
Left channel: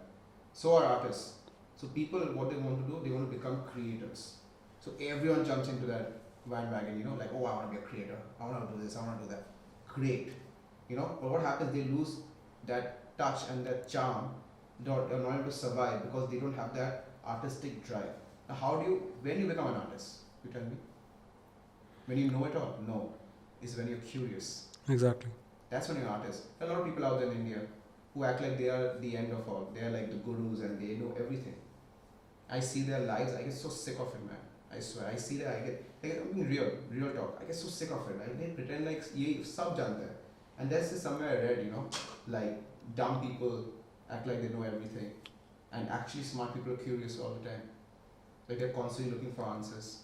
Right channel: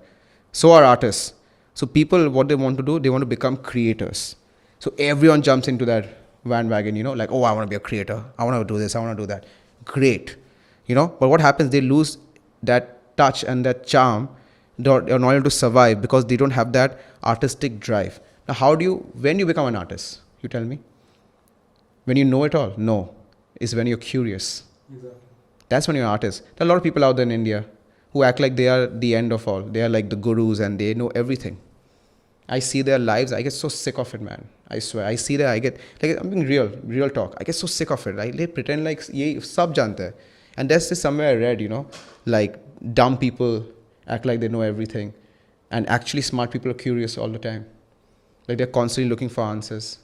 So are artists. So people, what they want to do, they want to become creators. So everyone jumps into that bandwagon, you know, like, oh, I want to be a creator. I want to do this. I want to do that. Great. You know, but what happens? They lose that touch and that charm. They're not able to survive because they don't have that artistic drive. Now, when do you become an artist? You tell me. When you know it all? No. It's when you're curious. Exactly. That's when you're an artist. There are a lot of people out there in India who act like they are the end of all. They are like the gurus and they know everything. I see their lives. I get so sick of it, man. I swear. I see that. I get, like, I'm being real talk. I get so sick of it. They pretend like ye sab jante hai. And that's just somewhere I read, you know, like dumb people act like they know everything. And actually smart people are curious all the time. Like they're constantly looking for answers.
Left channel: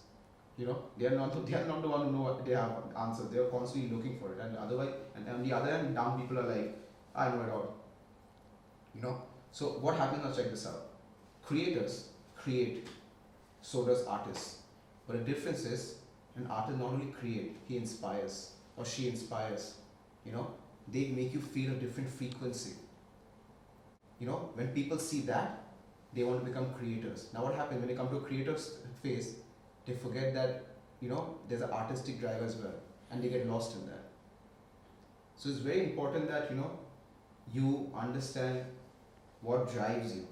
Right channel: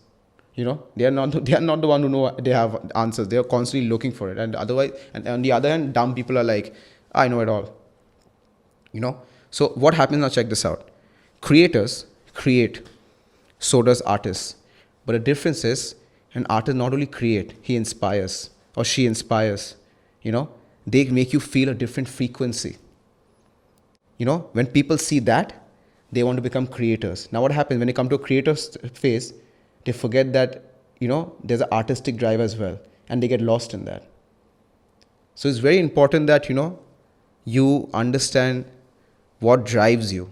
You know, they are not the one who know they have answers. They are constantly looking for it. And otherwise, and on the other hand, dumb people are like, I know it all. You know. So what happens now? Check this out. Creators create. So does artists. But the difference is, an artist not only create, he inspires or she inspires. You know, they make you feel a different frequency. You know, when people see that, they want to become creators. Now what happens when they come to a creator's phase, they forget that, you know, there's an artistic drive as well. And they get lost in that. So it's very important that, you know, you understand what drives you.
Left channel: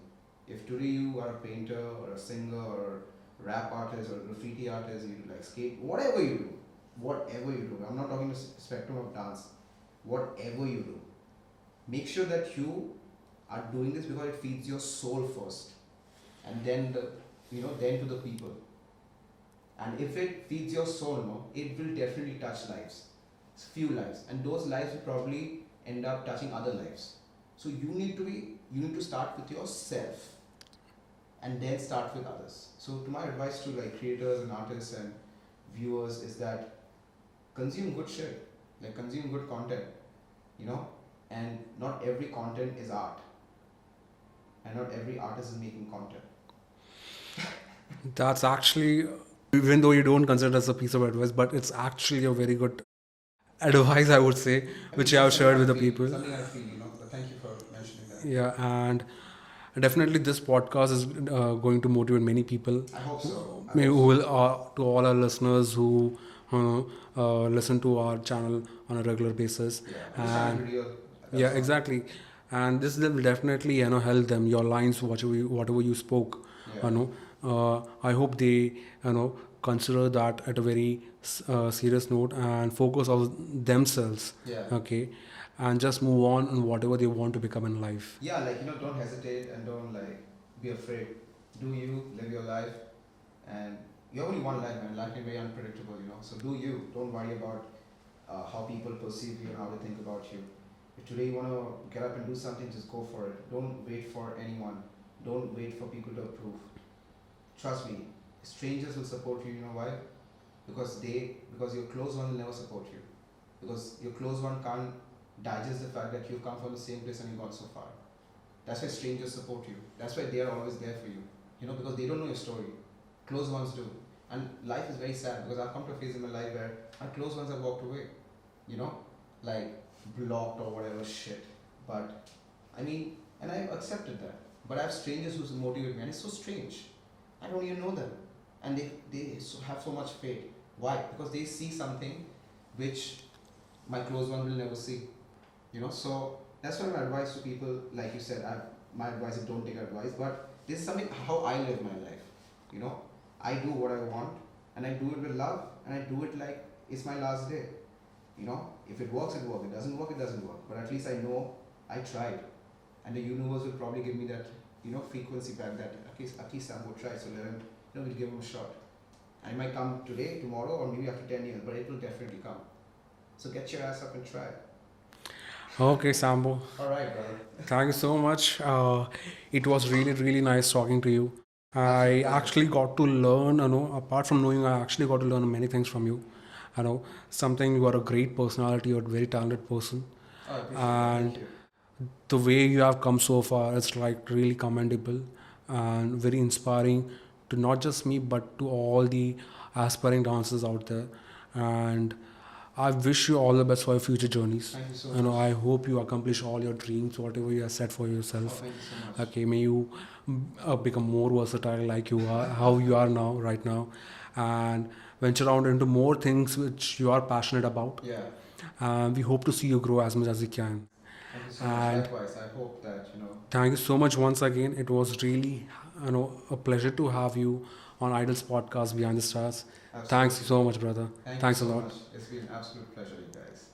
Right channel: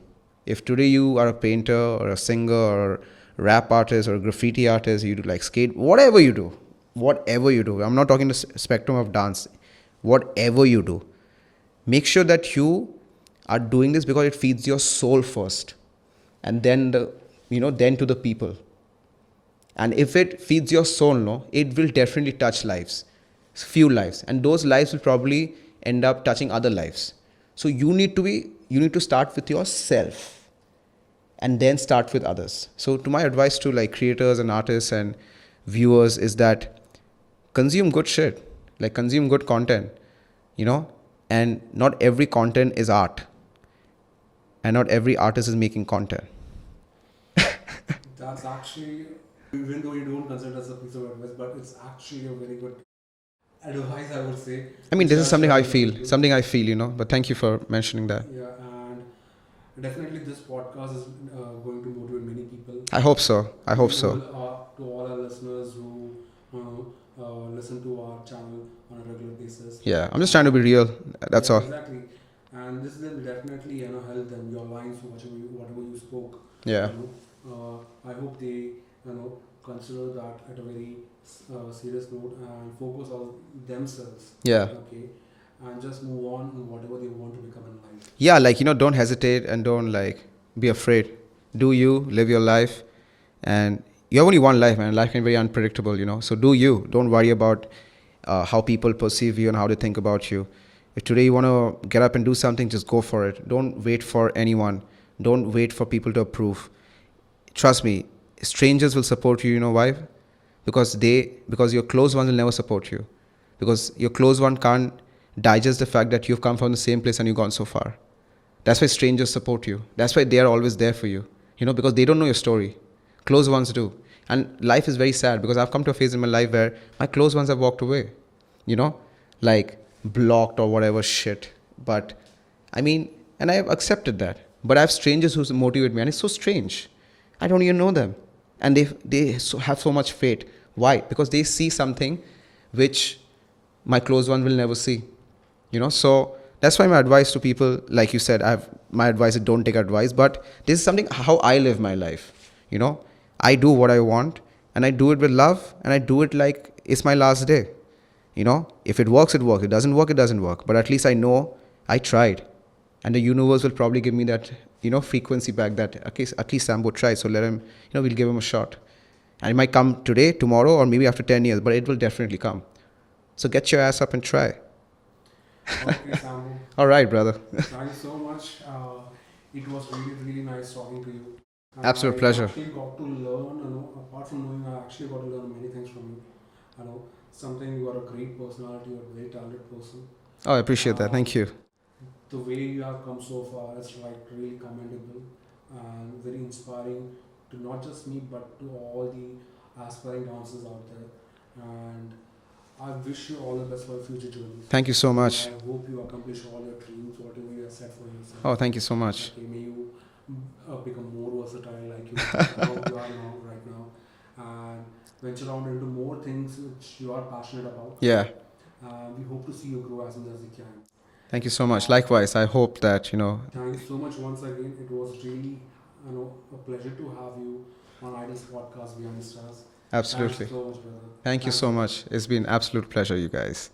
If today you are a painter or a singer or a rap artist or a graffiti artist, you do like skate, whatever you do. I'm not talking the spectrum of dance. Whatever you do, make sure that you are doing this because it feeds your soul first. And then then to the people. And if it feeds your soul, no, it will definitely touch lives, few lives. And those lives will probably end up touching other lives. So you need to start with yourself and then start with others. So to my advice to like creators and artists and viewers is that consume good shit, like consume good content, you know, and not every content is art. And not every artist is making content. That's actually, even though you don't consider it as a piece of advice, but it's actually a very good advice, I would say. I mean, this is something I feel, you know, but thank you for mentioning that. Yeah, and definitely this podcast is going to motivate many people. I hope so. To all our listeners who listen to our channel on a regular basis. Yeah, I'm just trying to be real. That's all. Exactly. And this will definitely, help them. Your lines, whatever you spoke. Yeah. I hope they, consider that at a very serious note and focus on themselves. Yeah. Okay. And just move on whatever they want to become in life. Yeah, like, don't hesitate and don't like be afraid. Do you live your life, and you have only one life, man. Life can be very unpredictable, So do you. Don't worry about how people perceive you and how they think about you. If today you want to get up and do something, just go for it. Don't wait for anyone. Don't wait for people to approve. Trust me, strangers will support you. You know why? Because your close ones will never support you. Because your close one can't digest the fact that you've come from the same place and you've gone so far. That's why strangers support you. That's why they are always there for you. Because they don't know your story. Close ones do. And life is very sad because I've come to a phase in my life where my close ones have walked away. Like blocked or whatever shit. But I mean, and I have accepted that. But I have strangers who motivate me, and it's so strange. I don't even know them. And they have so much faith. Why? Because they see something which my close one will never see. So that's why my advice to people, like you said, my advice is don't take advice, but this is something how I live my life. I do what I want, and I do it with love, and I do it like it's my last day. If it works, it works. It doesn't work, it doesn't work. But at least I know I tried, and the universe will probably give me that, frequency back that, okay, at least Sambo tried, so let him, we'll give him a shot. And it might come today, tomorrow, or maybe after 10 years, but it will definitely come. So get your ass up and try. Okay, Sambo. All right, brother. Thank you so much. It was really, really nice talking to you. Absolute I pleasure. actually got to learn, apart from knowing, I actually got to learn many things from you. Something, you are a great personality, you're a very talented person. Oh, I appreciate that. Thank you. The way you have come so far, it's like really commendable and very inspiring to not just me, but to all the aspiring dancers out there. And I wish you all the best for your future journeys. Thank you so much. I hope you accomplish all your dreams, whatever you have set for yourself. Oh, thank you so much. Okay, may you become more versatile like you are, how you are now, right now, and venture out into more things which you are passionate about. Yeah. We hope to see you grow as much as you can. Thank you so much. Likewise, I hope that, Thank you so much once again. It was really, a pleasure to have you on IDALS Podcast Behind the Stars. Absolutely. Thanks so much, brother. Thank you Thanks so a lot. much. It's been an absolute pleasure, you guys.